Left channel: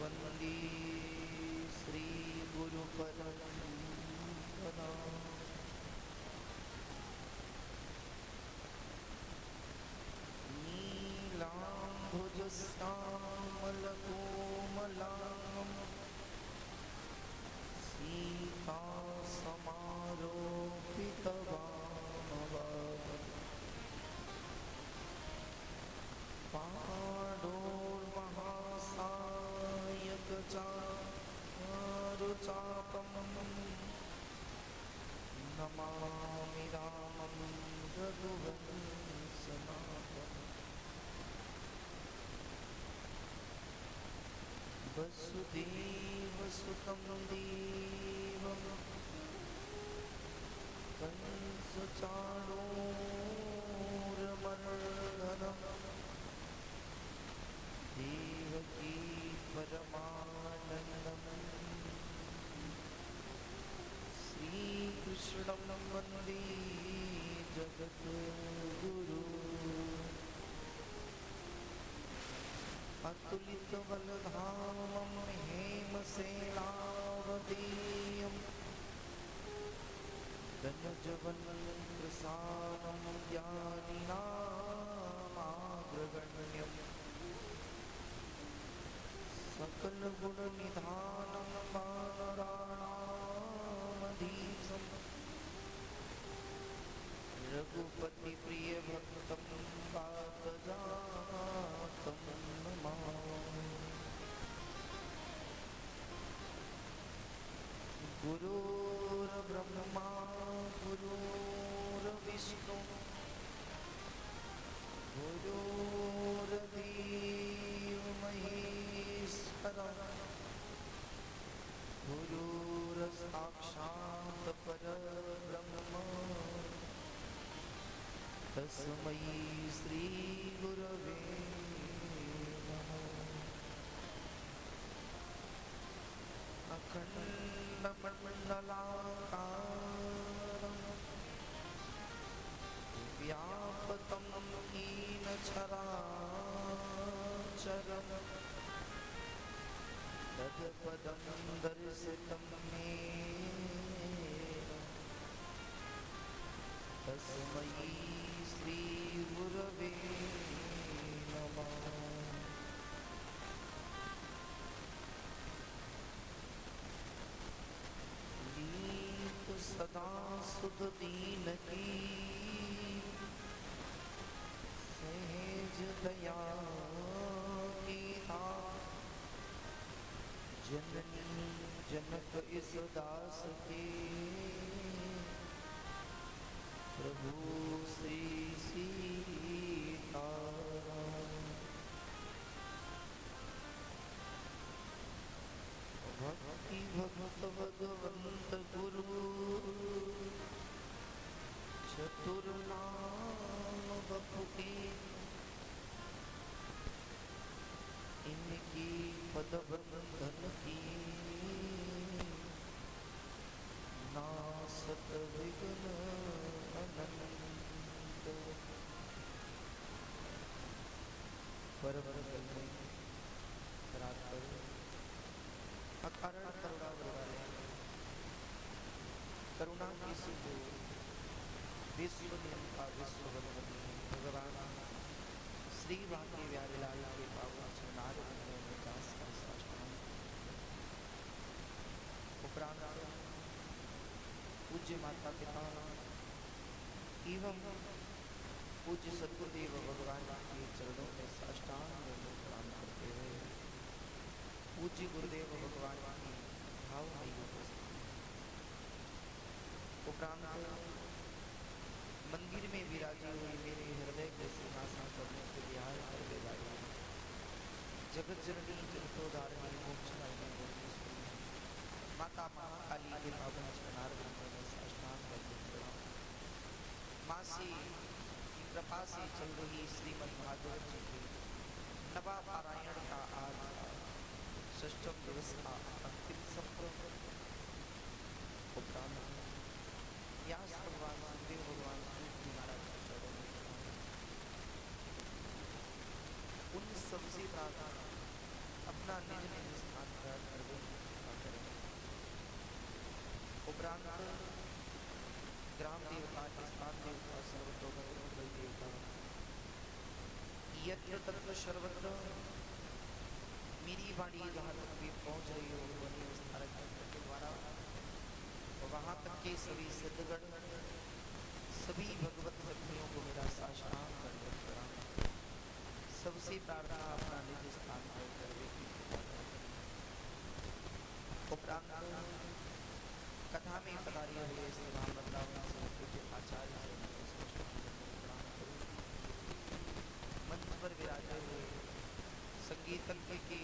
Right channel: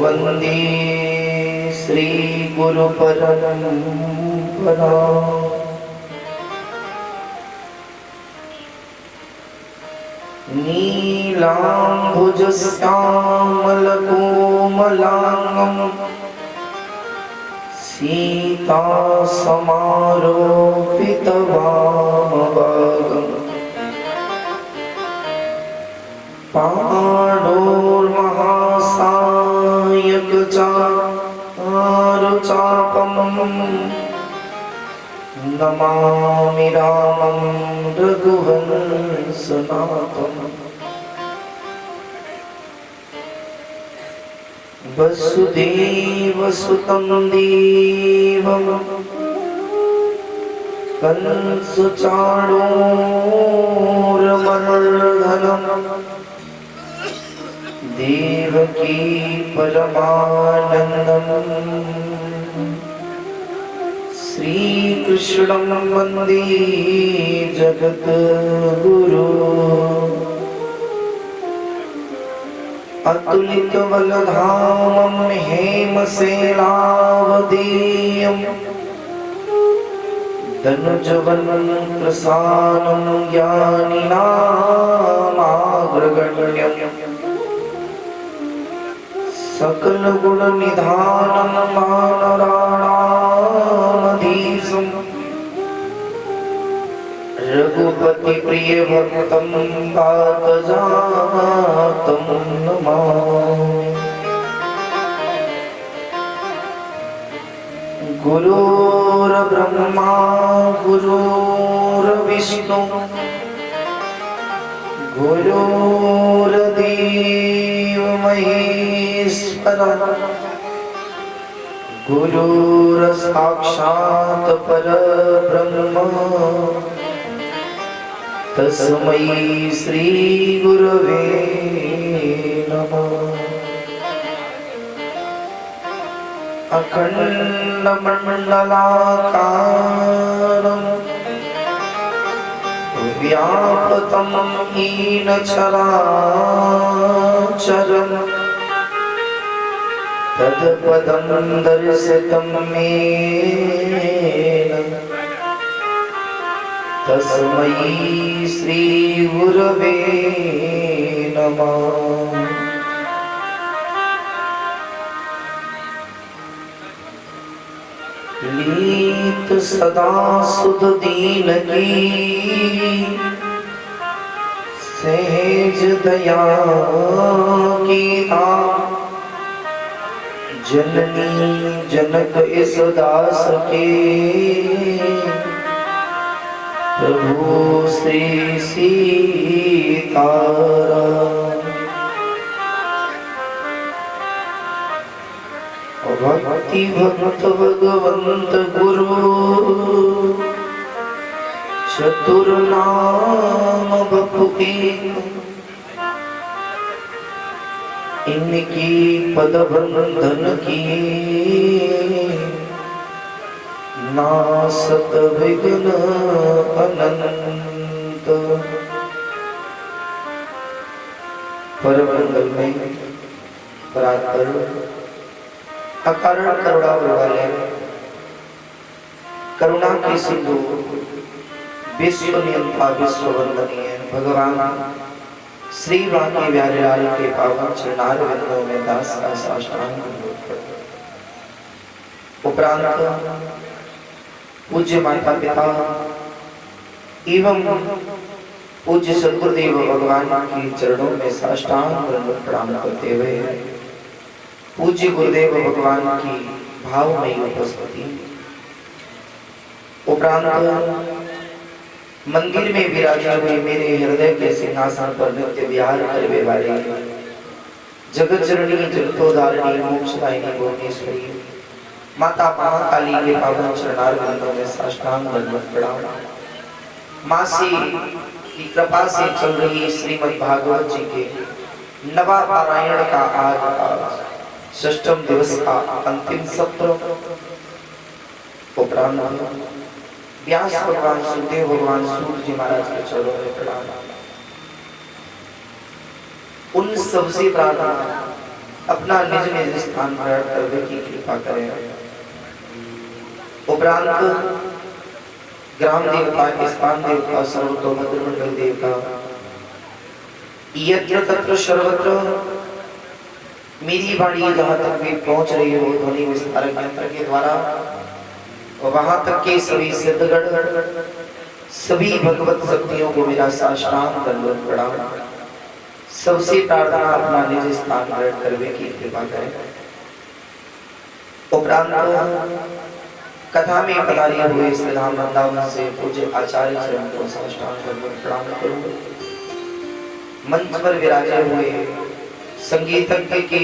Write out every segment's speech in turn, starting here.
वंदे श्री गुरु परंपरा। नीलाम्बुजश्यामलकोमलांगं सीतासमारोपितवामभागं पाणोर्महासायकचारुचापं नमामि रामं रघुवंशनाथम्। वसुदेवसुतं देवं कंसचाणूरमर्दनं देवकी परमानन्दं श्रीकृष्णं वन्दे जगद्गुरु। अतुलितबलधामं हेमशैलावदेयं दनुजवनप्रसानं ज्ञानिनामाग्रगण्यं सकलगुणनिधानं वानराणामधीशं रघुपतिप्रियभक्तं वातजातं नमामि। गुरुर्ब्रह्मा गुरुर्विष्णु गुरुर्देवो महेश्वरः गुरुर्साक्षात् परब्रह्म तस्मै श्री गुरवे नमः। अखण्डमण्डलाकारं व्याप्तं येन चराचरं तत्पदं दर्शितं येन तस्मै श्री गुरवे नमः। लीत सदा सुध दीन की सहज दया की जननी जनक इस दास के प्रभु श्री सीताराम। भक्ति भक्त भगवंत गुरु चतुर नाम बपुके इनकी पद बंधन की नासत विघ्न अनंत। परम मंगल में परात्पर अकारण करुणा वाले करुणा की सिंधु विश्व नियंता विश्व वंदनीय भगवान श्री बांके प्यारे लाल के पावन चरणारविंदों में दास का साष्टांग उपरांत पूज्य माता पिता एवं पूज्य सद्गुरुदेव भगवान के चरणों में साष्टांग प्रणाम करते हुए पूज्य गुरुदेव भगवान की भावमयी उपस्थिति उपरांत मंदिर में विराजे हुए मेरे हृदय के सिंहासन पर नित्य विहार करने वाले जगत जननी जगतोधारिणी मोक्षदायिनी भुवनेश्वरी माता महाकाली के पावन चरणारविंदों में साष्टांग दंडवत प्रणाम। माँ से की कृपा से चल रही श्रीमद् भागवत जी के नवा पारायण का आज षष्ठम दिवस का अंतिम सत्र उपरांत व्यास भगवान सुखदेव भगवान सूत जी महाराज के चरणों में प्रणाम। उन सबसे प्रार्थना अपना निज निज स्थान ग्रहण करने की कृपा करें। उपरांत ग्राम देवता, स्थान देवता, सर्वतोमुख मंडल देवता, यत्र तत्र सर्वत्र मेरी वाणी जहाँ तक भी पहुंच रही हो ध्वनि विस्तारक यंत्र के द्वारा, वहां तक के सभी सिद्धगण, सभी भगवत शक्तियों को मेरा साष्टांग दंडवत प्रणाम। सबसे प्रार्थना अपना निज स्थान ग्रहण करने की कृपा करें। उपरांत कथा में पधारे हुए श्री राम वृंदावन से पूज्य आचार्य चरण को साष्टांग दंडवत प्रणाम करूं। मंच पर विराजे हुए संगीतज्ञ के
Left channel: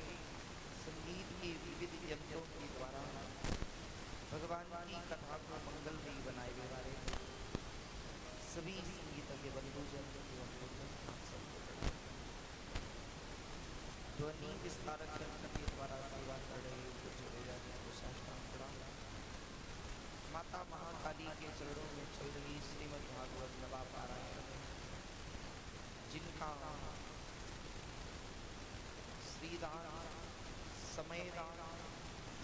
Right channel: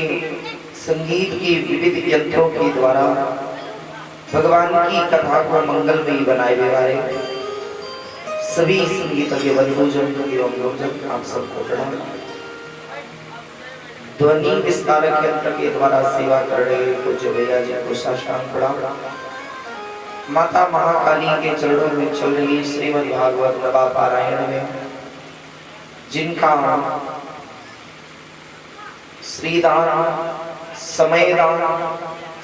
संगीत के विविध यंत्रों के द्वारा भगवान की कथा को मंगलमयी बनाए वाले सभी संगीतज्ञ बंधुजन एवं लोकजन, आप सबको प्रणाम। ध्वनि विस्तारक यंत्र के द्वारा सेवा कर रहे पूज्य भैया जी को साष्टांग प्रणाम। माता महाकाली के चरणों में चल रही श्रीमद् भागवत नवा पारायण में जिनका श्रीदान, समयदान,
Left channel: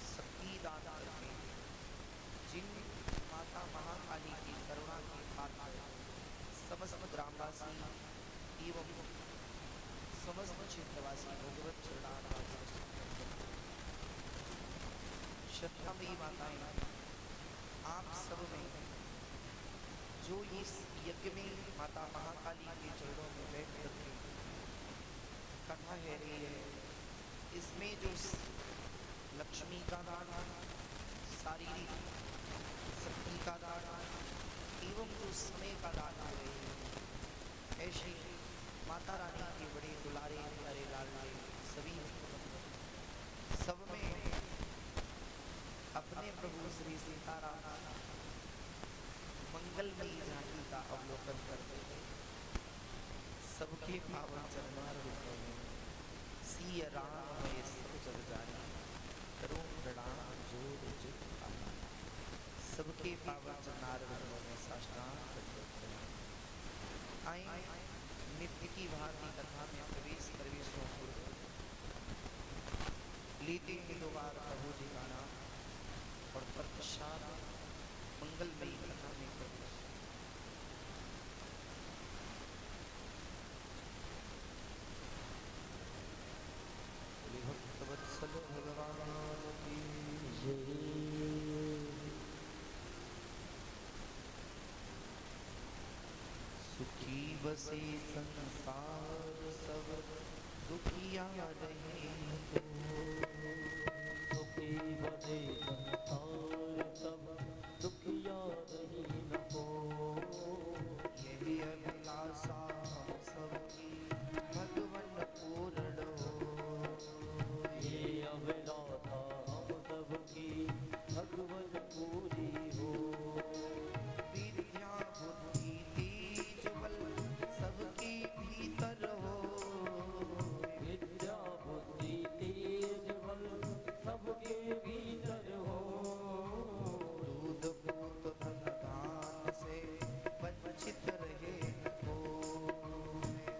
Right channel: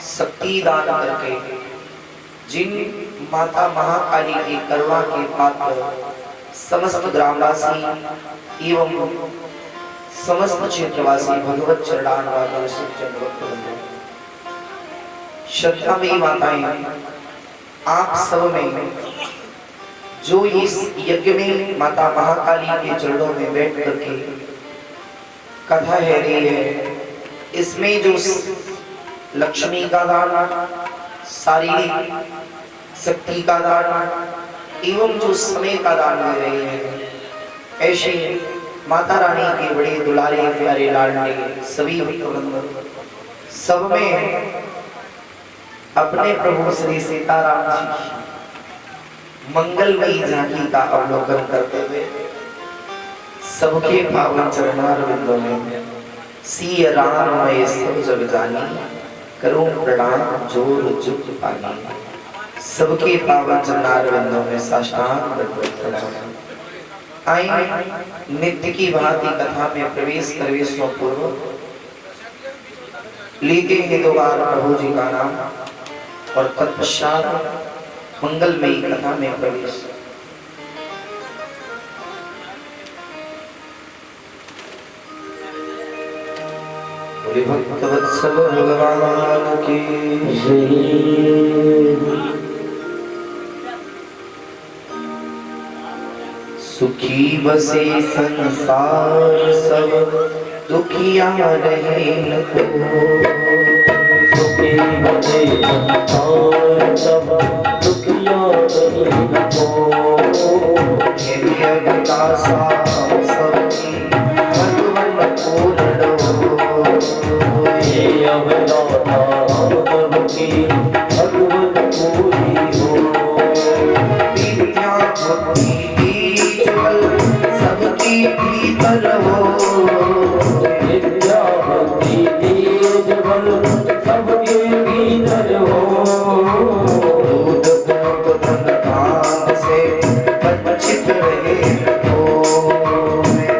शक्तिदान करके जिन माता महाकाली की करुणा के पात्र समस्त ग्रामवासी एवं समस्त क्षेत्रवासी भगवत चरणारविंद श्रद्धामयी माताएं, आप सब में जो इस यज्ञ में माता महाकाली के चरणों में बैठ करके कथा है रही है, इसमें जो लक्ष्मी का दान, शारीरिक शक्ति का दान एवं जो समय का दान दे रही है, ऐसे माता रानी के बड़े दुलारे प्यारे लाडले सभी भक्तवृंद सब में अपने प्रभु श्री सीताराम जी मंगलमयी झांकी का अवलोकन करते हुए सबके पावन चरणारविंदों में सिय राम मैं सब जग जानी, करूं प्रणाम जोर जुग पानी। सबके पावन चरणारविंदों में साष्टांग दंडवत प्रणाम। आइए नित्य की भांति कथा में प्रवेश करने से पूर्व लेते हैं दोबारा प्रभु जी का नाम और तत्पश्चात मंगलमयी कथा में प्रवेश। भक्तवत्सल भगवान की सुखी बसे संसार सब दुखिया रहे न को, सुखी बसे संसार सब दुखिया रहे न को। सबकी भगवन पूर्ण ये अवतारा सबकी भगवन पूरी हो। विद्या बुद्धि सबकी भीतर हो, विद्या बुद्धि तेज बल सबके भीतर हो। दूध दूध धन धान से वंचित रहे हो,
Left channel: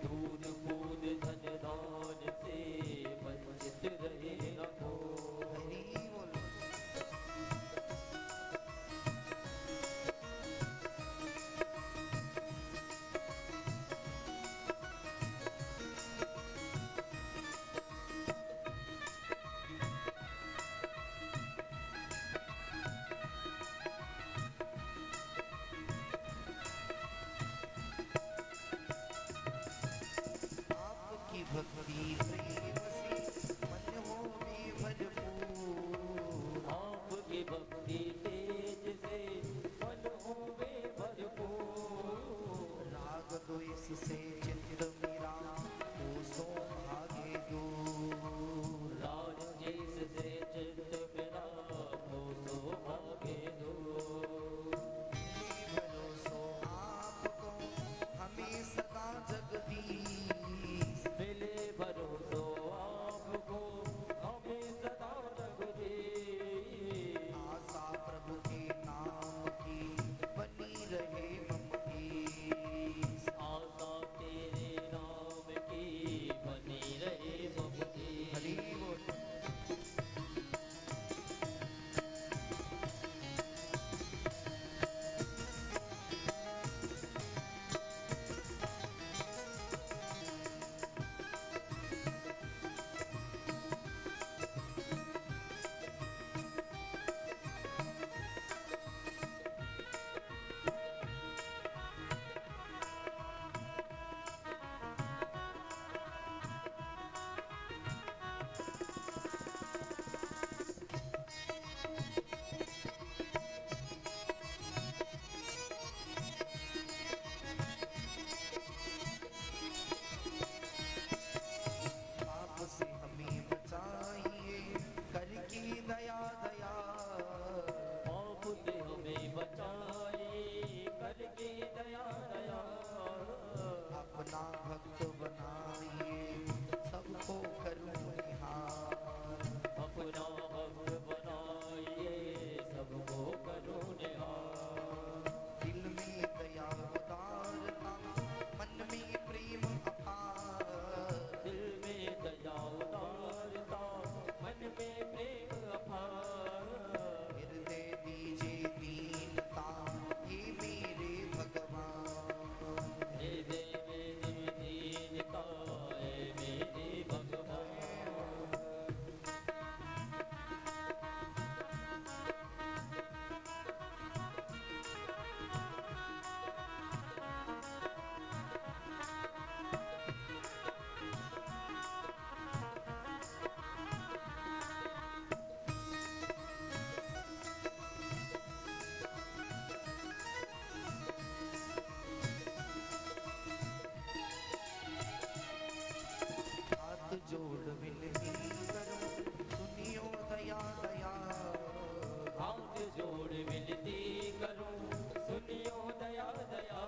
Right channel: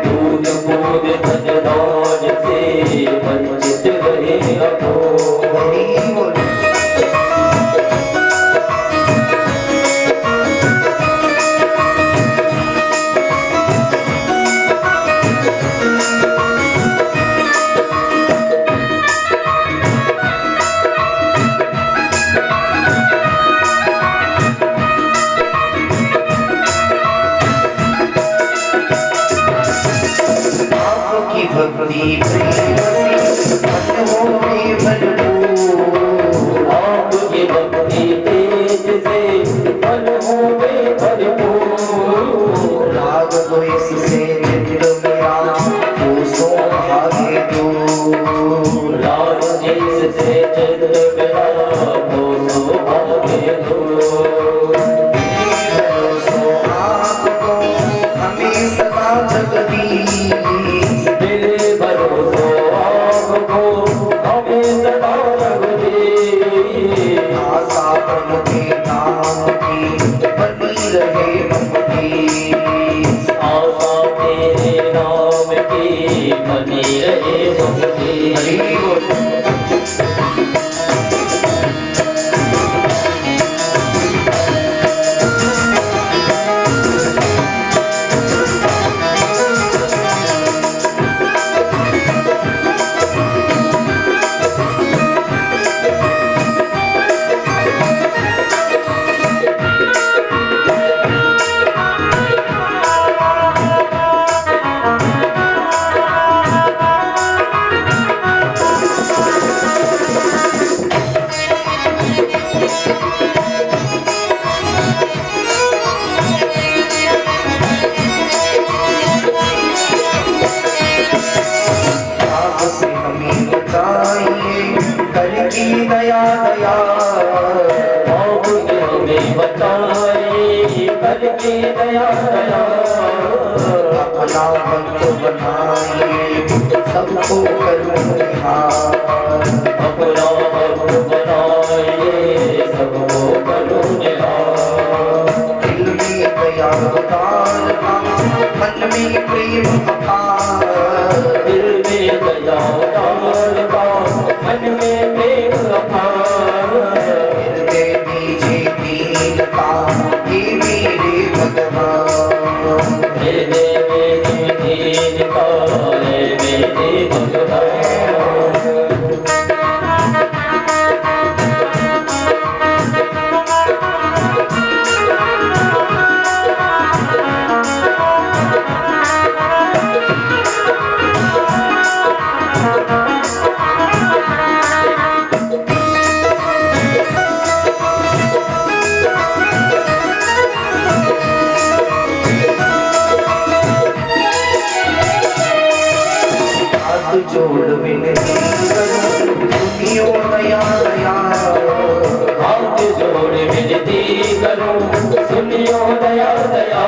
दूध दूध धन धान से वंचित रहे हो। भक्ति प्रेम से मन में भरपूर, आपकी भक्ति तेज से मन में भरपूर। राग द्वेष से चित्त मेरा दोषों भागे दूर, राग द्वेष से चित्त मेरा दोषों भागे दूर। भरोसो आपको हमें सदा जगदीश, आशा तेरे नाम की बनी रहे भक्ति। हरि बोल। दया दया हमें बताए कर के दया दया अपना भक्त बनाइए सबको करूं निहार अपना भक्त बनाइए सबको करूं निहार दिल में दया उतारना मन में प्रेम अपार दिल में दया उतारना मन में प्रेम अपार हृदय दीजिए दीनता हे मेरे भगवान हृदय में दीनता हे मेरे भगवान। जोड़ विनती करूं सुनियो दया दया हाथ जोड़ विनती करूं सुनियो दया दया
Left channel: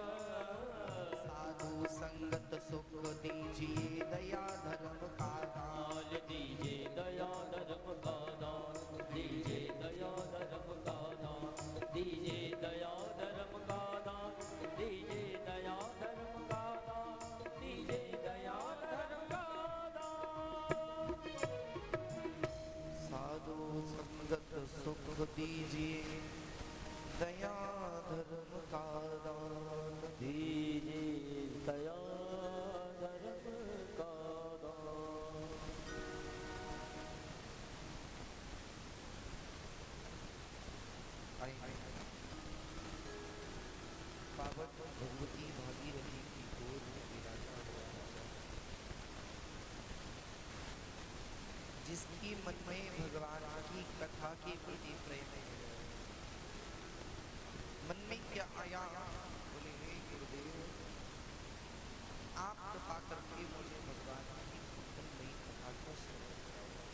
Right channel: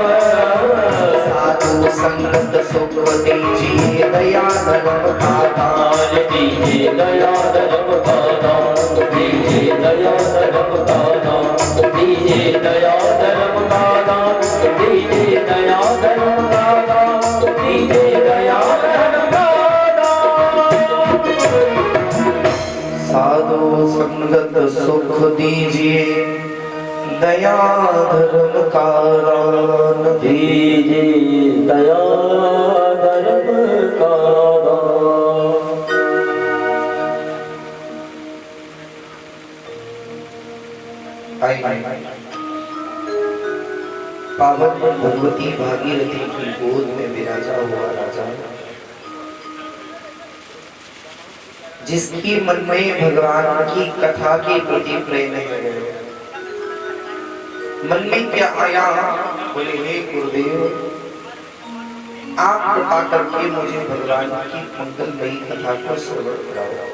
साधु संगत सुख दीजिए दया धर्म का दान दीजिए दया धर्म का दान दीजिए दया धर्म का दान दीजिए दया धर्म का दान दीजिए दया धर्म का दान दीजिए दया साधु संगत सुख दीजिए दया धर्म का दान दीजिए दया धर्म का दान। पावन भगवती भागीरथी की गोद में विराजा हुआ राजा जिसकी मन में भगवान की कथा के प्रति प्रेम है। मन में क्या आया, बोले हे गुरुदेव आप कृपा करके मुझे भगवान की मंगलमयी कथा को श्रवण कराओ।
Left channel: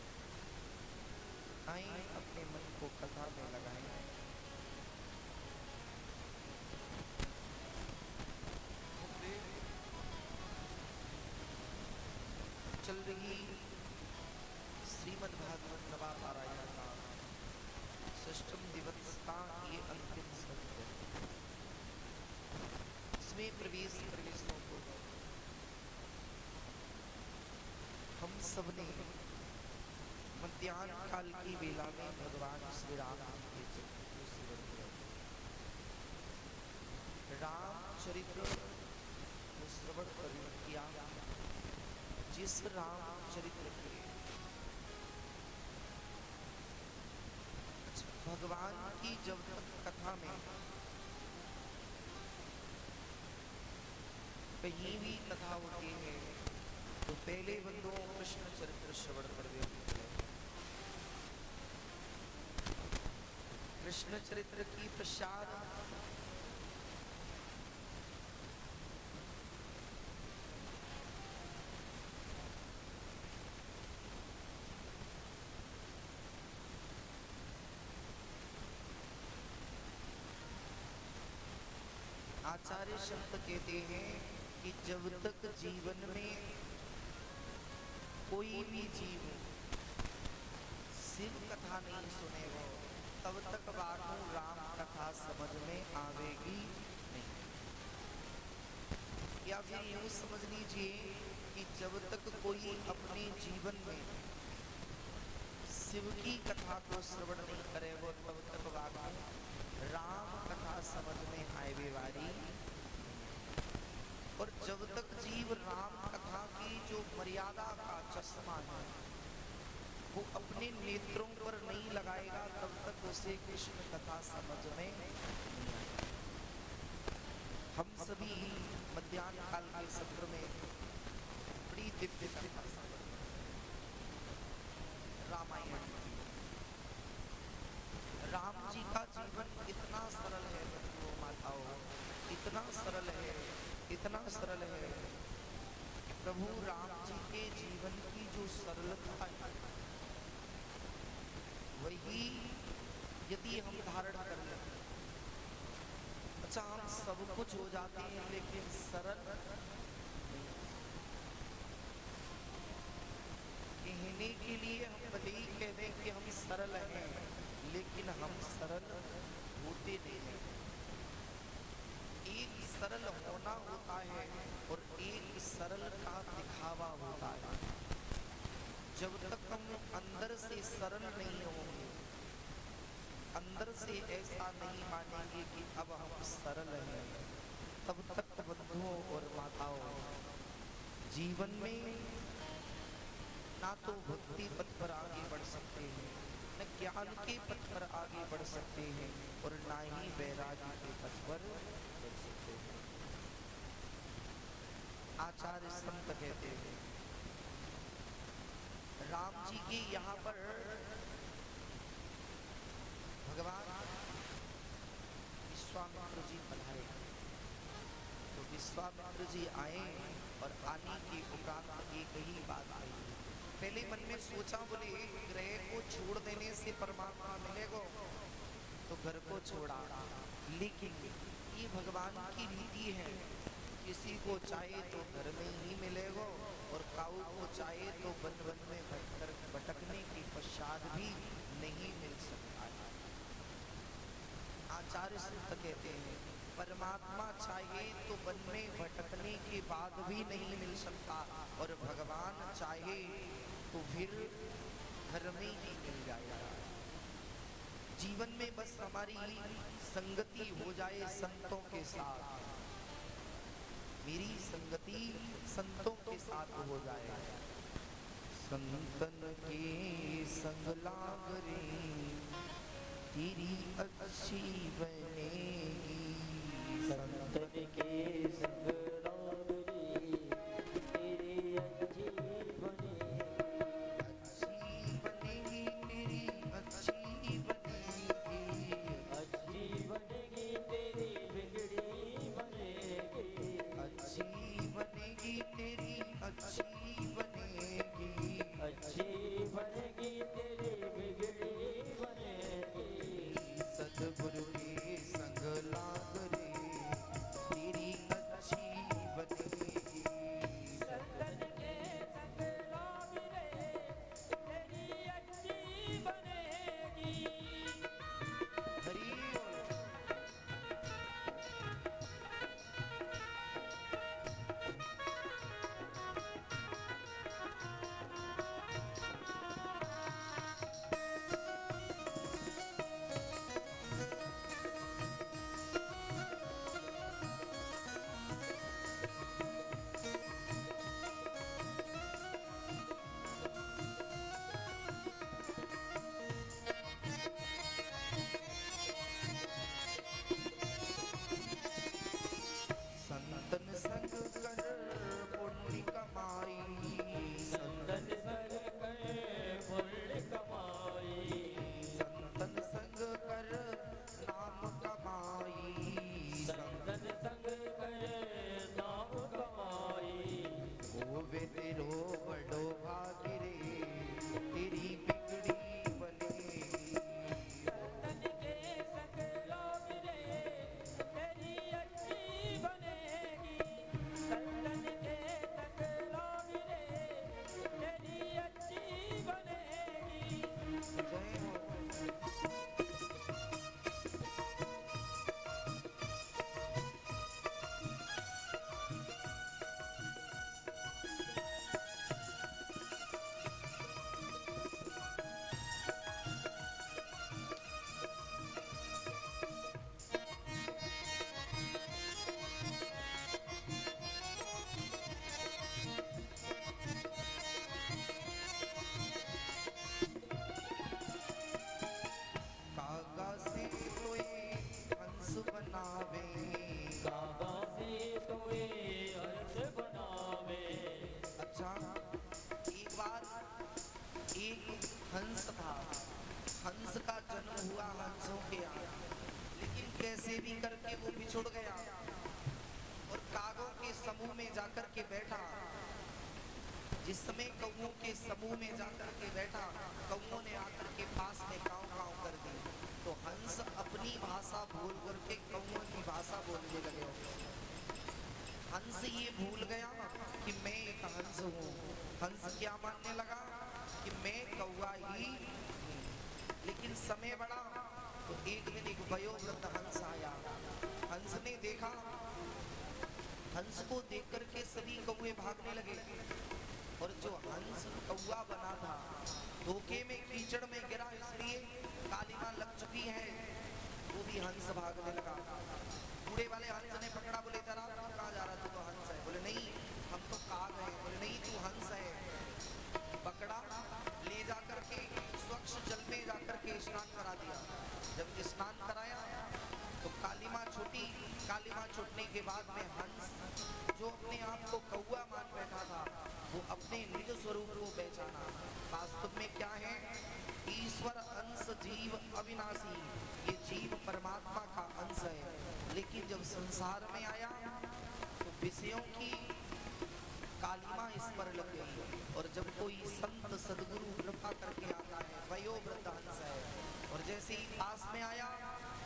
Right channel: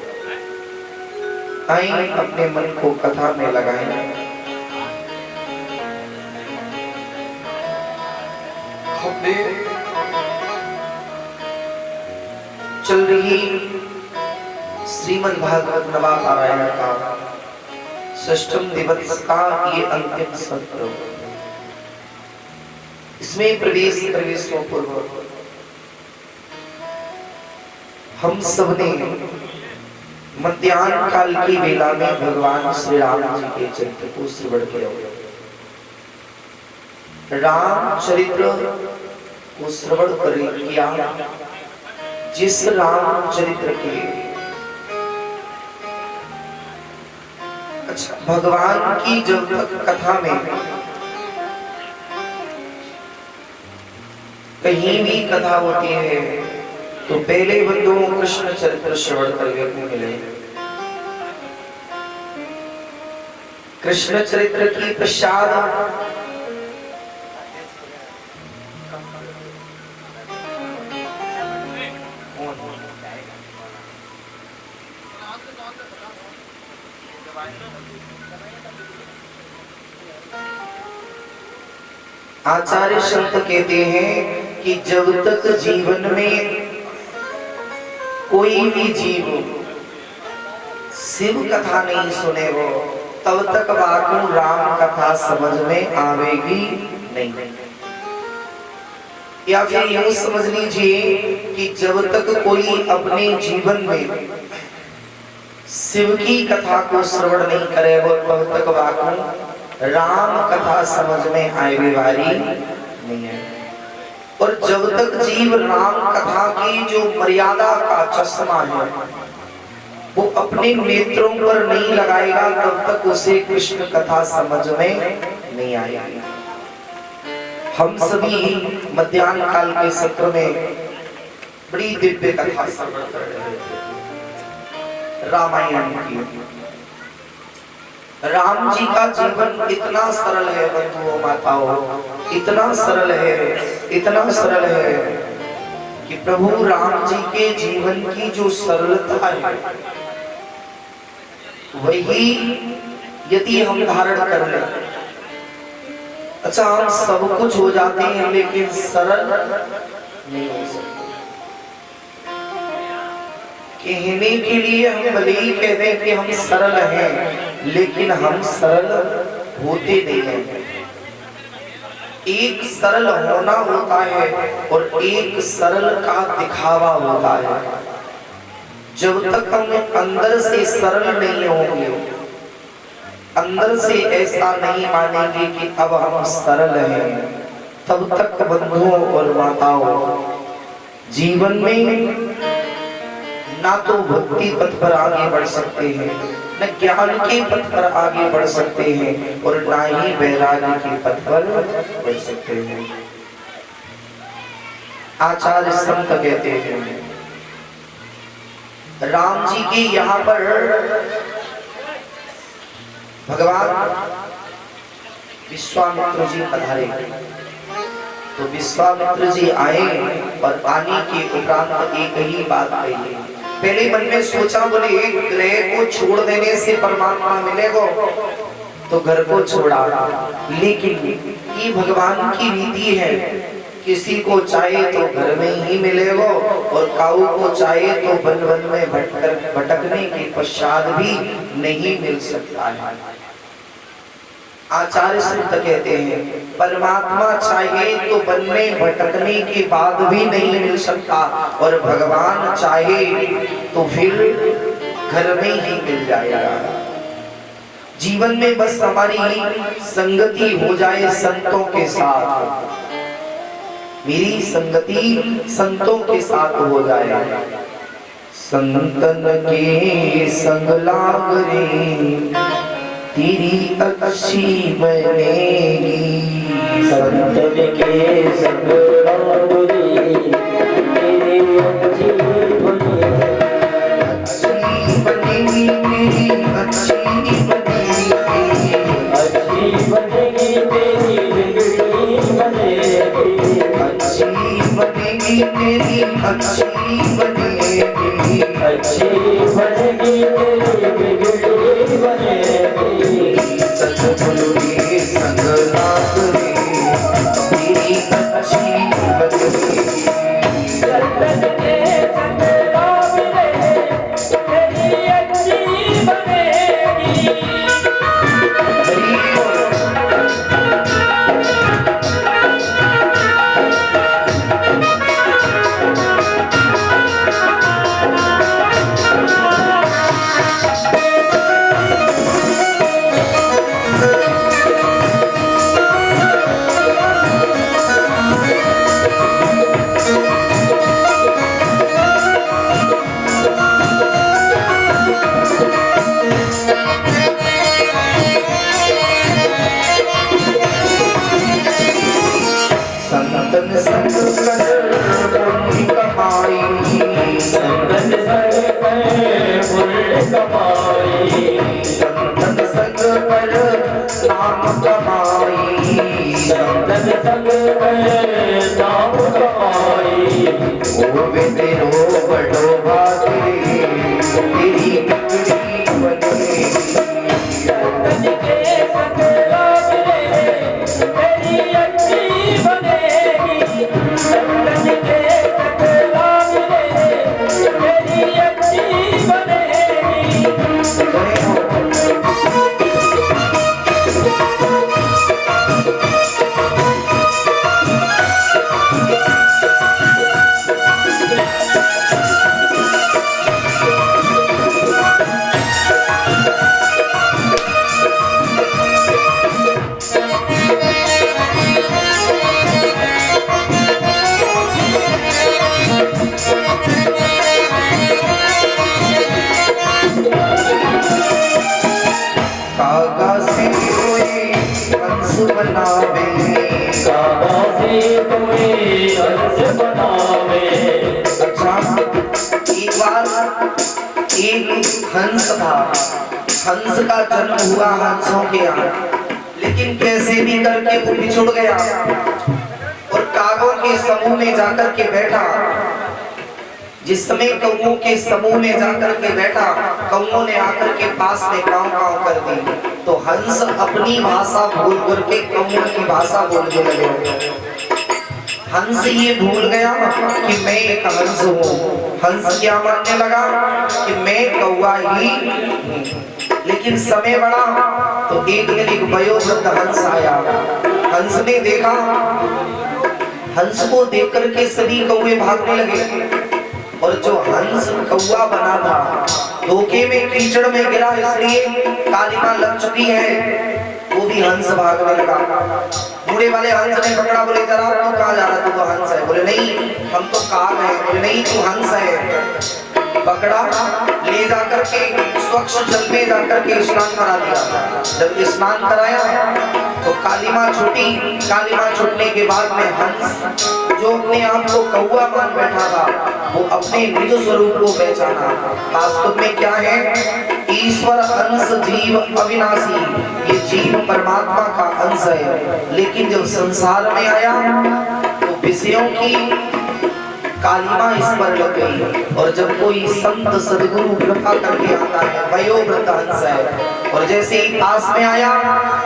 आइए अपने मन को कथा में लगाएं। चल रही श्रीमद् भागवत नवा पारायण का षष्ठम दिवस का ये अंतिम सत्र। इसमें प्रवेश पूर्व हम सबने मध्याह्न काल की वेला में भगवान श्री राम जी के चरित्र को श्रवण किया। राम चरित्र को श्रवण किया जिस राम चरित्र के भगवान की जब तक कथा में कहीं भी कथा होती है तो पहले बंधुओं कृष्ण चरित्र श्रवण करने को मिले। कृष्ण चरित्र की पश्चात आचार्य संत कहते हैं कि जब तक जीवन में कोई भी जीव शिव कथा नहीं सुने वो तब तक वाकई राम कथा समझ में आवेगी नहीं। या फिर यूं समझ लीजिए कि जब तक कोई अपने जीवन में शिव की कथा को श्रवण नहीं करेगो तब तक बाको राम कथा समझ में आए वाली नहीं है। और जब तक जीव राम कथा की जो मर्यादा का चश्मा है वो अपने नेत्रों पर नहीं लगाएगा तब तक उसे कृष्ण कथा समझ में नहीं आएगी। हम सभी मध्याह्न काल के सत्र में बड़ी दिव्य कथा श्रवण कर रहे थे रामायण की। राम जी का जीवन इतना सरल है बंधुओं माताओं, इतना सरल है, इतना सरल है कि प्रभु राम जी के जीवन की जो सरलता है वही यदि हम धारण कर लें, अच्छा हम सब कुछ हो जाते हैं लेकिन सरल नहीं हो सकते। कहने के लिए हम भले ही कह दें कि हम सरल हैं लेकिन हम सरल होते नहीं हैं। एक सरल होना होता है और एक सरल का दिखावा होता है। जब तक हम अंदर से सरल नहीं होंगे, अंदर से ऐसा नहीं मानेंगे कि अब हम सरल हैं, तब तक बंधुओं और माताओं जीवन में ना तो भक्ति पथ पर आगे बढ़ सकते हैं, न ज्ञान के पथ पर आगे बढ़ सकते हैं और ना ही वैराग्य के पथ पर बढ़ सकते हैं। आचार्य संत कहते हैं राम जी के यहाँ पर भगवान विश्वामित्र जी पधारे तो विश्वामित्र जी आए और आने के उपरांत एक ही बात कही। पहले मन में सोचा बोले एक ग्रह को छोड़ देने से परमात्मा मिलेगा तो घर को छोड़ा, लेकिन ये भगवान की रीति है, किसी को चाहे तो घर में ही मिलेगा और काऊ को चाहे तो वन वन में भटकने के पश्चात भी नहीं मिल सकता है। आचार्य संत कहते हैं परमात्मा चाहे तो वन में भटकने के बाद भी नहीं मिल सकता और भगवान चाहे तो फिर घर में ही मिल जाएगा। जीवन में बस हमारी संगति हो जाए संतों के साथ, मेरी संगति संतों के साथ हो जाए। संतन के संग लाग रे तेरी अच्छी बनेगी, संतन के संग लाग रे तेरी अच्छी बनेगी, अच्छी बनेगी, अच्छी बनेगी तेरी बिगड़ी बनेगी, अच्छी बनेगी तेरी अच्छी बनेगी, अच्छी बनेगी तेरी बिगड़ी बनेगी। सतगुरु के संग लाग रे तेरी अच्छी बनेगी, संतन के संग लाग रे तेरी अच्छी बनेगी। संतन संग कर पुण्य कमाई, संतन संग कर पुण्य कमाई, संतन संग कर नाम कमाई, संतन संग कर नाम कमाई। ओ वे तेरो बड़ो भागे तेरी बिगड़ी बनेगी, संतन के संग लाग रे तेरी अच्छी बनेगी, संतन के संग लाग रे तेरी अच्छी बनेगी। हंस का जन्म हुआ हंसों के यहाँ, लेकिन कैसे भी करके वो बिछुड़ गया और कागों के समूह में जाकर के बैठा। जिस समय कौओं के समूह में जाकर के बैठा, कौओं ने आकर के पास में काव काव कर दी, तो हंस अपनी भाषा भूल करके कौओं की भाषा बोलने लगे। हंस ये भूल गया कि मैं एक हंस हूँ। हंस क्या मानने लगा कि मैं कौवा ही हूँ। लेकिन समय बढ़ा तो एक दिन एक वयोवृद्ध हंस आया। हंस ने देखा, हंस को देख करके सभी कौवे भागने लगे और जो हंस कौवा बना था धोखे में कीचड़ में गिरा, इसलिए कालिमा लग चुकी है, वो भी हंस भागने लगा। बूढ़े वाले हंस ने पकड़ा, बोले जरा तू कहाँ जा रहा, तू तो हंस है। बोले नहीं हम तो काग हैं। बोले नहीं तू हंस है। पकड़ा, ले जाकर के स्वच्छ जल में जाकर के स्नान करा दिया। जब स्नान कराया तो कालिमा छूटी। कालिमा छूटने के बाद में हंस जो अपने आप को कौवा मान बैठा था, वो अपने निज स्वरूप को पहचाना। वास्तव में क्या है, ईश्वर अंश जीव अविनाशी, ये जीव परमात्मा का अंश है। लेकिन जब संसार में आया तो विषयों की कालिमा इस पर लग गई। और जब कोई संत सदगुरु कृपा करके आता है, वयोवृद्ध हंस है, और जैसे ही पास में आया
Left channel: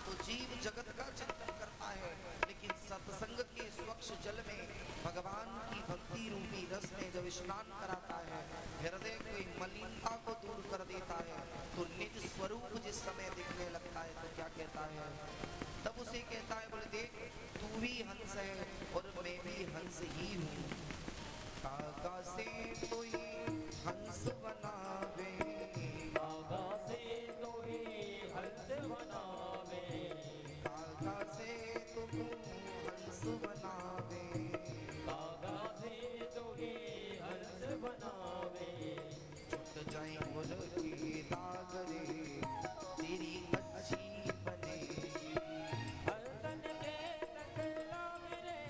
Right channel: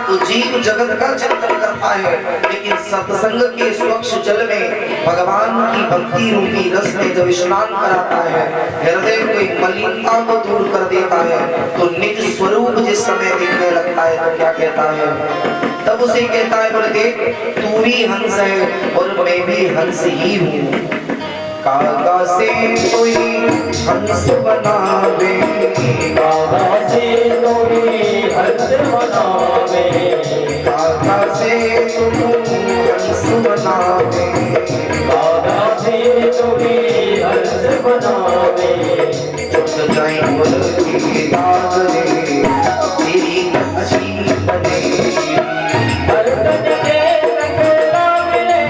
तो जीव जगत का चिंतन करता है, लेकिन सत्संग के स्वच्छ जल में भगवान की भक्ति रूपी रस में जब स्नान कराता है, हृदय की मलिनता को दूर कर देता है, तो निज स्वरूप जिस समय दिखने लगता है तो क्या कहता है, तब उसे कहता है, बोले देख तू भी हंस है और मैं भी हंस ही हूँ। कागा से कोई हंस बनावे, कागा से कोई हंस बनावे, कागा से तुम हंस बनावे, कागा से कोई हंस बनावे। छुट जाए मुल्की दाग रे, तेरी अच्छी बनेगी। हर तन के सकला मिले,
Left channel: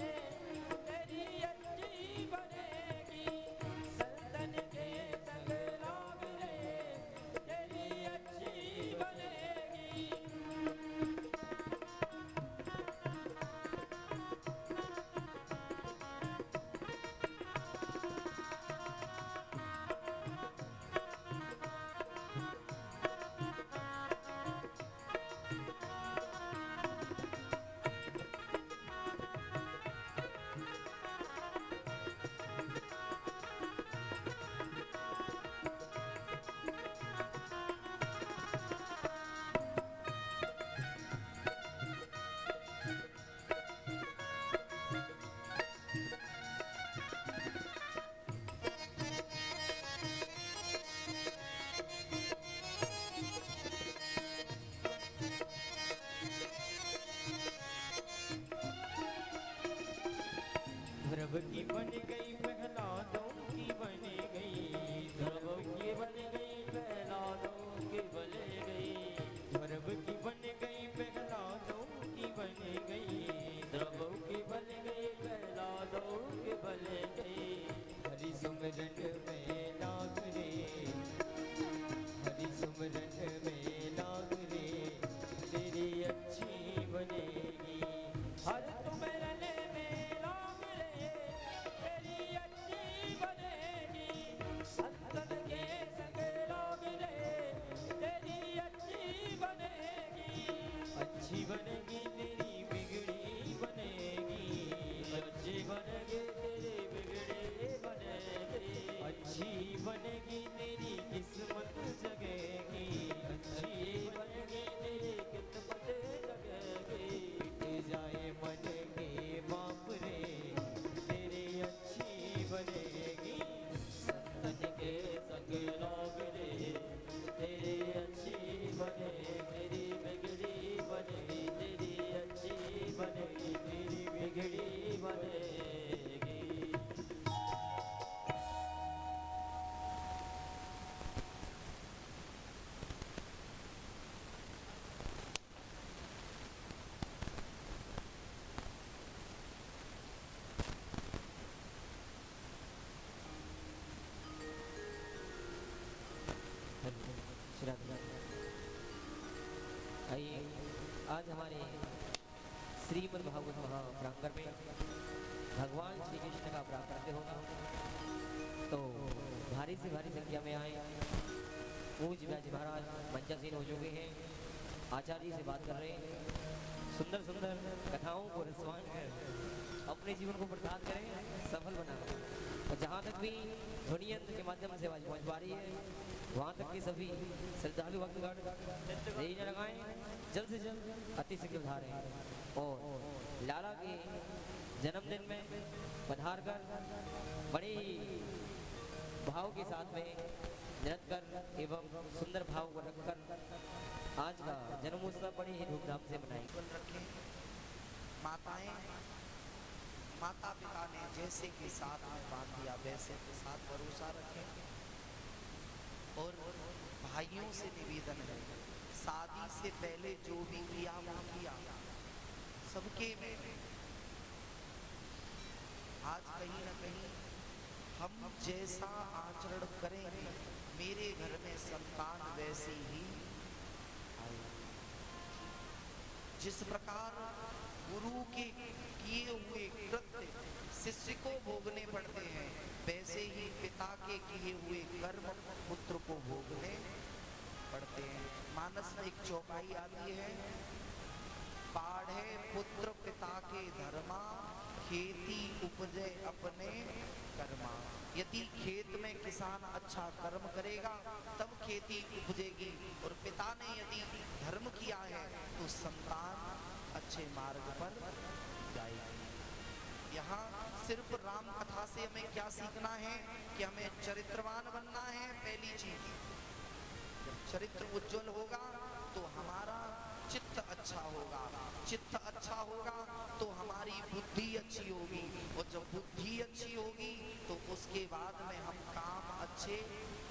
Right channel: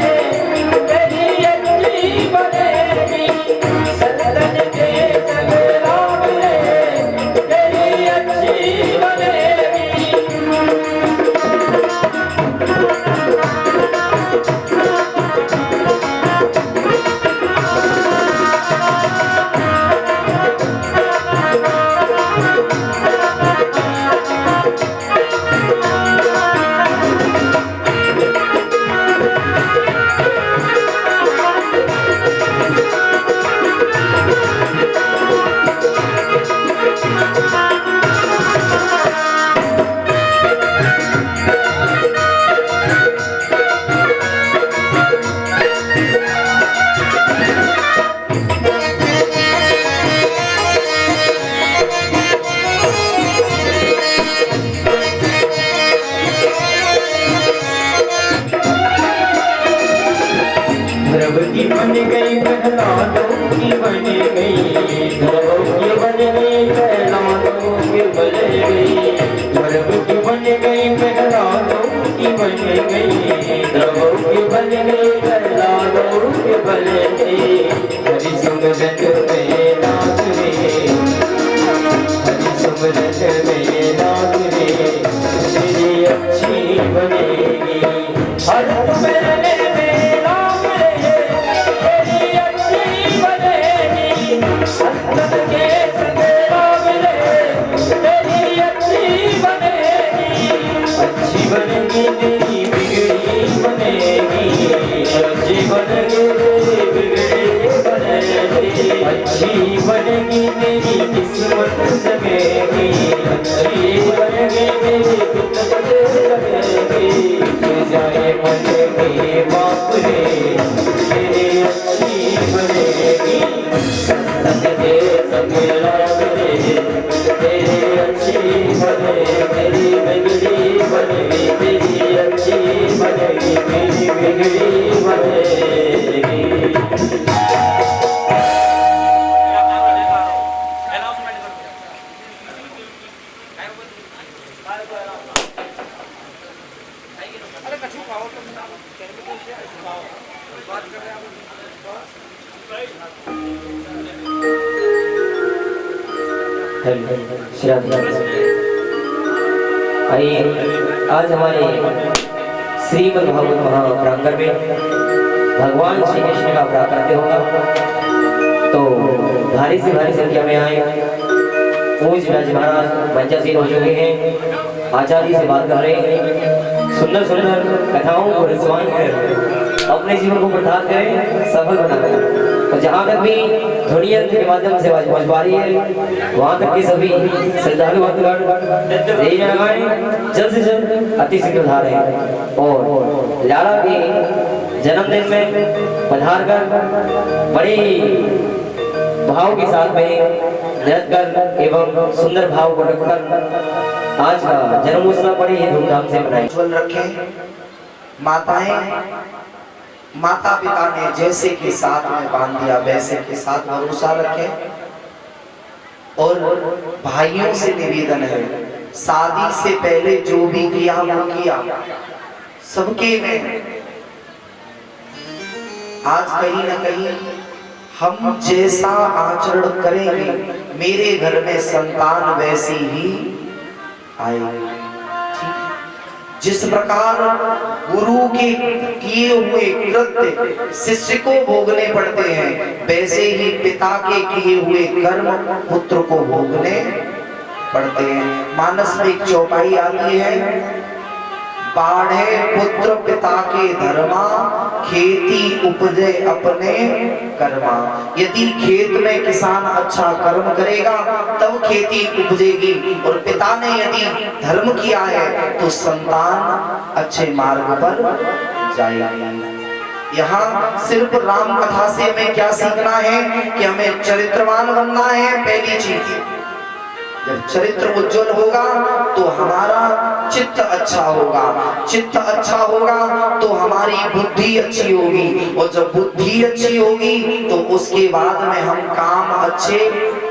तेरी अच्छी बनेगी। सतन के सकला मिले, तेरी अच्छी बनेगी। द्रौपदी बन गई प्रहलादों की बन गई, द्रौपदी बन गई प्रहलादों की बन गई। द्रौपदी बन गई प्रहलादों की बन गई, द्रौपदी बन गई प्रहलादों की बन गई। हरि सुमरन में नाच रे, हरि सुमरन में नाच रे, तेरी अच्छी बनेगी। हर सुमरन में नाच रे, तेरी अच्छी बनेगी। संतन के संग राग रे, तेरी अच्छी बनेगी। अच्छी बनेगी तेरी बिगड़ी बनेगी, अच्छी बनेगी तेरी बिगड़ी बनेगी। अच्छी बनेगी तेरी किस्मत जमेगी, अच्छी बनेगी तेरी किस्मत जमेगी। तू जाए मन के बाप रे, तेरी अच्छी बनेगी। संतन के संग राग रे, तेरी अच्छी बनेगी। तेरी बिगड़ी बनेगी, तेरी अच्छी बनेगी, तेरी बिगड़ी बनेगी। श्री राधे। आइए आज हमारे श्रीमद् भागवत महाप्रांगण में भगवान श्री कृष्ण का प्राकट्य होगा, तो भारी से भारी संख्या में आए। पूज्य व्यास महाराज मंचासीन हो चुके हैं, आचार्य से बात कर रहे हैं। सुंदर सुंदर कथाओं को रसवान कर अपने जीवन को प्रदान करें, सफल बनाएं। और जहाँ तक भी ध्वनि यंत्र के माध्यम से आवाज पहुँच पा रही है, वहाँ तक के सभी श्रद्धालु भक्तगण यही लगाएं, जल्द से जल्द अति शीघ्र धारें। और लाला के जन्मदिन में पधार कर बड़ी भाव के साथ में नृत्य कर एवं सुंदर भाव को रखकर आज का जन्म उत्सव बड़ी ही धूमधाम से मनाएं। उज्जवल रखें। माता पिता ने जैसे के साथ में बांध दिया वैसे के साथ भरोसा रखें। और भाइयों से निवेदन है, शादी से पहले जो भी किया वो किया सबके में। आज कहीं ना कहीं हम जैसा आचरण करेंगे, मेरे घर में संतान वैसी ही आएगी। जिस प्रकार गुरु के किए हुए कृत्य शिष्य को भोगने पड़ते हैं, वैसे ही पिता के किए हुए कर्म पुत्र को भोगने पड़ते हैं। मानस में एक चौपाई आती है, बाढ़े पुत्र पिता के धर्मा, खेती उपजे अपने कर्मा। यदि खेत में किसान अच्छा कर्म करेगा तब खेती उपजेगी, और पिता ने यदि धर्म किया है तो संतान अच्छे मार्ग पर जाएगी। यहाँ सिर्फ राम कथा से हमें क्या सीखना है कि हमें चरित्रवान बनना है। पहली चीज, जब चरित्र उज्जवल होगा तो हमारा चित्त अच्छा होगा, चित्त अच्छा होगा तो हमारी बुद्धि अच्छी होगी, और जब बुद्धि अच्छी होगी तो उसके बाद में हम काम अच्छे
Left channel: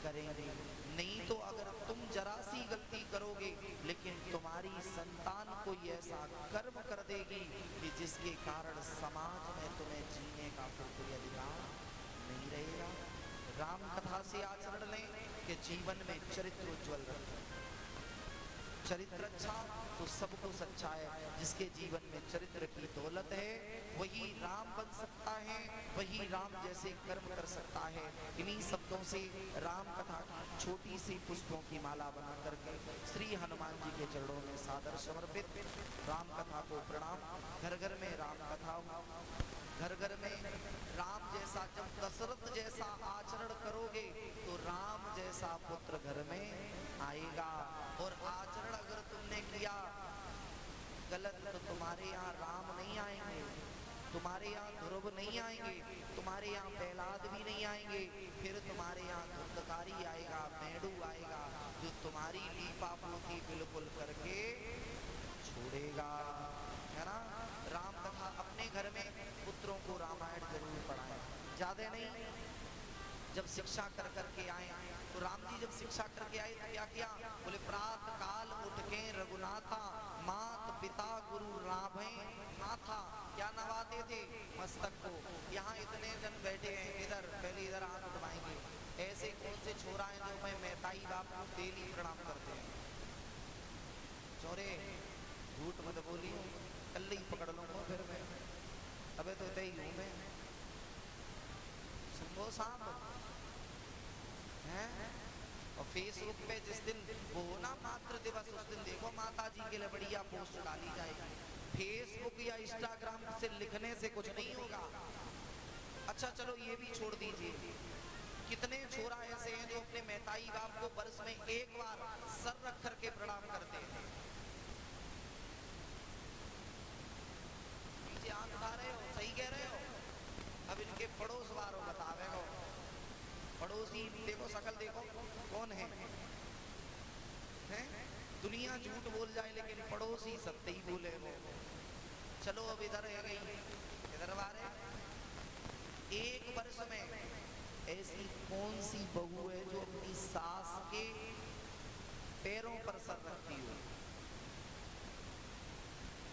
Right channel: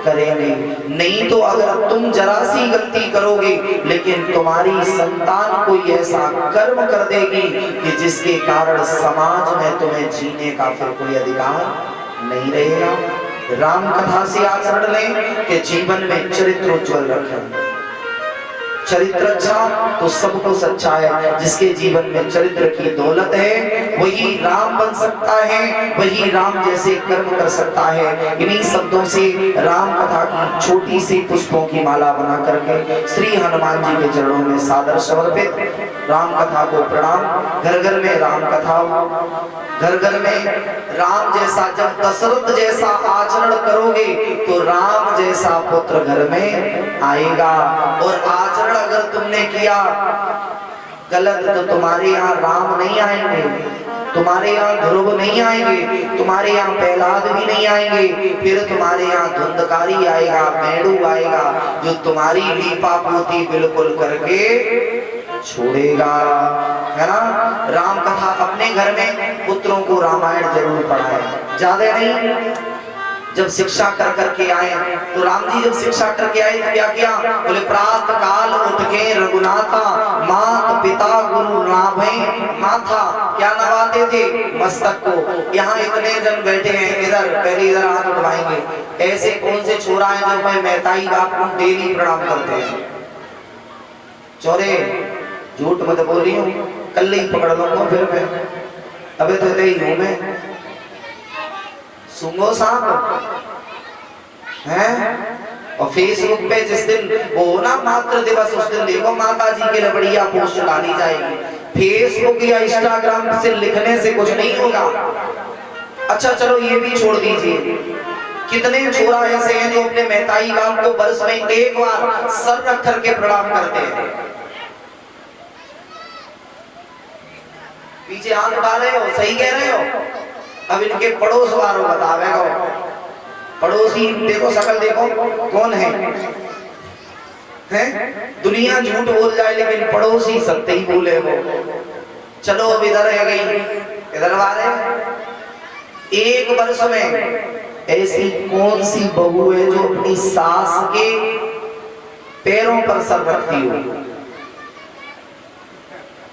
करेंगे। नहीं तो अगर तुम जरा सी गलती करोगे लेकिन तुम्हारी संतान कोई ऐसा कर्म कर देगी कि जिसके कारण समाज में तुम्हें जीने का फिर कोई अधिकार नहीं रहेगा। राम कथा से आचरण लें कि जीवन में चरित्र उज्जवल रखें। चरित्र अच्छा तो सब कुछ अच्छा है। जिसके जीवन में चरित्र की दौलत है वही राम बन सकता है, वही राम जैसे कर्म कर सकता है। इन्हीं शब्दों से राम कथा की छोटी सी पुष्पों की माला बना करके श्री हनुमान जी के चरणों में सादर समर्पित राम कथा को प्रणाम। घर घर में राम कथा, घर घर में राम जैसा, जब दशरथ जैसा आचरण करोगे तो राम जैसा पुत्र घर में आएगा। और आचरण अगर तुमने किया गलत तो तुम्हारे यहाँ राम नहीं आएंगे, तुम्हारे यहाँ ध्रुव नहीं आएंगे, तुम्हारे यहाँ प्रहलाद भी नहीं आएंगे। फिर तुम्हारे यहाँ धुंधकारी आएगा, मेढ़ू आएगा, जो तुम्हारी लीपा पोती बिल्कुल करके छोड़ेगा, है ना। राम कथा अपने घर में पुत्रों को रामायण जरूर पढ़ाए, ज्यादा नहीं। जब शिक्षा कर करके आए तो राम जी जब शिक्षा करके आए तो क्या किया, बोले प्रातः काल उठ के रघुनाथा, मात पिता गुरु नाभे माथा। क्या नवाते थे? मस्तक को। यहाँ इतने जन बैठे हैं, इधर पहले इधर हाथ उठवाएंगे। ऐसे कौन से छोरा है जो मैं मेहताई बाप को डेली प्रणाम करते हैं? चोरे झूठ मत बोली हूँ, कल ही पकड़ लूंगा फिर मैं। अबे तो ही हूँ मैं। सुंगो साहब हैं। और फेसबुक पे जिस दिन वो ना मातृ दिवस, उस दिन देखो माता जी के लिए बढ़िया पोस्ट डाली जाएगी। फेसबुक या इंस्टाग्राम से लिखने से कुछ नहीं होगा। अच्छा चलो ये भी छोड़ दीजिए, कितने छोरा ऐसे हैं जो अपने मेहताई बाप को वर्ष में एक बार सर रख करके प्रणाम करते हैं। पीछे हाथ उठा रहे हो, सही कह रहे हो। अब इनके पड़ोस वालों बतावेगा, पड़ोसी देखो, शकल देखो कौन है, हैं? दुनिया झूठ बोल जाए लेकिन पड़ोसी सत्य ही बोले वो। चलो अब इधर रह गई, इधर आ रहे। एक वर्ष में ऐसी कौन सी बहू है जो अपनी सास के पैरों पर सर रखती हो?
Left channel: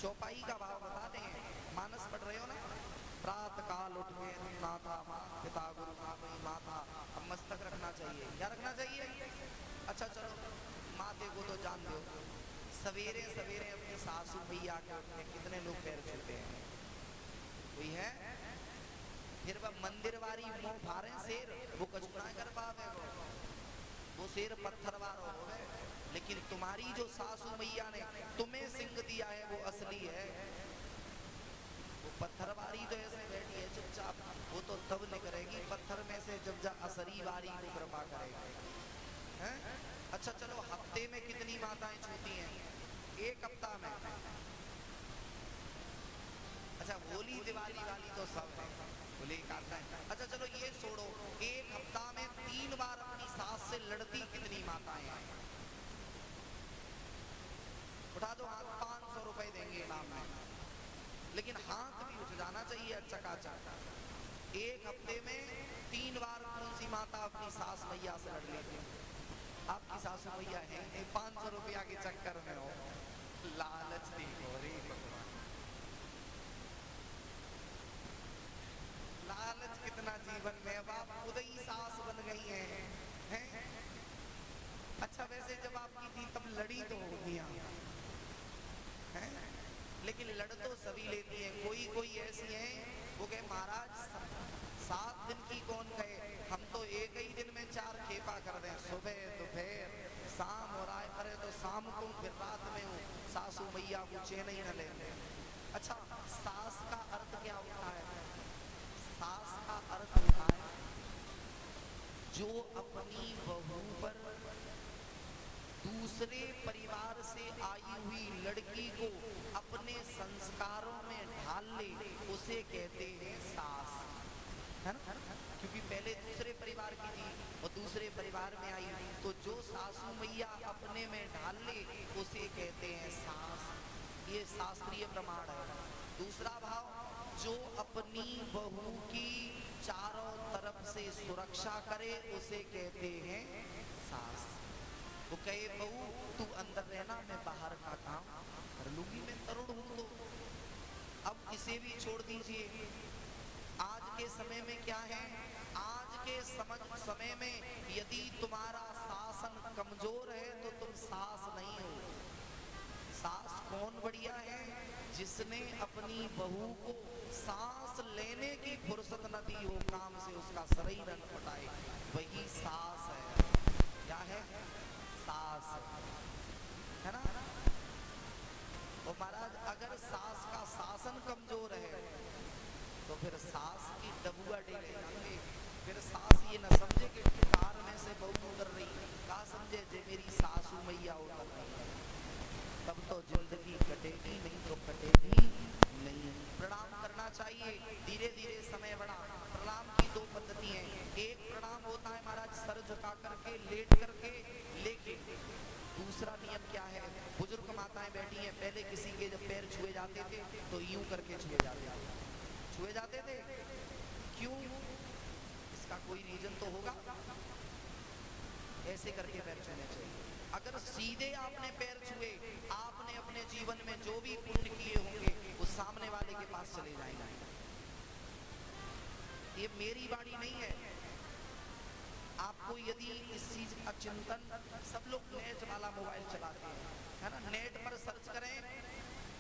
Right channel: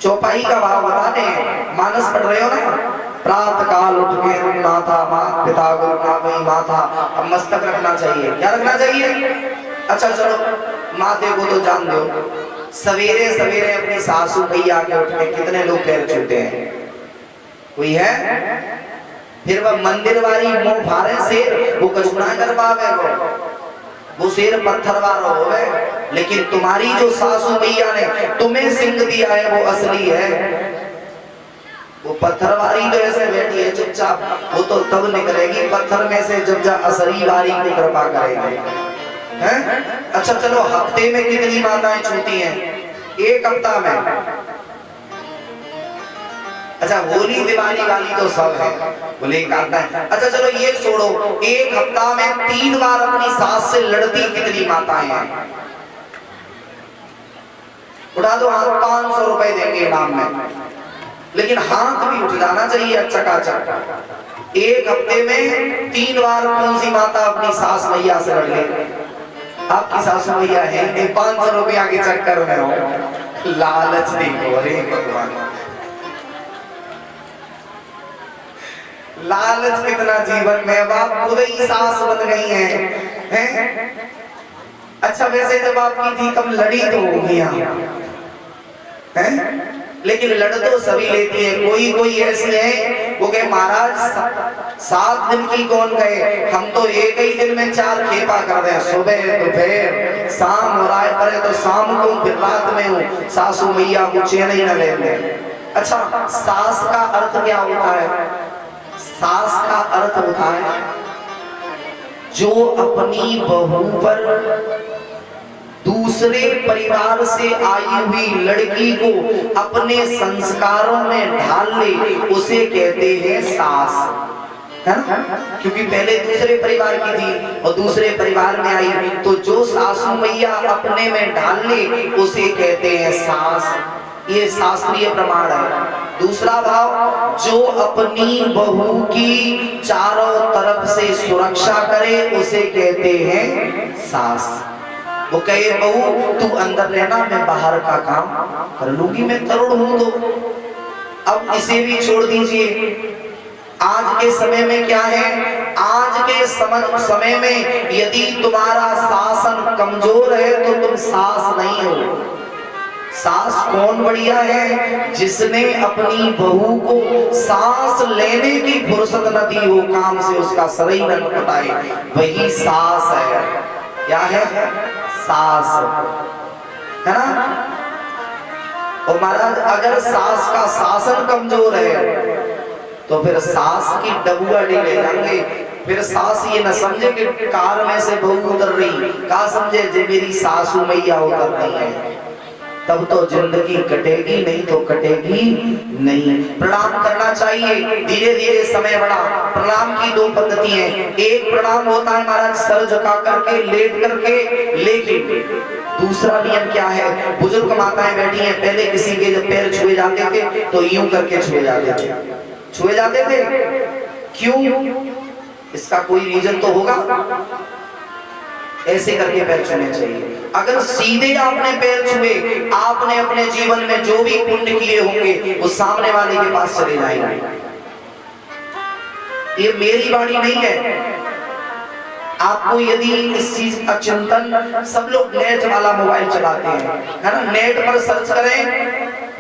चौपाई का भाव बताते हैं, मानस पढ़ रहे हो ना। प्रातः काल उठ के माथा, मात पिता गुरु नाभि माथा। अब मस्तक रखना चाहिए, क्या रखना चाहिए? अच्छा चलो माथे को तो जान दो, सवेरे सवेरे अपनी सासू मैया के उठने कितने लोग पैर छूते हैं? कोई है? फिर वह मंदिर वाली मुंह भारे शेर वो कुछ ना कर पावे, वो शेर पत्थर वाला होवे। लेकिन तुम्हारी जो सासू मैया ने तुम्हें सिंह दिया है वो असली है। वो पत्थर वाली तो ऐसे बैठी है चुपचाप, वो तो तब निकलेगी पत्थर में से जब जा असली वाली को कृपा करेगी, हैं? अच्छा चलो, हफ्ते में कितनी माताएं छूती हैं? एक हफ्ता में। अच्छा होली दिवाली वाली तो सब है, बोले करता है। अच्छा चलो ये छोड़ो, एक हफ्ता में 3 बार अपनी सास से लड़ती कितनी माताएं हैं? उठा दो हाथ, 500 रुपए देंगे इनाम में। लेकिन हाथ भी उठ जाना चाहिए चकाचक। एक हफ्ते में 3 बार कौन सी माता अपनी सास मैया से लड़ ले? आपकी सास मैया है 500 रुपया के चक्कर में हो, लालच देखो। अरे भगवान, लालच कितना जीवन में, आप खुद ही सास बन गई हैं। अच्छा वैसे जब आपकी थी तब लड़ी तो होगी हैं, लेकिन लड़ तो सभी लेती है। कोई कोई ऐसी है वो कहे महाराज 7 दिन की कौन गए, हम तो एक ही दिन में 4 खेपा कर रहे हैं, सुबह दोपहर शाम, हो रहा है परे तो शाम को फिर रात में हूँ, सासू मैया को चैन ही न लेते। अच्छा सास का अर्थ क्या होता है? सास का अर्थ होता है जो अपनी बहू पर दूसरे परिवार से आई हुई लड़की को अपने संस्कारों में ढाल ले, उसे कहते हैं सास, है ना? क्योंकि पहले दूसरे परिवार की थी और दूसरे परिवार में आई, तो जो सासू मैया अपने में ढाल ले उसे कहते हैं सास। ये शास्त्रीय प्रमाण है। दूसरा भाव, जो अपनी बहू की चारों तरफ से सुरक्षा करे उसे कहते हैं सास। वो कहे बहू तू अंदर रहना, मैं बाहर का काम कर लूंगी, मैं तरुण हूं। तो अब इसे भी छोड़ दीजिए। आज के समय में क्या है? आज के समय में यदि तुम्हारा शासन कमजोर है तो तुम सास नहीं हो। सास कौन बढ़िया है? जिसने अपनी बहू को सांस लेने की फुर्सत न दी हो, काम से उसका शरीर न कटाए, वही सास है। क्या है? सास, है ना? और महाराज अगर सास का शासन कमजोर है तो फिर सास की डबुआ ले जाएंगे। फिर सास ये न समझे कि कार में से बहू उतर रही, क्या समझे जे मेरी सासू मैया उतर रही है, तब तो जिंदगी कटेगी, नहीं तो कटेगी नहीं। प्रणाम करना चाहिए, धीरे धीरे समय बढ़ा। प्रणाम की 2 पद्धति है। एक प्रणाम होता है महाराज सर झुका करके, लेट करके, लेकिन दूसरा नियम क्या है? बुजुर्ग माताएं बैठी हैं, पहले किसी के जब पैर छुए जाते थे तो यूं करके छुए जाते थे, छुए जाते थे। क्यों? इसका कोई रीजन तो होगा। ऐसे करके पैर छूने चाहिए। अगर सीधे आपने पैर छुए, आपने अपने जीवन में जो भी पुण्य किए होंगे वो सामने वाले के पास चले जाएंगे। ये मेरी वाणी नहीं है। आपको यदि इस चीज का चिंतन, सब लोग नेट वाला मोबाइल चलाते हैं, है ना? नेट पर सर्च करें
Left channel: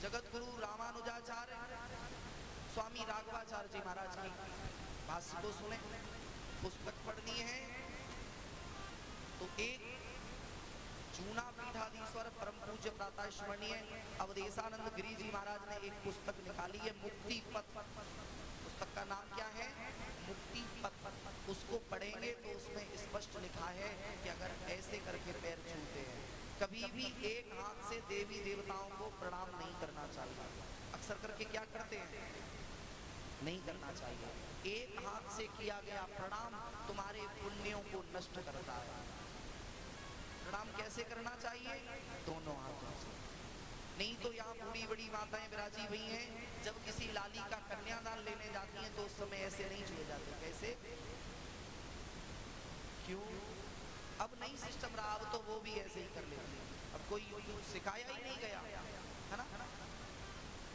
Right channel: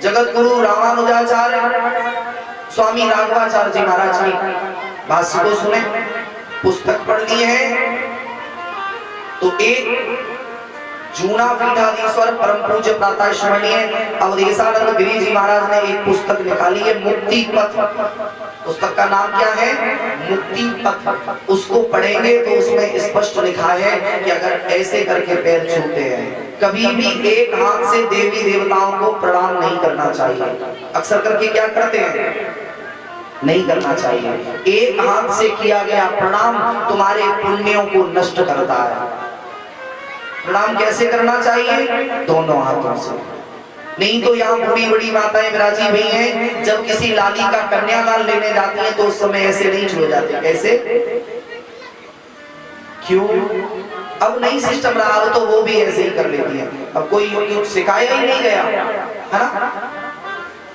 जगत गुरु रामानुजाचार्य स्वामी राघवाचार्य जी महाराज की भाष्य को सुने, पुस्तक पढ़नी है तो एक जूना पीठाधीश्वर परम पूज्य प्रातः स्मरणीय अवधेशानंद गिरी जी महाराज ने एक पुस्तक निकाली है, मुक्ति पथ। पुस्तक का नाम क्या है? मुक्ति पथ। उसको पढ़ेंगे तो उसमें स्पष्ट लिखा है कि अगर ऐसे करके पैर छूते हैं, कभी भी एक हाथ से देवी देवताओं को प्रणाम नहीं करना चाहिए। अक्सर करके क्या करते हैं? नहीं करना चाहिए। एक हाथ से किया गया प्रणाम तुम्हारे पुण्यों को नष्ट करता है। प्रणाम कैसे करना चाहिए? दोनों हाथों से। नहीं तो यहाँ बड़ी बड़ी माताएं विराजी हुई हैं, जब किसी लाली का कन्यादान लेने जाती हैं तो उस समय ऐसे नहीं छुए जाते। कैसे? क्यों? अब नई सिस्टम रहा हो तो वो भी ऐसे ही कर लेती है। अब कोई सिखाया ही नहीं गया, है ना?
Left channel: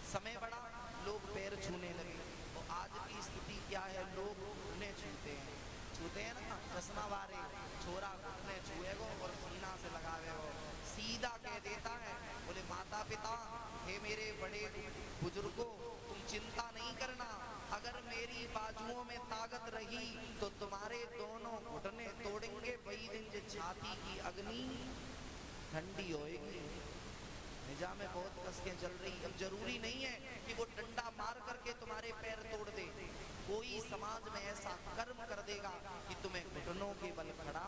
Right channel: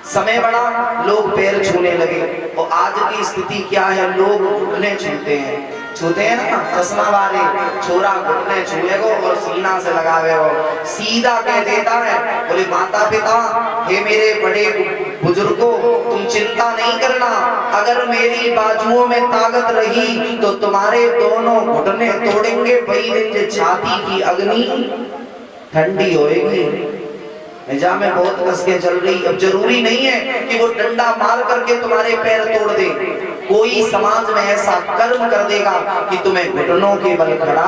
समय बढ़ा, लोग पैर छूने लगे। और आज की स्थिति क्या है? लोग घुटने छूते हैं, छूते हैं ना चश्मा वाले, छोरा घुटने छुए को और सीना से लगावे हो, सीधा कह देता है बोले माता पिता हे मेरे बड़े बुजुर्गों, तुम चिंता नहीं करना, अगर मेरी बाजुओं में ताकत रही तो तुम्हारे दोनों घुटने तोड़ेंगे, वही दिन जो छाती की अग्नि ठंडी होएगी। निजाम में बहुत कसके चल रही, अब जरूरी नहीं है कि वो डंडा मार करके तुम्हारे पैर तोड़ दे, कोई समाज में ऐसा कर्म कर देगा कि तुम्हें घुटनों के बल खड़ा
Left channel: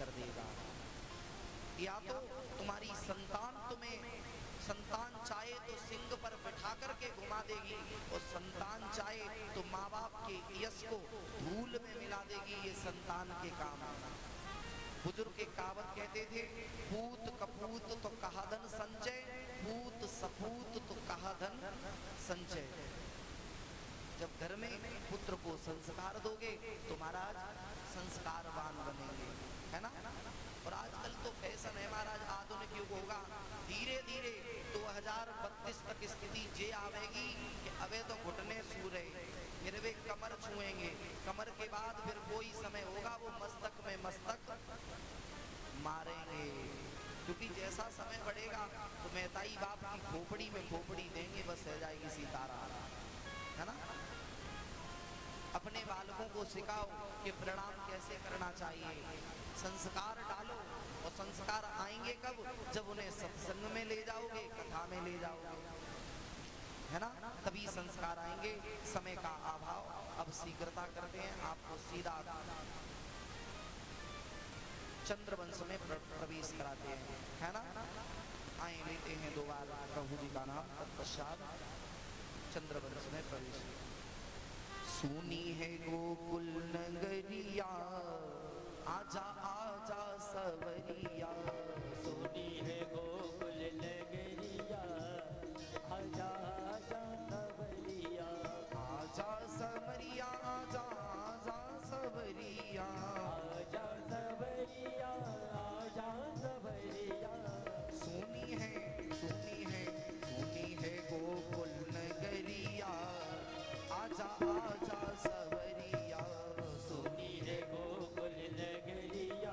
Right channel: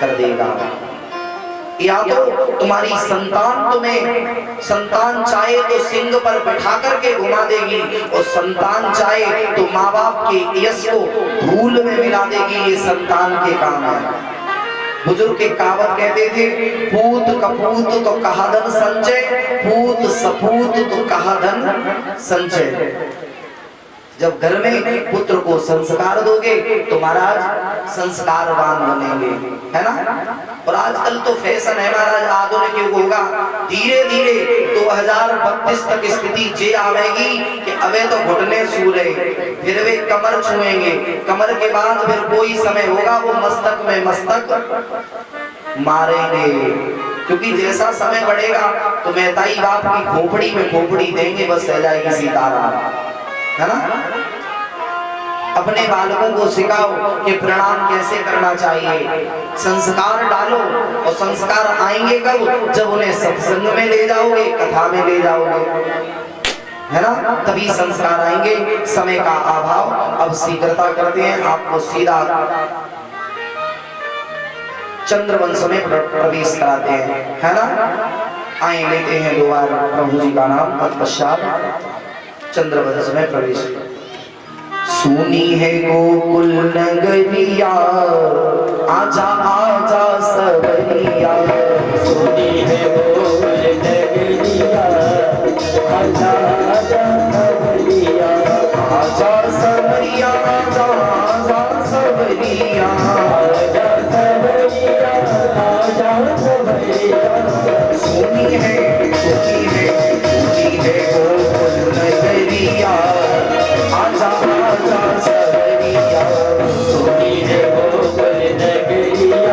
कर देगा। या तो तुम्हारी संतान तुम्हें, संतान चाहे तो सिंह पर बैठा करके घुमा देगी, और संतान चाहे तो माँ बाप के यश को धूल में मिला देगी। ये संतान के काम है। बुजुर्ग के कहावत कहते थे, पूत कपूत तो कहा धन संचय, पूत सपूत तो कहा धन संचय। जब घर में पुत्र को संस्कार दोगे तो महाराज संस्कारवान बनेंगे, है ना। और आजकल तो फैशन है महाराज, आधुनिक युग होगा, धीरे धीरे 2032 तक स्थिति ये आवेगी कि अबे तो घुटने छू रहे, फिर वे कमर छुएंगे, कमर के बाद फिर कोई समय होगा वो मस्तक में मस्तक मारेंगे। क्योंकि जैसा समय बढ़ेगा तो मेहताई बाप की खोपड़ी में खोपड़ी देंगे, बस रह जाएगी सीताराम, है ना। अपने बालकों को सिखाओ कि प्रणाम कैसे करना चाहिए, संस्कार डालो, और संस्कार आएंगे कब, जब उन्हें सत्संग में ले जाओगे, कथा में ले जाओगे, है ना, तभी संस्कार आएंगे। समय का अभाव, अब शीघ्रता करते हैं, आपको सीधा चंद्रवंश में प्रवेश कराते हैं, है ना। आए लेते हैं 2 बार प्रभु जी का नाम, तत्पश्चात चंद्रवंश में प्रवेश। सुनी है गोकुल नगरिया, आजा आजा सवरिया, सुनी है गोकुल नगरिया, आजा आजा सवरिया, आजा सवरिया, आजा आजा सवरिया, आजा सवरिया, आजा सवरिया। सुनी है गोकुल नगरिया, आजा आजा सवरिया, सुनी है गोकुल नगरिया,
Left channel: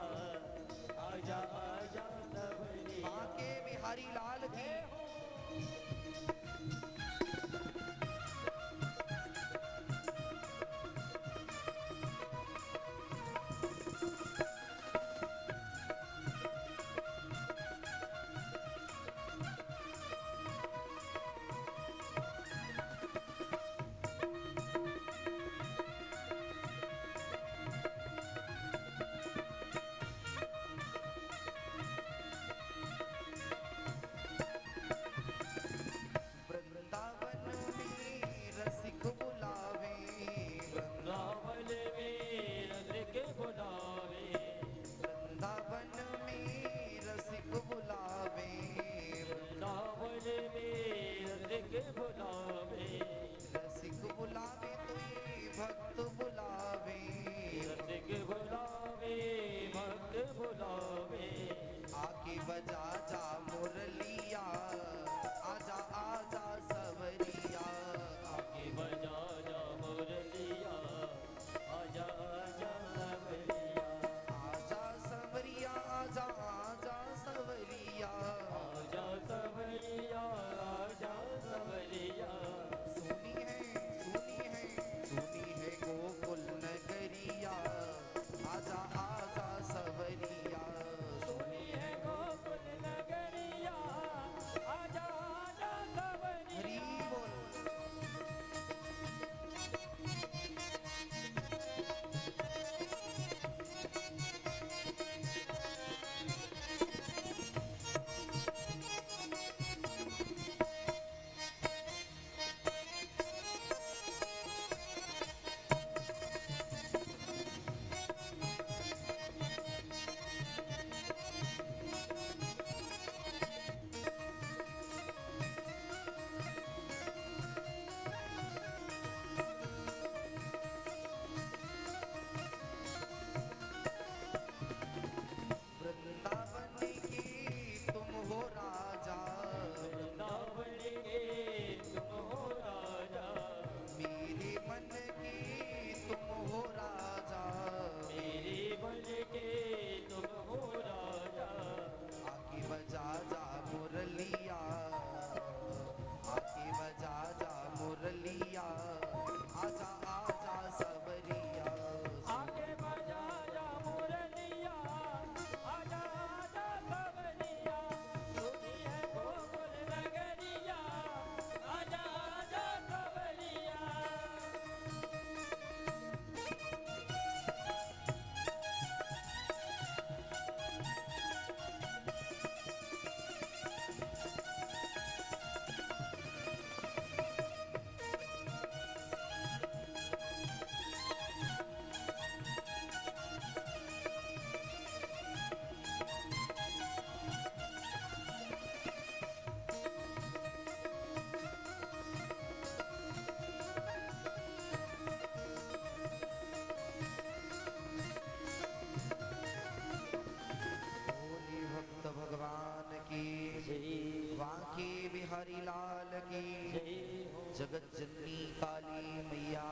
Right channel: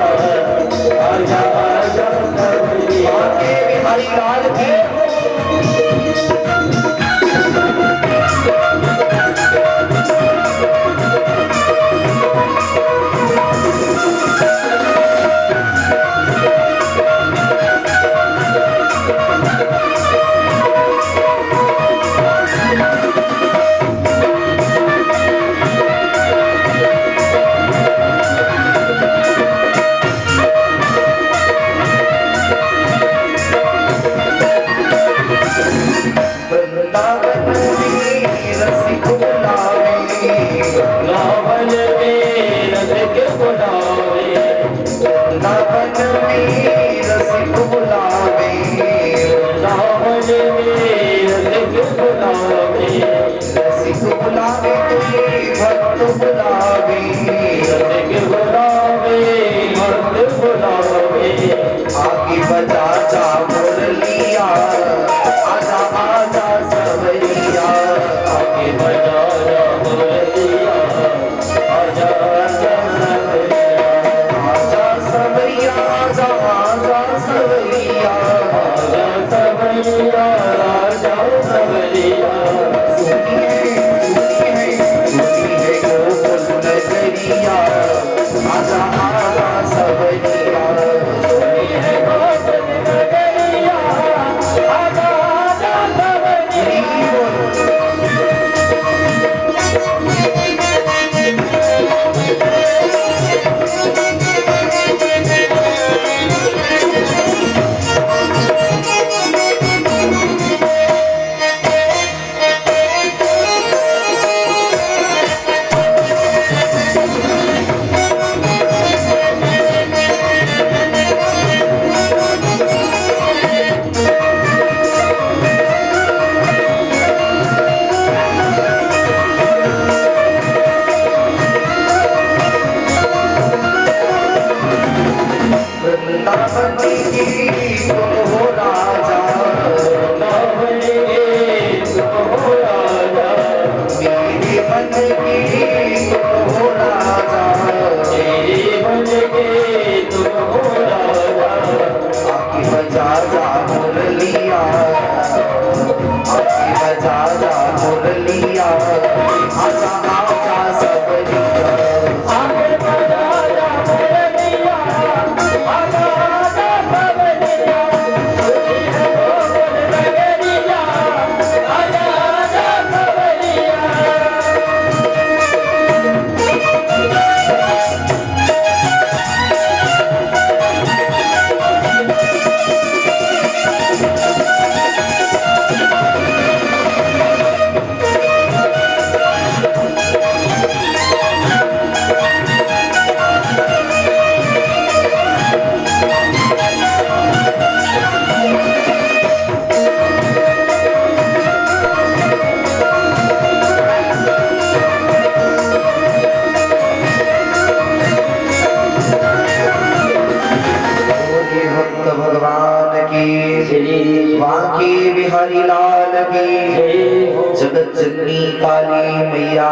काली मैया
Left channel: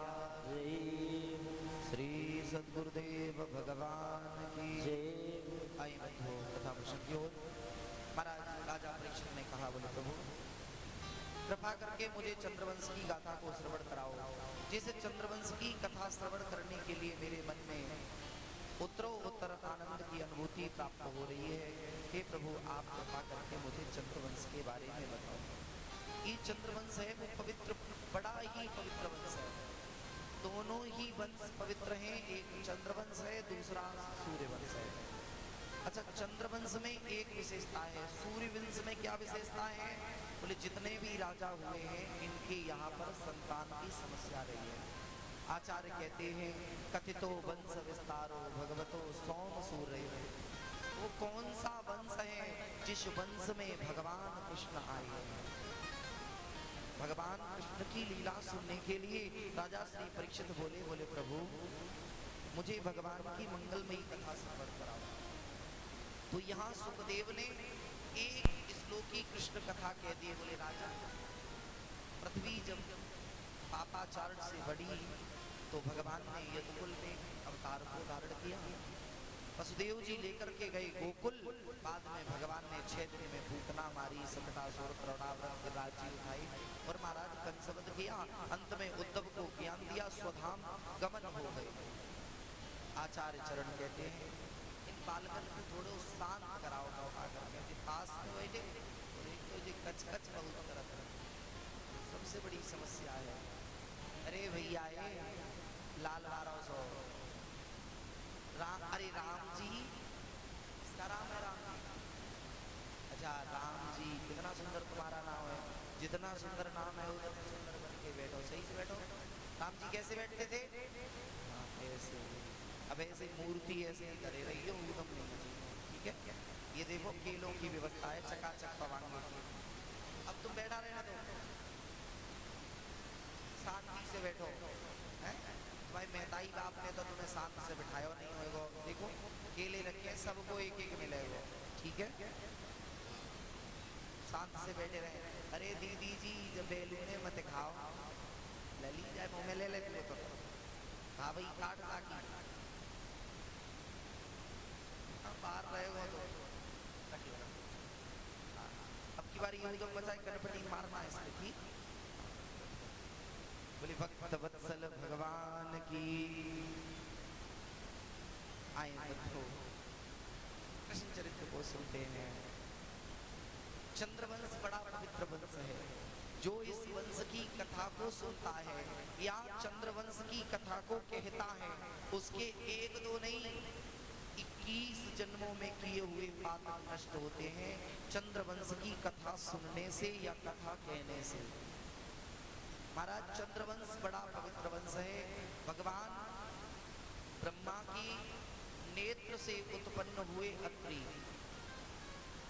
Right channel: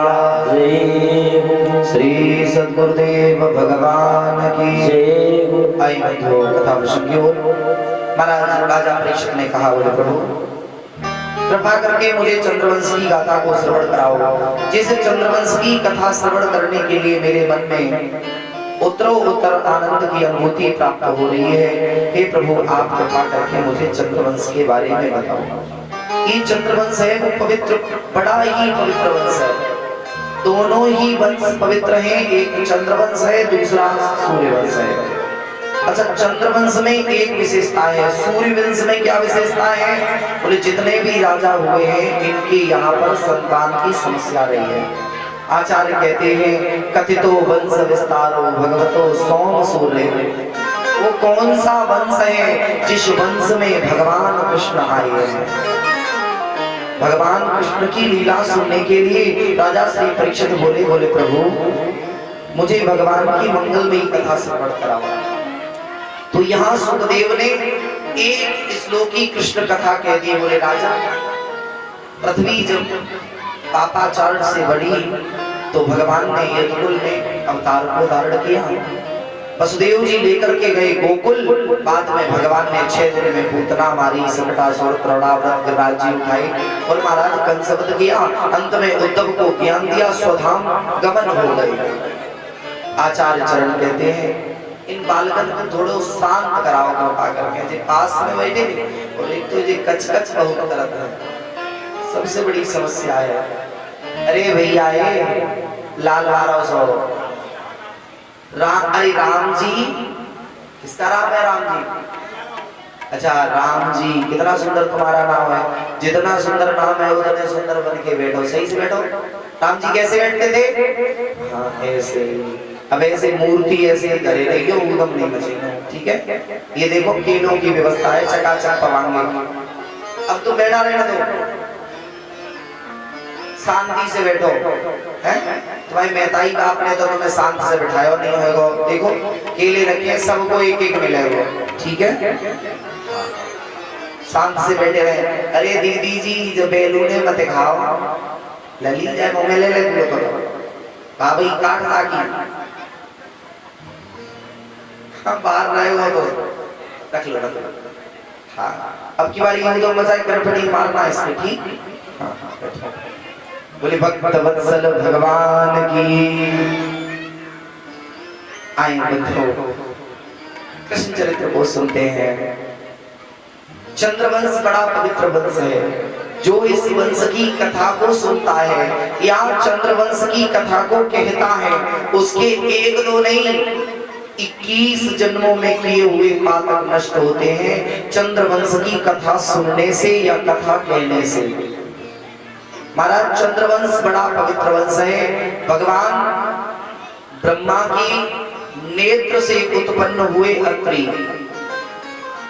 श्री सद्गुरुदेव भगवान की आई बंधु कथा प्रसंग की ओर। महाराज राजा परीक्षित ने कहा, बोले प्रभु कृपा करके मुझे चंद्रवंश की गाथा को श्रवण कराओ। जिस चंद्रवंश की कथा श्रवण करने के लिए मेरे मन में उत्तरोत्तर आनंद की अनुभूति प्राप्त हो रही है, हे प्रभु आप कृपा करके मुझे चंद्रवंश के बारे में बताओ। ये चंद्रवंश है वो पवित्र, बड़ा ही पवित्र वंश है। दोनों ही वंश पवित्र हैं, एक चंद्रवंश है दूसरा सूर्यवंश है। अच्छा, चंद्रवंश में एक विशेषता है, सूर्यवंश में क्या विशेषता है? बोले जितने भी राजा हुए हैं इनके यहाँ पर संतान की समस्या रही है। आचार्य कहते हैं कथितो वंश विस्तारो भगवतो सोम सूर्य। वो कौन सा वंश है जिस वंश में भगवान कृष्ण आए हैं? भगवान कृष्ण की लीला सुनने के लिए राजा श्री परीक्षित बोले, बोले प्रभु मुझे भगवान की मंगलमयी कथा श्रवण कराओ। तो यहाँ सुखदेव ने एक श्लोकी कृष्ण कथा कह दी। बोले राजा, पृथ्वी जब पापाचार से बढ़ी तो भगवान ने यदुकुल में अवतार को धारण किया। वसुदेव जी लेकर के गए गोकुल। बाद में भगवान ने 6 दिन में पूतना मारी, सकटासुर तृणाव्रत राज्य उठाई और महाराज कंसवध किया। अंत में उद्धव को ज्ञान दिया, स्वधाम गमन हो गए। आचार्य चरण कहते हैं इन बालकन को थोड़ो शांत कराओ कृपा करके। जे पास में बैठे और एक तो ये कच-कच बहुत करत है, सबसे बड़ी समस्या है। अरे भैया ये लाल वारा सो राम, अरे राम जी, किसका राम है? राम जी। अच्छा राम जी, कितना सुंदर तुम्हारा नाम है। जितना सुंदर नाम है उतने सुंदर बन के बैठो, सही से बैठो। राम जी कैसे बैठते थे? हाँ ऐसे। अब ऐसे मूर्ति ऐसे धरे रही हो, उदम नहीं बचेगा, ठीक है। ये देखो केलों की व्यवस्था है, चकाचक पवाएंगे। अब तो बैठा रहना दो, शांति से बैठो। हैं तुम्हारी मेहताई बाप ने तो तुम्हें शांति से बिठाया नहीं होगा। देखो केले रखे हैं, सबको एक एक मिलेगा, ठीक है। शांत से बैठे रहे। अरे दीदी जी जो बेलूने मत खाओ, लली जाए मुंह में ले ले तो भाई काट साकी। हाँ बाहर रहे हो तो रख लो, रख लो। हाँ अब की बारी तो मजा करपटी मारना इसमें, ठीक। हाँ बोले भक्त वत्सल भगवान की। आए बंधु कृष्ण चरित्र को सुनते हैं। चंद्रवंश बड़ा पवित्र वंश है। जो इस वंश की कथा को सुनता है या चंद्रवंश की कथा को कहता है, उसके एक दो नहीं 21 जन्मों में किए हुए पाप नष्ट होते हैं चंद्रवंश की कथा सुनने से या कथा कहने से। महाराज चंद्रवंश बड़ा पवित्र वंश है। भगवान ब्रह्मा की नेत्र से उत्पन्न हुए अत्रि,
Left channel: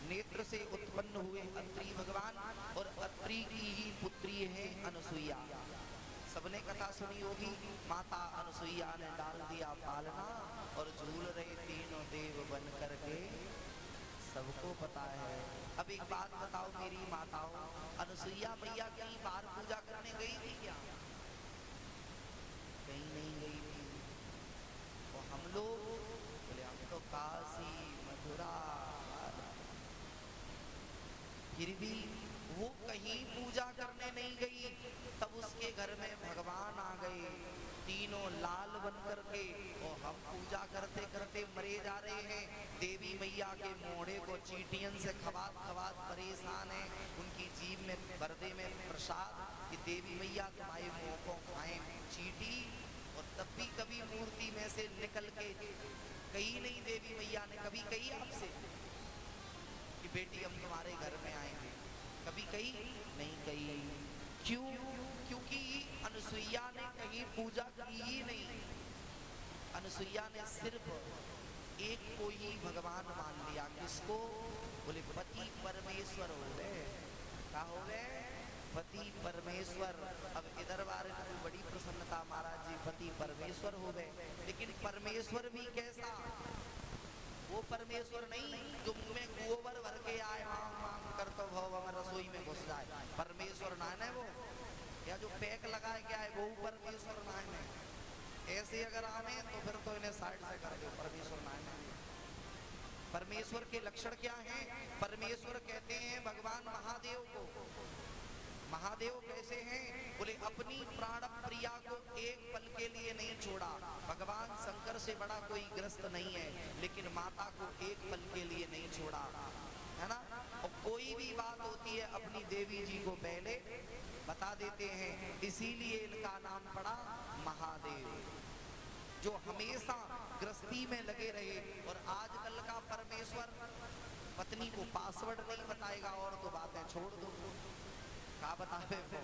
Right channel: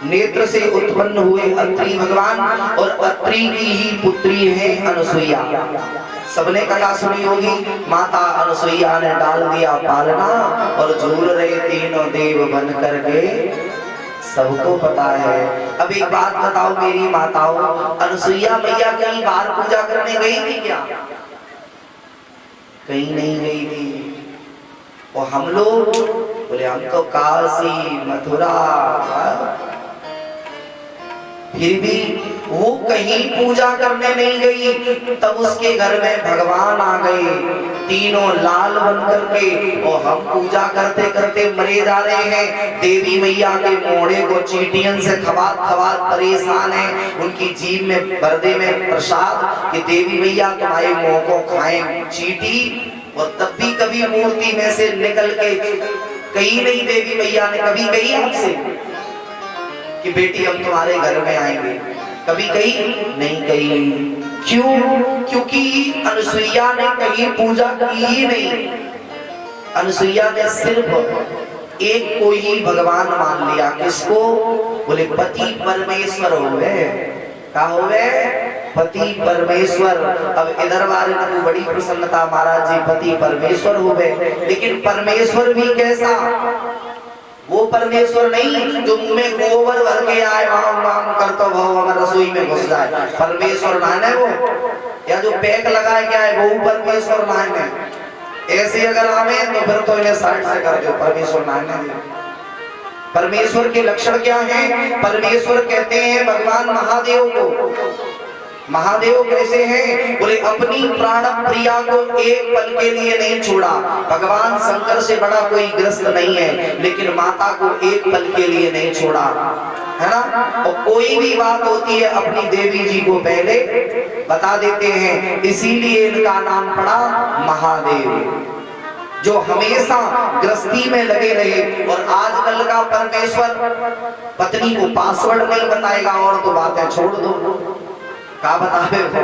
नेत्र से उत्पन्न हुए अत्रि भगवान, और अत्रि की ही पुत्री है अनुसुईया। सबने कथा सुनी होगी। माता अनुसुईया ने डाल दिया पालना और झूल रहे तीनों देव बन करके, सबको पता है। अब एक बात बताओ मेरी माताओं, अनुसुईया मैया कहीं बाहर पूजा करने गई थी क्या? कहीं नहीं गई थी। और हम लोग बोले हम तो काशी मथुरा, फिर भी वो कहीं पूजा करने नहीं गई। तब उसके घर में भगवान आ गए तीनों लाल बन करके, और हम पूजा करते करते मरे जा रहे हैं। देवी मैया के मोड़े को चीटियन से खबात खबात परेशान है। उनकी जीभ में बरदे में प्रसाद कि देवी मैया तुम्हारे मुंह को खाएं चीटी। और तब भी कभी मूर्ति में से निकल के कही नहीं देवी मैया ने कभी कही आपसे कि बेटी हम तुम्हारे घर में आएंगे? कभी कही नहीं कही। क्यों? क्योंकि अनुसुईया ने कहीं पूजा की ही नहीं। अनुसुईया ने सिर्फ एक को ही भगवान मान लिया। किसको? बोले पति परमेश्वर हो गए। क्या हो गए? पति परमेश्वर। अब इधर वाले को बड़ी प्रसन्नता, महाराज जी पति परमेश्वर हो गए। लेकिन परमेश्वर भी कैसा? वो परमेश्वर नहीं जो मुंह में गोबर भर के आए वाम वाम करता भाव हमारे रसोई में घुस जाए, परमेश्वर नाने वो, या जो पैक लगाए क्या है वो परमेश्वर नाने। ऐसे अगर आवे तो फिर तो इन्हें साइड से कर दो, परमेश्वर नाने। परमेश्वर के लक्षण क्या हैं? परमेश्वर कहते हैं भगवान महादेव को, महादेव कैसे हैं? बोले अपनी प्राण प्रिया को एक पल के लिए नहीं छोड़ा। भगवान शंकर से बड़ा कोई ग्रस्त नहीं है, लेकिन माता को एक पल के लिए नहीं छोड़ा, है ना। और कोई भी बात होती है अपनी देवी जी को पहले बता देते हैं, इसीलिए इनका नाम पड़ा महादेव, जो हमेशा गृहस्थी में लगे रहे। और आजकल का परमेश्वर पत्नी को पासवर्ड नहीं बताएगा और तो बातें छोड़ दो, क्या बतावे हो,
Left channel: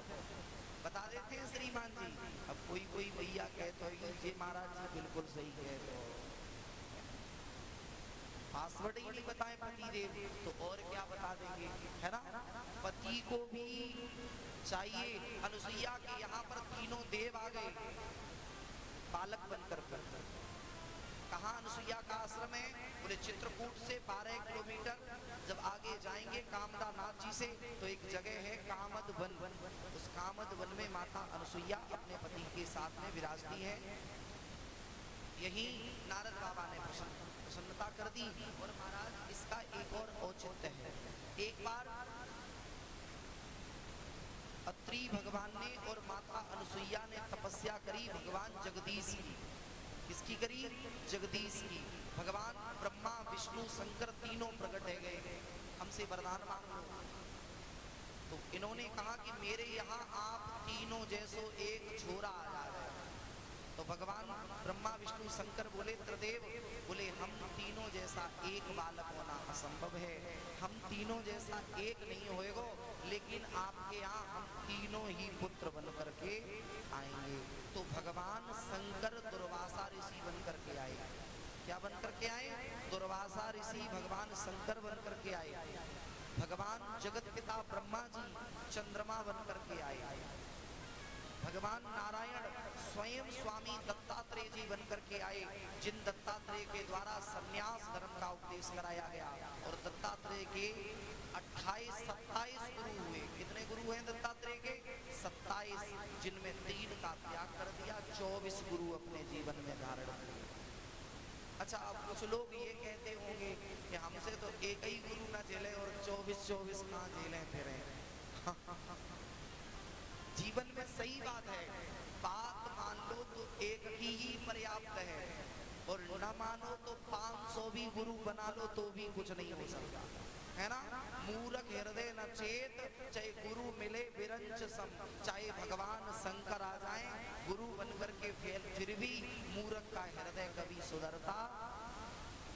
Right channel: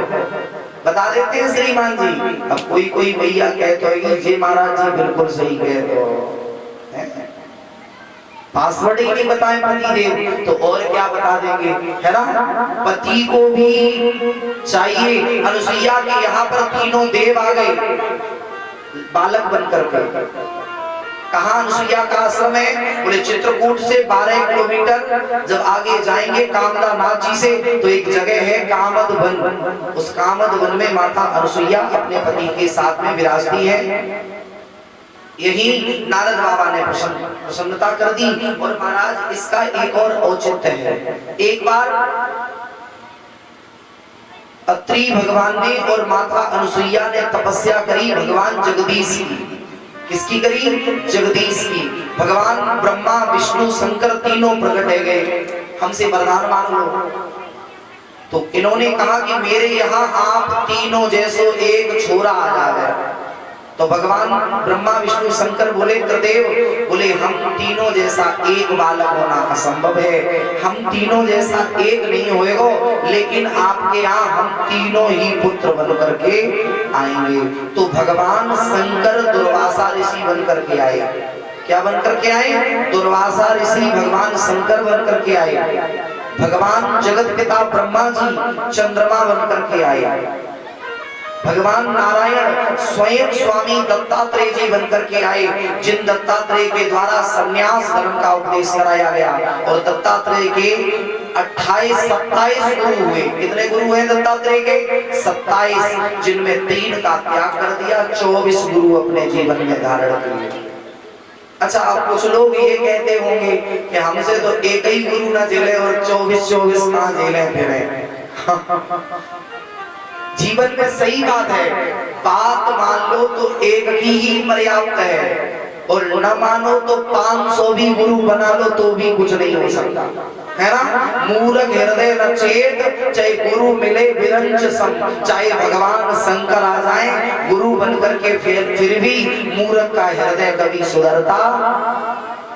बता देते हैं श्रीमान जी। अब कोई भैया कहते हो जी महाराज जी बिल्कुल सही कह दो, पासवर्ड ही नहीं बताए पति देव तो और क्या बता देंगे, है ना। पति को भी चाहिए, अनुसुईया के यहाँ पर तीनों देव आ गए बालक बनकर के। कहाँ अनुसुईया का आश्रम है? बोले चित्रकूट से 12 किलोमीटर जब आगे जाएंगे कामदा नाथ जी से तो एक जगह है कामद वन। उस कामद वन में माता अनुसुईया अपने पति के साथ में विराजती है। यही नारद बाबा ने प्रसन्नता कर दी। और महाराज इसका एक और औचित्य है। एक बार अत्रि भगवान ने और माता अनुसुईया ने तपस्या करी भगवान जगदीश की। किसकी करी? जगदीश की। भगवान ब्रह्मा विष्णु शंकर तीनों प्रकट है गए, हमसे वरदान मांग लो। तो इन्होंने कहा कि मेरे यहाँ आप तीनों जैसो एक छोरा आ जाए। तो भगवान ब्रह्मा विष्णु शंकर बोले त्रिदेव, बोले हम तीनों जैसा एक बालक होना असंभव है, हम तीनों जैसा एक नहीं होएगा, लेकिन आपके यहाँ हम तीनों ही पुत्र बन करके आएंगे। तो भगवान शंकर दुर्वासा ऋषि बन करके आए। क्या बन करके आए? दुर्वासा ऋषि भगवान शंकर बन करके आए। भगवान जगत पिता ब्रह्मा जी चंद्रमा बन करके आए। भगवान नारायण स्वयं स्वामी दत्तात्रेय जी बनकर के आए, जिन दत्तात्रेय के द्वारा संन्यास धर्म का उपदेश कराया गया। और दत्तात्रेय के 28-27 गुरु हुए। कितने गुरु हैं दत्तात्रेय के? 27, जिनमें 3 का त्याग कर दिया, 24 गुरु अपने जीवन में धारण किए। अच्छा, अब कुछ लोग ये कहते होंगे कि हमसे तो एक ही गुरु ना झेले और 24 ना झेले फिरे। जीवन में सही बात है, बात मान लो तो एक ही पर्याप्त है, और न मानो तो 500 भी गुरु बना लो तो भी कुछ नहीं हो सकता, है ना। मूर्ख हृदय न चेत, चाहे गुरु मिले विरंच सम, चाहे भगवान शंकर आ जाए गुरु बनकर के, फिर भी मूर्ख का हृदय कभी सुधरता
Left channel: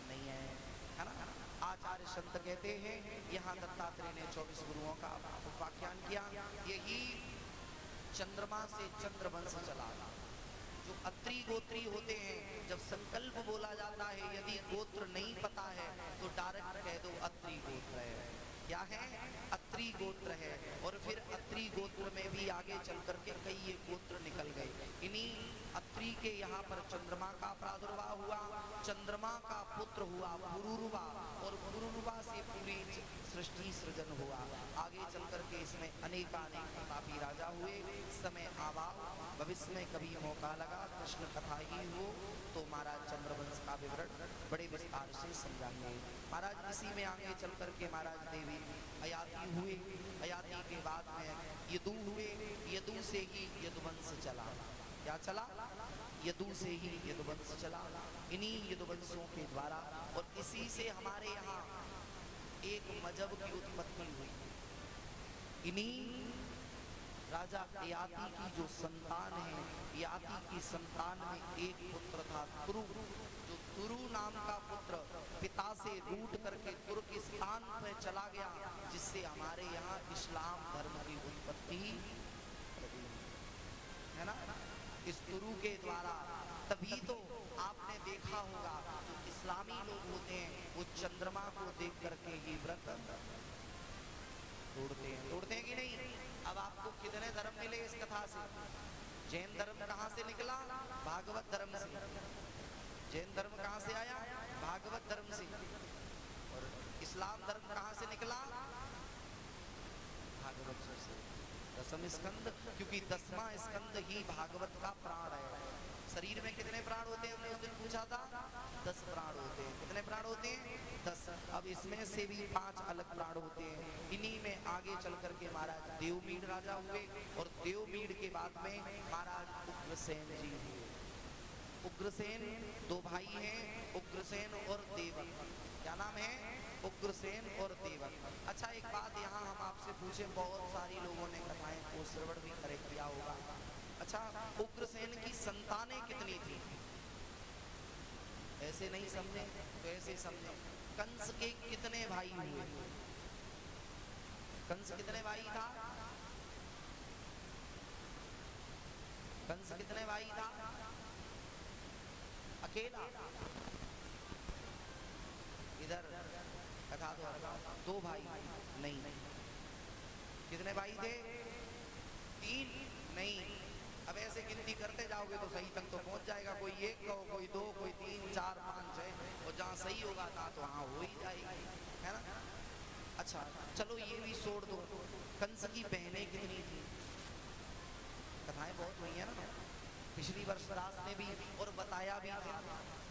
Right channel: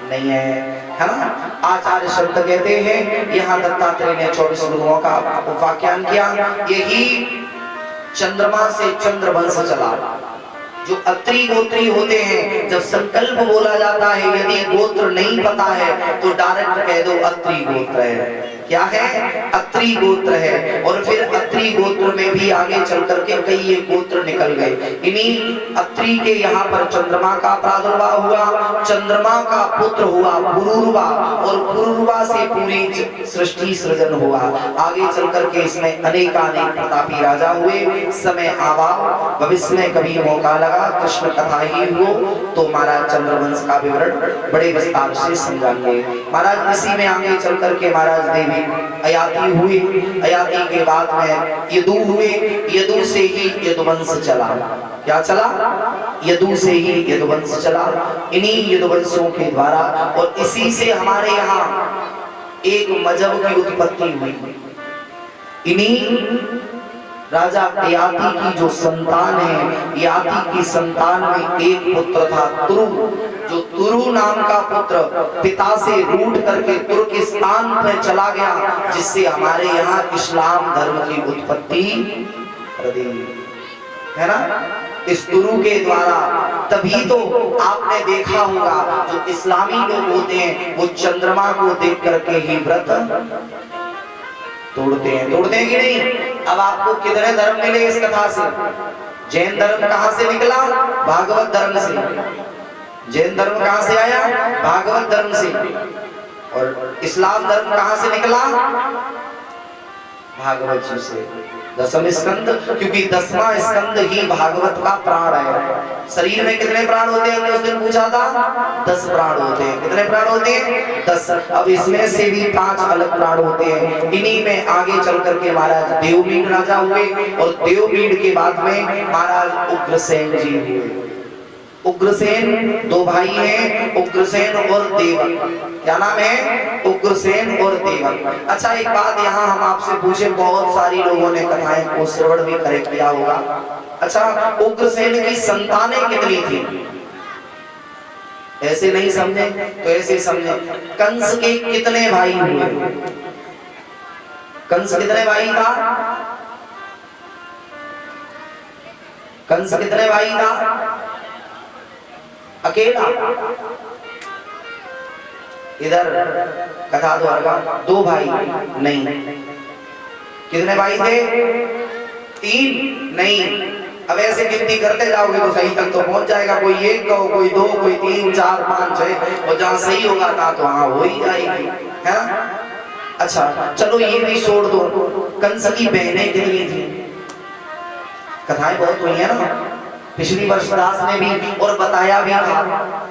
नहीं है ना। आचार्य शब्द कहते हैं, यहाँ दत्तात्रेय ने 24 गुरुओं का उपाख्यान किया। यही चंद्रमा से चंद्रवंश चला। जो अत्रि गोत्री होते हैं, जब संकल्प बोला जाता है, यदि गोत्र नहीं पता है तो डायरेक्ट कह दो अत्रि गोत्र है। क्या है? अत्रि गोत्र है। और फिर अत्रि गोत्र में भी आगे चल करके कई ये गोत्र निकल गए। इन्हीं अत्रि के यहाँ पर चंद्रमा का प्रादुर्भाव हुआ, चंद्रमा का पुत्र हुआ पुरुरवा, और पुरुरवा से पूरी सृष्टि सृजन हुआ। आगे चल करके इसमें अनेकानेक प्रतापी राजा हुए। समय आवा, भविष्य में कभी मौका लगा कृष्ण कथा ही हो तो महाराज चंद्रवंश का विवरण बड़े विस्तार से समझाएंगे। महाराज इसी में आगे चल करके महाराज देवी अयाति हुई। अयाति के बाद में यदु हुए, यदु से ही यदुवंश चला। क्या चला? यदु से ही यदुवंश चला। इन्हीं यदुवंशों के द्वारा और इसी से हमारे यहाँ एक मजहब की उत्पत्ति हुई। इन्हीं राजा ययाति की जो संतान है, ययाति की संतान में एक पुत्र था तुरु, जो तुरु नाम का पुत्र पिता से रूठ करके तुर्किस्तान में चला गया, जिससे हमारे यहाँ इस्लाम धर्म की उत्पत्ति है ना। इस तुरु के द्वारा, तभी तो आपने देखा होगा जो इस्लामी लोग होते हैं वो चंद्रमा को देख करके ही व्रत तोड़ते हैं कि नहीं। अब आपको कितने धर्म मिले इस कथा से? जैन धर्म कहां से निकला? भागवत धर्म से, जैन धर्म कहां से आया? भागवत धर्म से। और इस्लाम धर्म कहां से निकला? भागवत जी से। दसम स्कंद, क्योंकि 10वां स्कंद ही भागवत का प्राण है। शरीर में कितने प्राण होते हैं? उस दिन पूछा था, 10 प्राण होते हैं। कितने प्राण होते हैं? 10। अब इसमें से भी 5 अलग प्राण होते हैं। इन्हीं में आगे चल करके महाराज देवमीन राजा हुए, और देवमीन के बाद में महाराज उग्रसेन जी हुए। उग्रसेन 2 भाई हैं, उग्रसेन और देवक। क्या नाम है? उग्रसेन और देवक। अच्छा, एक बात यहाँ हम आपसे पूछे, बहुत सारी लोगों ने कथाएं को श्रवण भी करे किया होगा। अच्छा, उग्रसेन की संतानें कितनी थी? ऐसे नहीं समझे तो ऐसे समझे। कंस के कितने भाई हुए? कंस कितने भाई था? कंस कितने भाई था? अकेला। इधर कथा द्वारका 2 भाई नहीं। कितने भाई थे? 3 नहीं। अब ऐसे गिनती करते जाओगे तो सही तक तो पहुंच जाएगा। कोई 1 कहो, कोई 2, कोई 3, 4, 5, 6, और जहां सही होगा था तो वहां हो ही जाएगी, है ना? अच्छा, चलो ये भी छोड़ दो। कंस की बहनें कितनी थी? कथाएं बहुत हुई है ना, पिछली वर्ष दास ने भी और बताया भी था।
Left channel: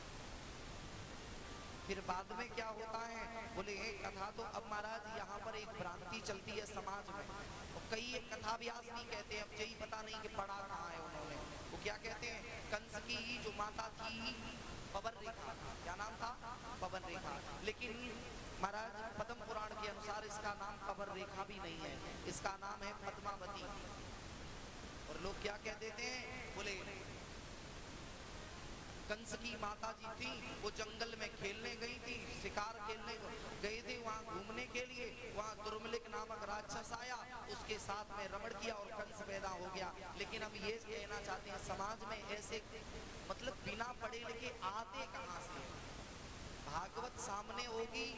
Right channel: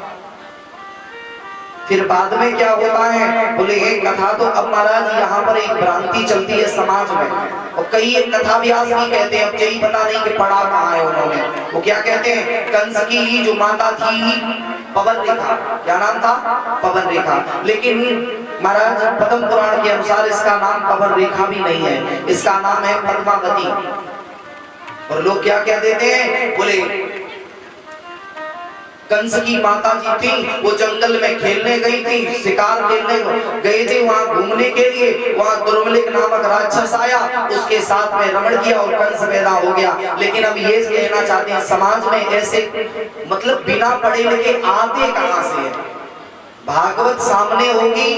फिर बाद में क्या होता है, बोले एक कथा तो अब महाराज यहाँ पर एक भ्रांति चलती है समाज में, और कई एक कथा व्यास भी कहते हैं, अब यही पता नहीं कि पढ़ा कहाँ है उन्होंने। वो क्या कहते हैं, कंस की ही जो माता थी पवन रेखा, क्या नाम था? पवन रेखा। लेकिन महाराज पद्म पुराण के अनुसार इसका नाम पवन रेखा भी नहीं है, इसका नाम है पद्मावती। और लोग क्या कह देते हैं, बोले कंस की माता जी थी, वो जंगल में खेलने गई थी, शिकार खेलने गए थे, वहां घूमने के लिए, वहां दुर्मलिक नामक राक्षस आया, उसके साथ में रमण किया और कंस पैदा हो गया। लेकिन अब ये कहना चाहते हैं, समाज में ऐसे मतलब बिना पढ़े लिखे आते कहां से है? भागवत सामने होगी,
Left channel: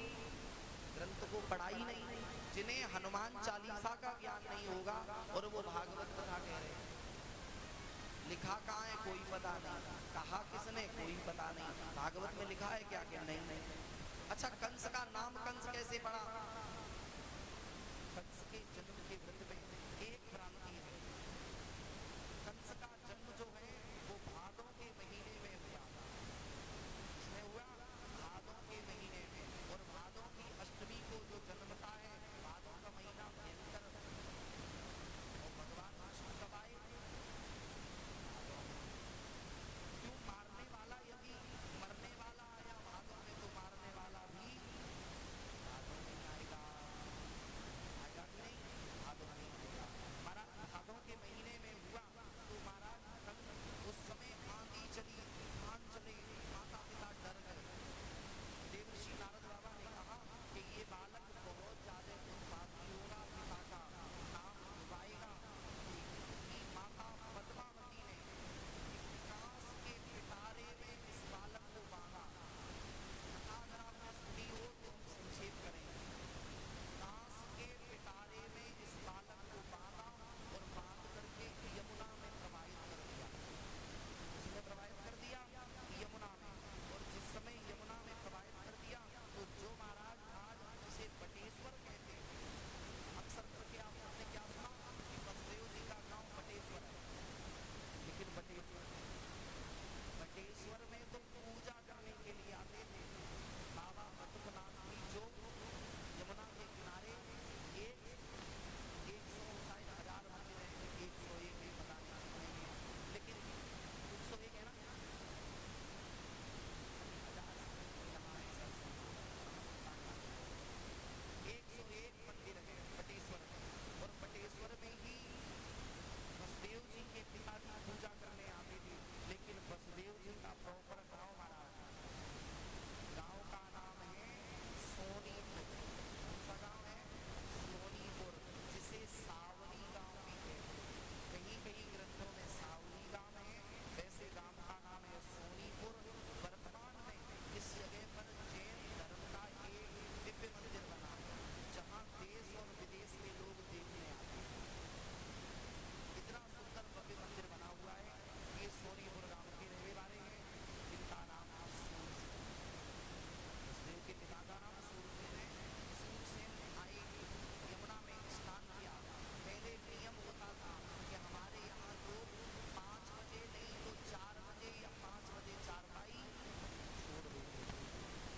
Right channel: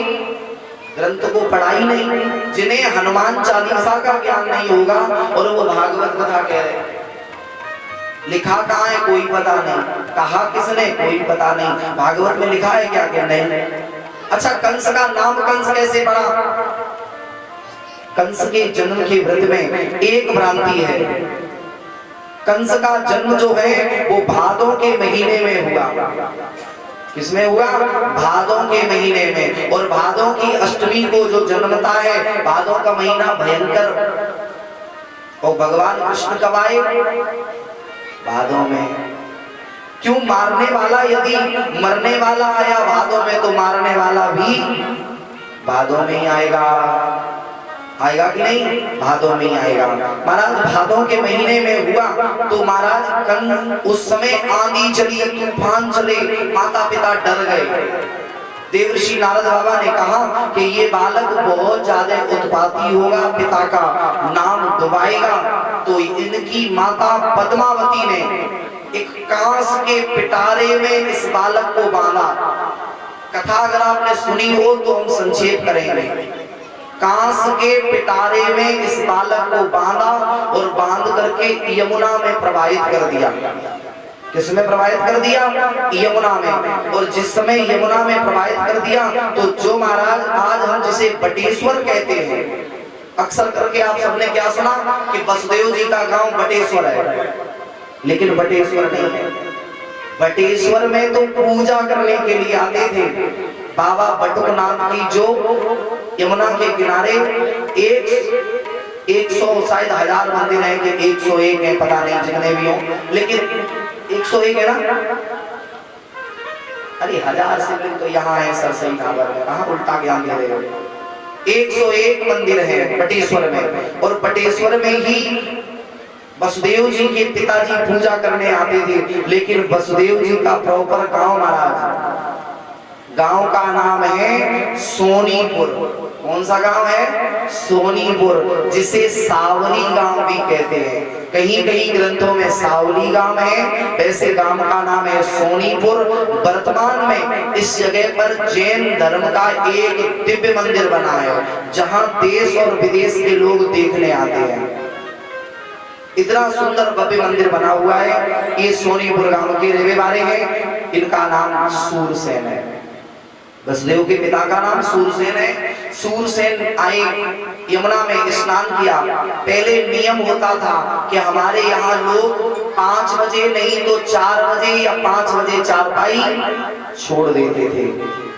ग्रंथ को पढ़ाई नहीं, जिन्हें हनुमान चालीसा का ज्ञान नहीं होगा और वो भागवत कथा कह रहे। लिखा कहाँ है कोई पता नहीं, कहा किसने कोई पता नहीं, भागवत में लिखा है क्या क्या नहीं। अच्छा, कंस का नाम कंस कैसे पड़ा? कंस के जन्म के व्रत में एक भ्रांति है। कंस का जन्म जो है वो भादों के महीने में हुआ। किसमें हुआ? भादों के महीने में। और भादों की अष्टमी को जो जन्मता है, भादों का महीना भयंकर, और भगवान कृष्ण कब आए? भादों में। क्यों? मारने वाला यदि मरने वाला आया भादों में, तो मारने वाला भी भादों में ही आएगा। आएगा कि नहीं? भादों में ही आएगा। महाराज भादों के महीने में हुआ तो महाराज कंस, उस समय आंधी चली, तूफान चले, माता पिता डर गए। देवर्षि नारद बाबा ने कहा कि ये बालक बहुत ज्यादा उत्पाती होगा, पिता का नाम डुबाएगा। तो इनकी माता पद्मावती ने एक कांस के पिटारे में इस बालक को बांधा। कथा अगर आपने सुनी हो तो हम संक्षेप करेंगे। कांस के पिटारे में इस बालक को बांधा और बांध करके यमुना में प्रवाहित कर दिया। किसमें प्रवाहित कर दिया? यमुना में। और जिस समय यमुना में प्रवाहित कर दिया तो जो महाराज आज हम जिसे बटेश्वर कहते हैं, अक्सर करके आप सबने क्या सुना कि वसुदेव जी का गांव बटेश्वर है, लेकिन बटेश्वर नहीं है। बटेश्वर में तो पूजा करने के लिए आते थे। बाबा बटुकनाथ की जो यमुना के किनारे 100 शायद 1000 मंदिर हैं कि 101 है, पता नहीं जितने भी हो, लेकिन 101 है ना? अरे 1000 शिवलिंग तो यहाँ है सरसई ढाबर में, कहाँ उल्टा ज्ञान दे रहे हो। 101 मंदिर है बटेश्वर में, और बटेश्वर में ही वसुदेव जी के पिताजी पूजा करने आते थे। लेकिन वसुदेव जी का प्रॉपर गांव महाराज, गांव का नाम है सोनीपुर। कौन सा गांव है? सोनीपुर, जिसे सावली गांव भी कहते हैं। कहीं कहीं ग्रंथों में सावली गांव है, वैसे गांव का नाम है सोनीपुर। वर्तमान में इस जगह पर जैन धर्म का एक दिव्य मंदिर बना है, जहां देश और विदेश के लोग देखने आते हैं। इतना सुंदर भव्य मंदिर बना हुआ है। ये सोनीपुर गांव के रहने वाले हैं, इनका नाम सूरसेन है। वसुदेव के पिता का नाम सूरसेन है। सूरसेन आए, यमुना में स्नान किया। पहले नियम होता था कि हमारे यहाँ लोग 5 बजे नहीं तो 4 बजे या 5 बजे चारपाई छोड़ देते थे,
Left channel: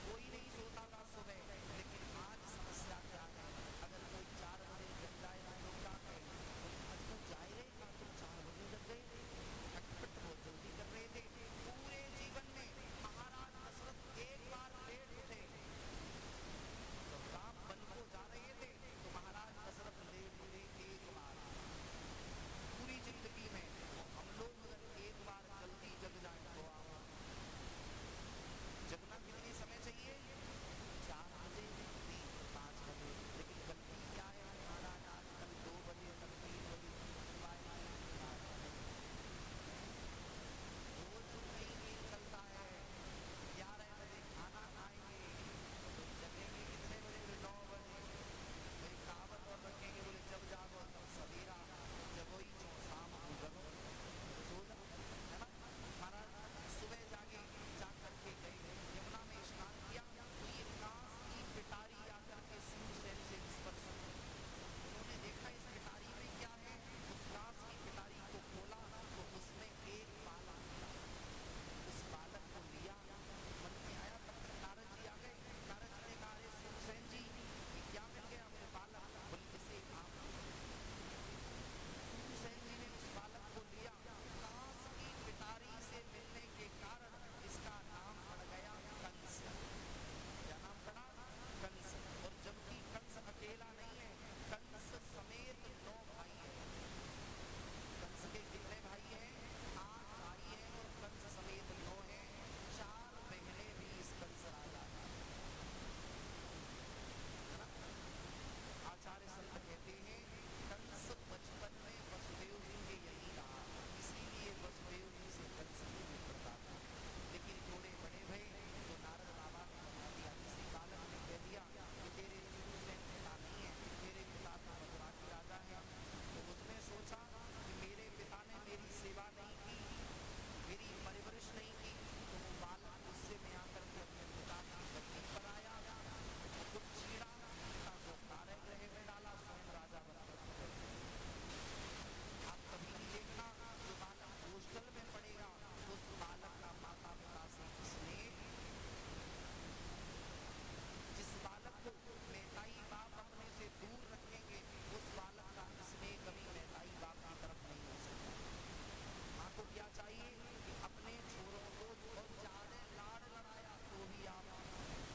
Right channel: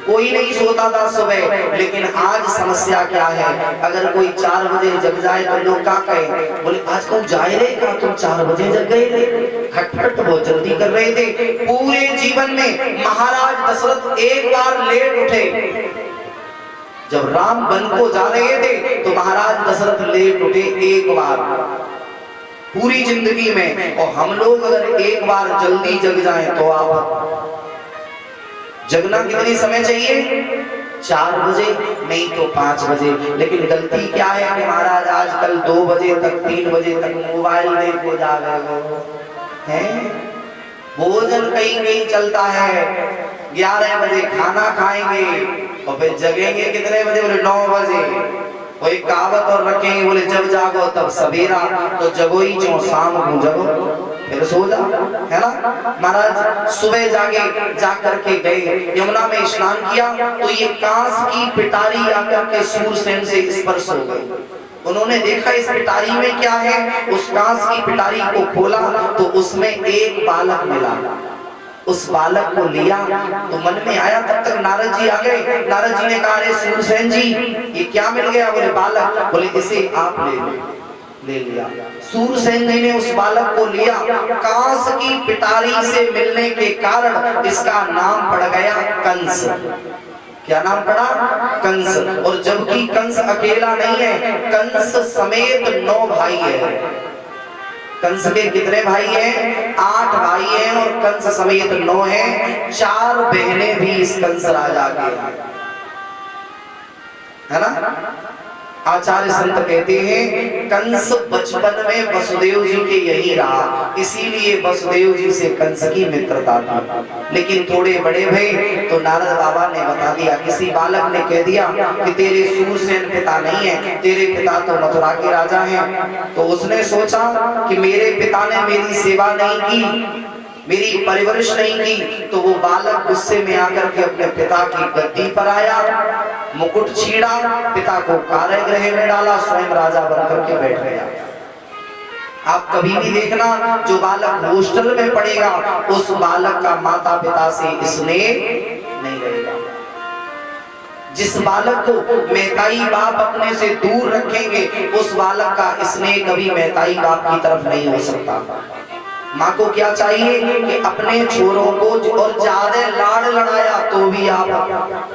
कोई नहीं सोता था सुबह। लेकिन आज समस्या क्या है, अगर कोई 4 बजे जग जाए तो लोग क्या कहें, बोले आज तुम जाए रहे का, तुम 4 बजे जग गए थे, खटखट बहुत जल्दी कर रहे थे। पूरे जीवन में महाराज दशरथ एक बार लेट उठे। जब राम वन को जा रहे थे तो महाराज दशरथ लेट उठे एक बार पूरी जिंदगी में। और हम लोग अगर एक बार जल्दी जग जाएं तो आप जगना कितनी समय चाहिए, 4 बजे नहीं तो 5 बजे। लेकिन गलती क्या है कि महाराज आजकल 2 बजे तक 3 बजे तक मोबाइल देखो जा रहे हो हैं। भोजन कहीं नहीं चलता है, 11 बजे खाना खाएंगे और फिर जगेंगे कितने बजे, बोले 9 बजे। कोई कहावत और रखेंगे, बोले जब जागो तब सवेरा, तो जगो ही जो शाम को जगो फिर सो जा, है ना। महाराज सुबह जा करके गए, यमुना में स्नान किया तो ये कांस की पिटारी आकर के सूरसेन से स्पर्श हो गई। उन्होंने देखा इस पिटारी में क्या है, उस कांस की पिटारी को खोला तो उसमें एक बालक मिला। उस बालक को लिया तो मन में आया, तब तक नारद जी आ गए। नारद जी ने कहा, अरे सूरसेन जी ये क्या मिल गया, बोले बालक। बोले इसे आप ले लिया। सूरसेन जी ने उस बालक को लिया। कांस की पिटारी से मिलने के कारण इसका नाम पड़ गया कंस। क्या नाम पड़ा, कंस। और जबकि कंस अकेला नहीं है, कंस समेत 9 भाई है। कंस के कितने भाई हैं, 8 भाई हैं और कंस समेत 9 हैं। 4 बहनें भी इस कंस राजा के, है ना। आचार्य संत कहते हैं कंस बचपन में वसुदेव जी के यही रहा, इसीलिए वसुदेव जी से कंस की मित्रता थी। लेकिन थोड़े बड़े भई तो नारद बाबा ने बता दिया, किसी बालक ने कह दिया कि तेरे सूरसेन पिता नहीं है, तेरे पिता तो मथुरा के राजा हैं। तो उसने सोचा कि मेरे पिता ने मेरी सेवा नहीं की, मेरी परवरिश नहीं की, तो वो बालक गुस्से में आकर के अपने पिता की गद्दी पर आया, मुकुट छीड़ा, पिता को कारागृह में डाला, स्वयं राजा बनकर के बैठ गया। आप कभी भी देखना, जो बालक हॉस्टल में पढ़ेगा उस बालक का माता पिता से स्नेह नहीं रहेगा। जिस बालक को मैताई बाप अपने से दूर रखेंगे उस बालक का स्नेह कभी मैताई बाप की तरफ नहीं हो सकता। माँ को क्या चाहिए कि अपने छोरों को और ज्यादा लाड़ लड़ाया तो भी आप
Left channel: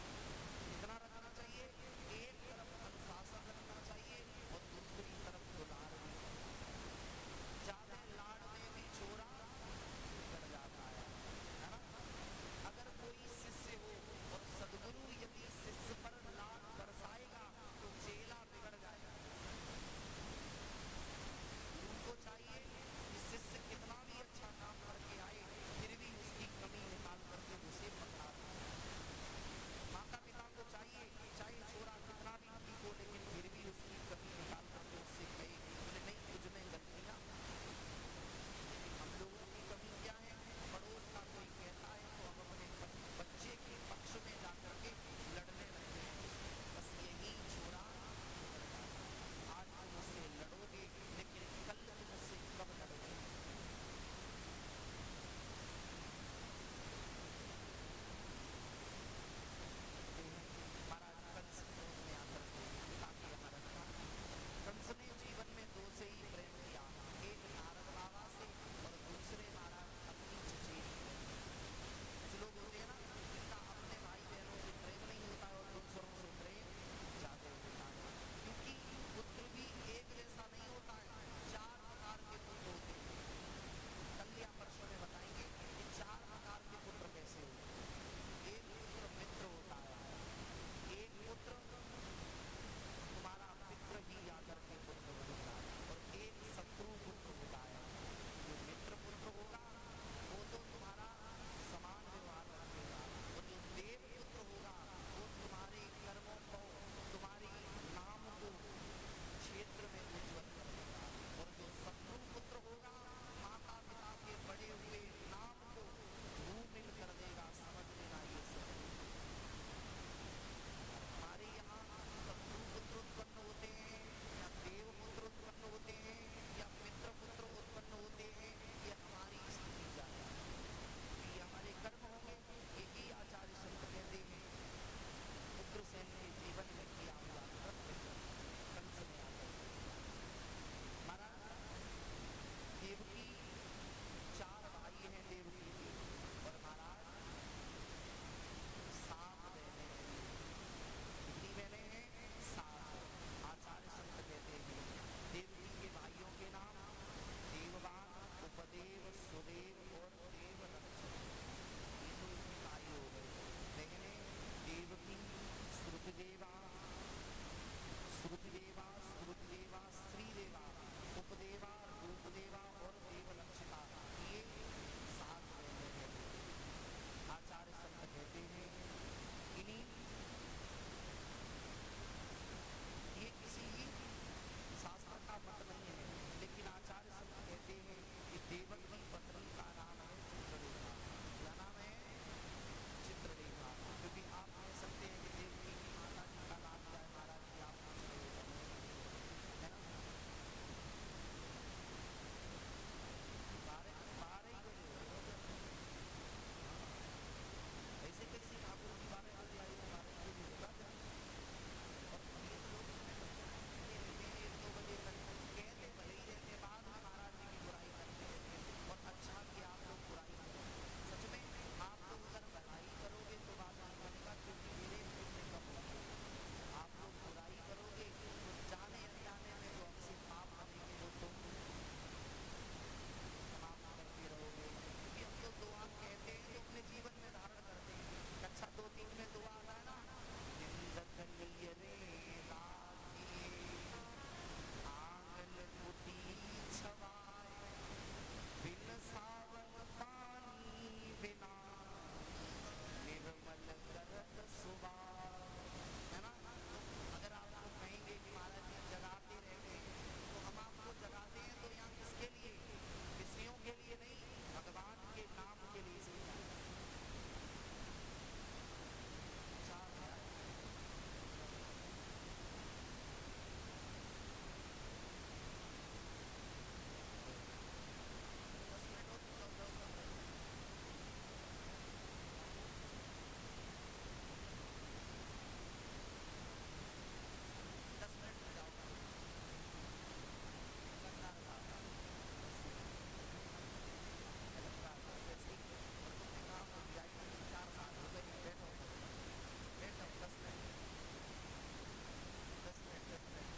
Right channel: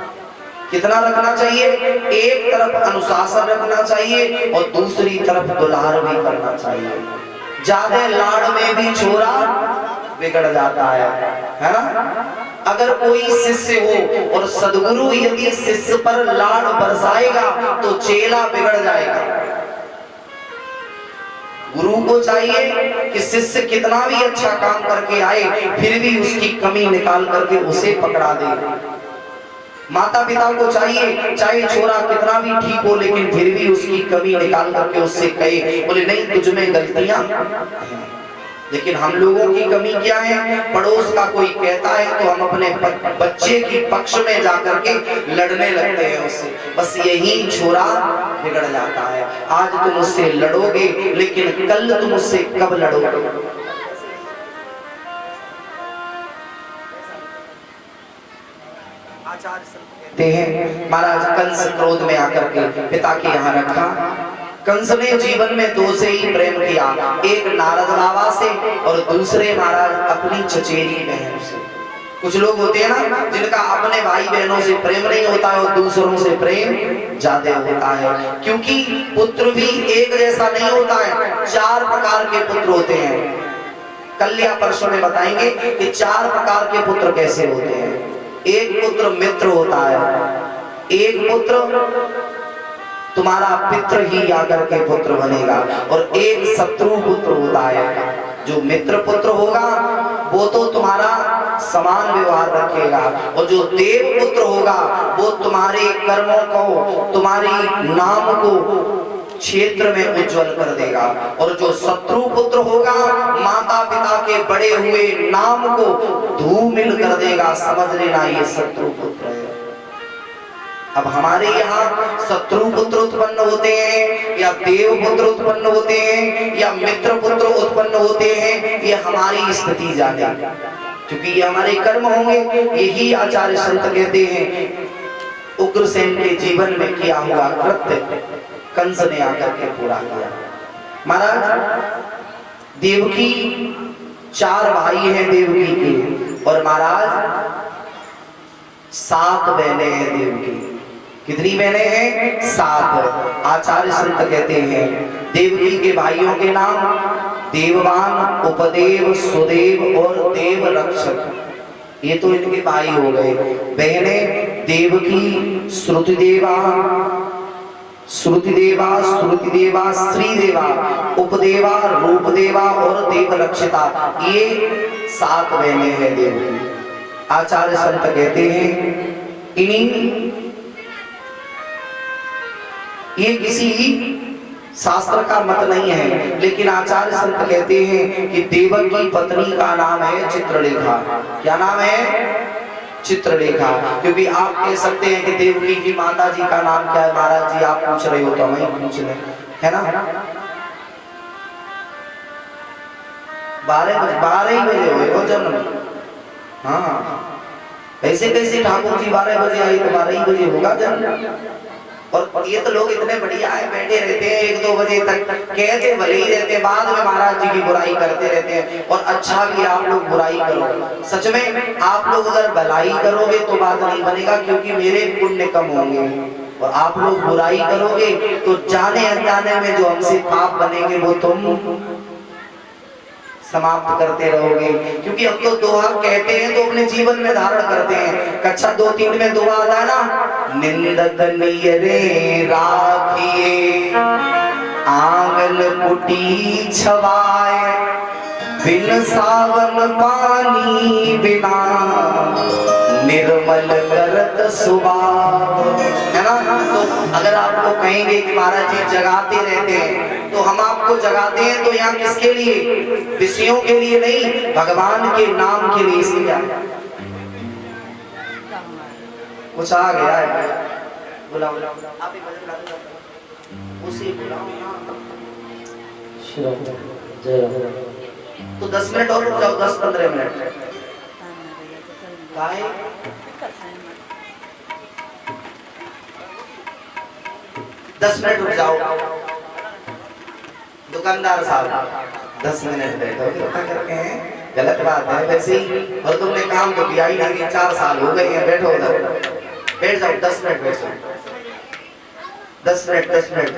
कितना रखना चाहिए, एक तरफ अनुशासन रखना चाहिए और दूसरी तरफ दुलार भी करना चाहिए। ज्यादा लाड़ में भी छोरा बिगड़ जाता है ना। अगर कोई शिष्य हो और सद्गुरु यदि शिष्य पर लाड़ बरसाएगा तो चेला बिगड़ जाएगा। गुरु को चाहिए कि शिष्य कितना भी अच्छा काम करके आए फिर भी उसकी कमी निकाल करके उसे पकड़ा दे। माता पिता को चाहिए चाहे छोरा कितना भी ठीक हो लेकिन फिर भी उसकी कमी निकाल करके उससे कहे, बोले नहीं तुझ में गलतियां। लेकिन हम लोगों की कमी क्या है, पड़ोस का कोई कहता है तो हम अपने बच्चे की पक्ष में जाकर के लड़ने लगते हैं उससे, बस यही छोरा बिगड़ जाता है। आज तुम उससे लड़ोगे लेकिन कल तुम उससे कब लड़ोगे। कहते हैं महाराज कंस क्रोध में आकर के पिता के यहाँ रखा। कंस ने जीवन में 2 से ही प्रेम किया, एक नारद बाबा से और दूसरे महाराज अपनी चचेरी बहन से। कुछ लोग होते हैं ना जिनका अपने भाई बहनों से प्रेम नहीं होता है और दूसरों से प्रेम ज्यादा होता है, क्योंकि पुत्र भी एक जैसा नहीं होता है। 4 प्रकार के पुत्र होते हैं। कल या परसों में बताएंगे कि 4 प्रकार के पुत्र कैसे होते हैं। एक पुत्र मित्र होता है, एक पुत्र तुम्हारा पित्र ही आकर के पुत्र बनेगा और एक शत्रु पुत्र होता है। जो मित्र पुत्र होगा वो तो तुम्हारा समान व्यवहार रखेगा और जो देव पुत्र होगा वो तुम्हारे कर्मों को, तुम्हारी नाम को क्षेत्र में उज्जवल कर देगा। और जो शत्रु पुत्र होगा माता पिता के बड़े हुए नाम को धूमिल कर देगा। समझ लेना ये शत्रु पुत्र है। अब हमारे यहाँ शत्रु पुत्र उत्पन्न होते हैं या देव पुत्र उत्पन्न होते हैं या मित्र पुत्र उत्पन्न होते हैं, ये हमारी स्थिति जाने, क्योंकि ये हमारे कर्म होंगे। यही आचार्य संत कहते हैं उग्रसेन के जीवन में किया हुआ कृत्य कंस ने आकर के पूरा किया। महाराज देवकी 4 भाई हैं देवकी के, और महाराज 7 बहनें हैं देवकी। कितनी बहनें हैं? 7। आचार्य संत कहते हैं देवकी के भाइयों के नाम देववान, उपदेव, सुदेव और देव रक्षक। ये तो इनके भाई हो गए। बहनें देवकी, श्रुतिदेवा, श्रुतिदेवा, श्रीदेवा, उपदेवा, रूपदेवा और देवरक्षिता। ये 7 बहनें हैं देवकी। आचार्य संत कहते हैं इन्हीं, ये किसी शास्त्र का मत नहीं है, लेकिन आचार्य संत कहते हैं कि देवक की पत्नी का नाम है चित्रलेखा। क्या नाम है? चित्रलेखा। क्योंकि आप कह सकते हैं कि देवकी की माता जी का नाम क्या है? महाराज जी आप पूछ रहे हो तो मैं पूछ ले, है ना? 12 ही बजे हो जन्म। हाँ, ऐसे कैसे ठाकुर जी 12 बजे आई तो 12 ही बजे होगा जन्म। और ये तो लोग इतने बढ़िया है, बैठे रहते हैं 1-2 बजे तक, कहते भले ही रहते हैं, बाद में महाराज जी की बुराई करते रहते हैं। और अच्छा भी आप लोग बुराई करो, सच में आप लोग अगर भलाई करोगे तो बात नहीं बनेगा, क्योंकि मेरे पुण्य कम होंगे। और आप लोग बुराई करोगे तो जाने अनजाने में जो हमसे पाप बनेंगे वो तुम समाप्त करते रहोगे। क्योंकि अब तो दोहा कहते हैं तो अपने जीवन में धारण करते हैं। कक्षा 2-3 में दोहा आता है ना, निंदक नियरे राखिए आंगन कुटी छवाए, बिन सावन पानी बिना निर्मल करत सुभाव। है ना? तो अगर आपको कहेंगे कि महाराज जी जगाते रहते हैं, तो हम आपको जगाते हैं तो यहाँ किसके लिए? विषयों के लिए नहीं, भगवान के नाम के लिए। इसलिए कुछ आ गया है, बुलाओ आप ही भजन गाते हो, उसी बुलाओ। तो 10 मिनट और रुक जाओ, 10-15 मिनट। 10 मिनट रुक जाओ। दुकानदार साहब 10 मिनट बैठोगे क्या करके हैं? गलत बात है वैसे ही। और तुमने काम तो किया ही नहीं, 4 साल हो गए हैं। बैठो उधर, बैठ जाओ, 10 मिनट बैठ जाओ, 10 मिनट 10 मिनट।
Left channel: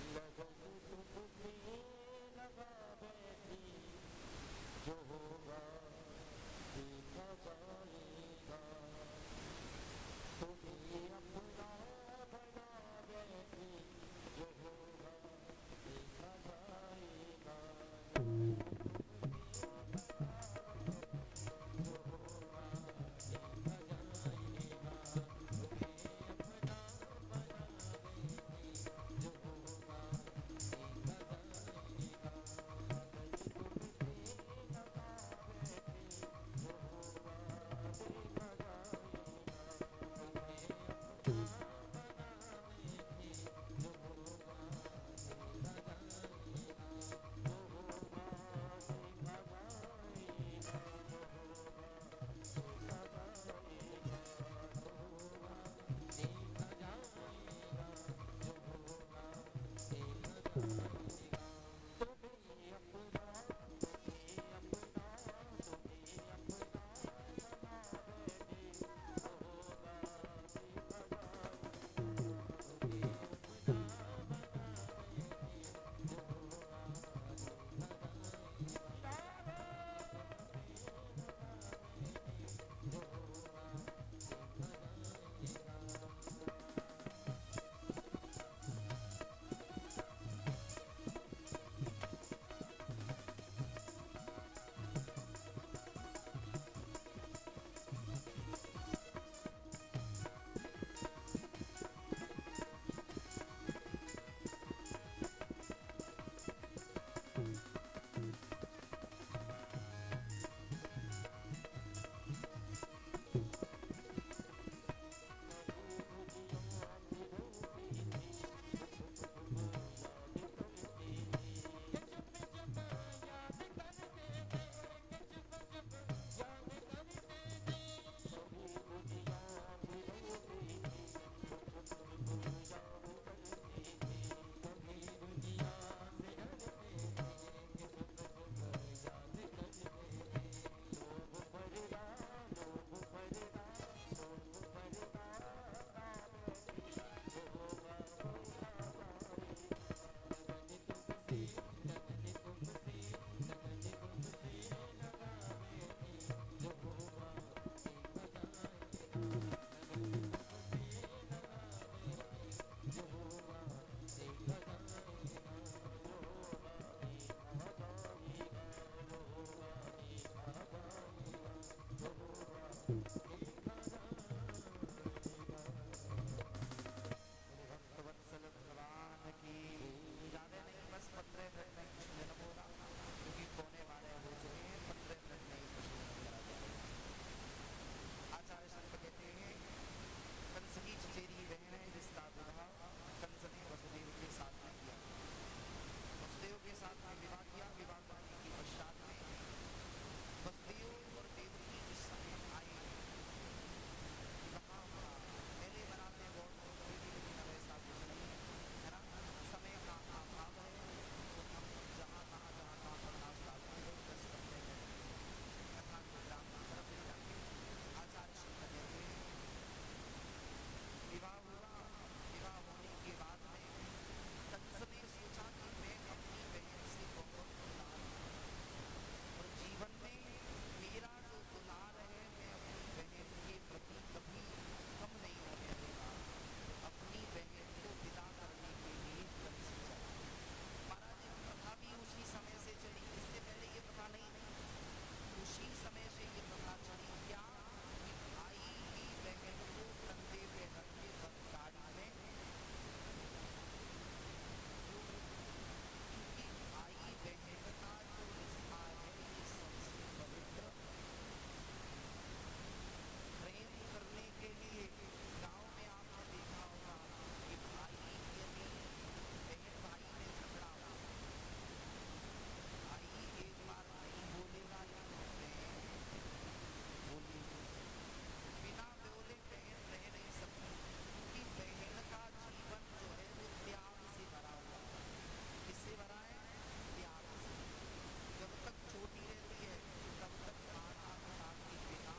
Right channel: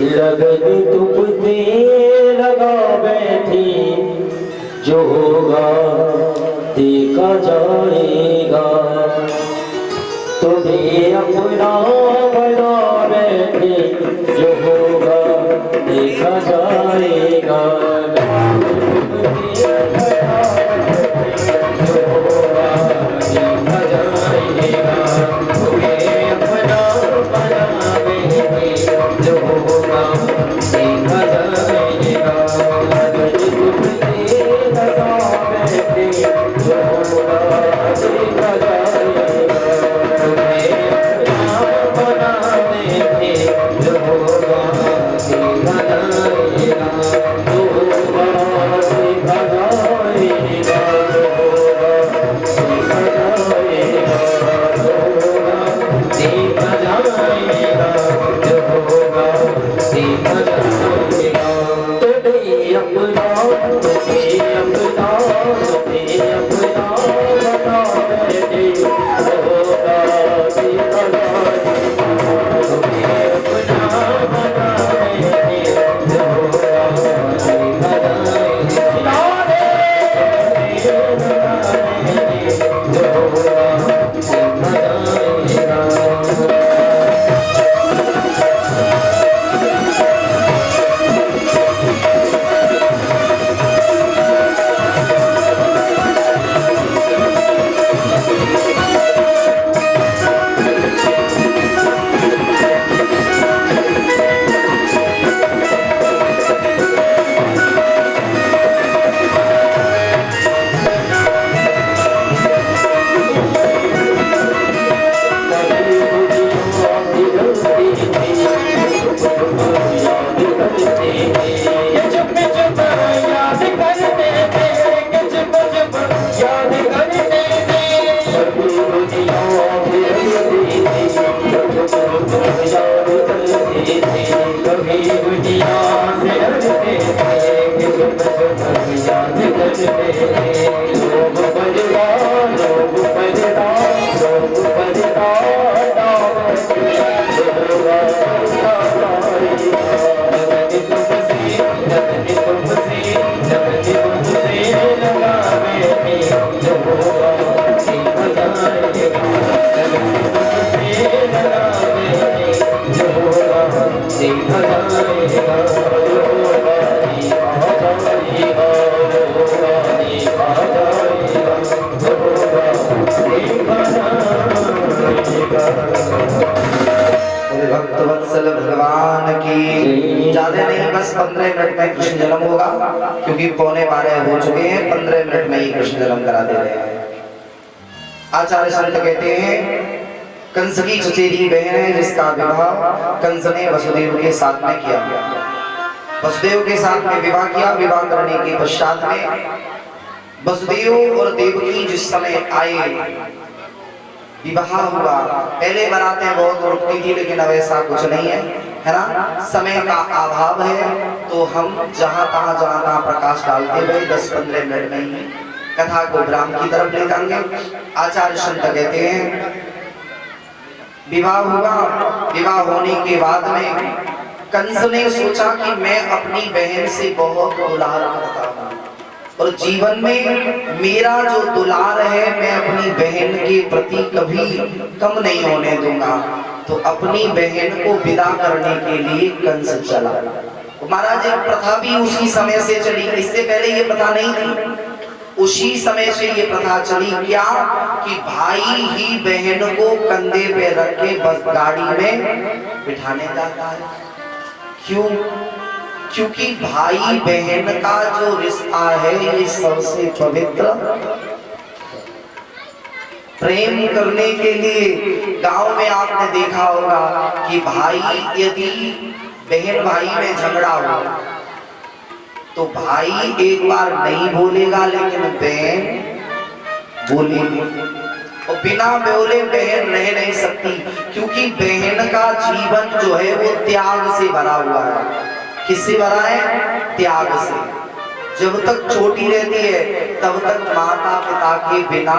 लगन तुमसे लगा बैठी, जो होगा देखा जाएगा। तुम्हें अपना बना बैठे, जो होगा देखा जाएगा। जो होगा भक्तवत्सल भगवान की। ज्यादा नहीं, बस 15 मिनट में कृष्ण जन्म होगा, क्योंकि 11:15 हो चुके हैं। 15 मिनट में ही कृष्ण जन्म करा दे रहे हैं। आचार्य संत कहते हैं कंस की चचेरी बहन है जिसका विवाह कंस ने वसुदेव के साथ में किया। वसुदेव के साथ में विवाह किया। विवाह करने के पश्चात में वसुदेव और देवकी जिस समय आए, विवाह हुआ। पहले बारातें बहुत रुकती थी, लेकिन अब ऐसा कुछ नहीं है ना। समय का अभाव है तो हम जहां तहां प्रकाश डालते हुए 10-15 मिनट में ही कथा को विराम की तरफ ले जाएंगे। आचार्य संत कहते हैं विवाह हुआ। विवाह होने के बाद में कंस ने सोचा कि मैं अपनी बहन से बहुत दुलार करता हूँ और जीवन में मेरा जो दुलार है मैं अपनी बहन के प्रति कभी कम नहीं होने दूंगा। तो अपनी बहन को विदा करने के लिए कंस चला। महाराज एक प्रथा भी उसी समय से चली, इससे पहले ये प्रथा नहीं थी। उसी समय से ये प्रथा चली क्या कि भाई ही बहन को कंधे पे रख के बस गाड़ी में बिठाने जाता है। क्यों? क्योंकि भाई बहन का जो रिश्ता है ये सबसे पवित्र। प्रेम करने के लिए गांव में आपने देखा होगा कि भाई यदि बहन भाई में झगड़ा हो तो भाई एक बार नहीं बोलेगा, लेकिन बहन बोलेगी। और बिना बोले बहन रह नहीं सकती, क्योंकि बहन का जीवन जो है वो त्याग से भरा हुआ है। किससे भरा है? त्याग से। जब तक छोटी रहती है तब तक माता पिता के बिना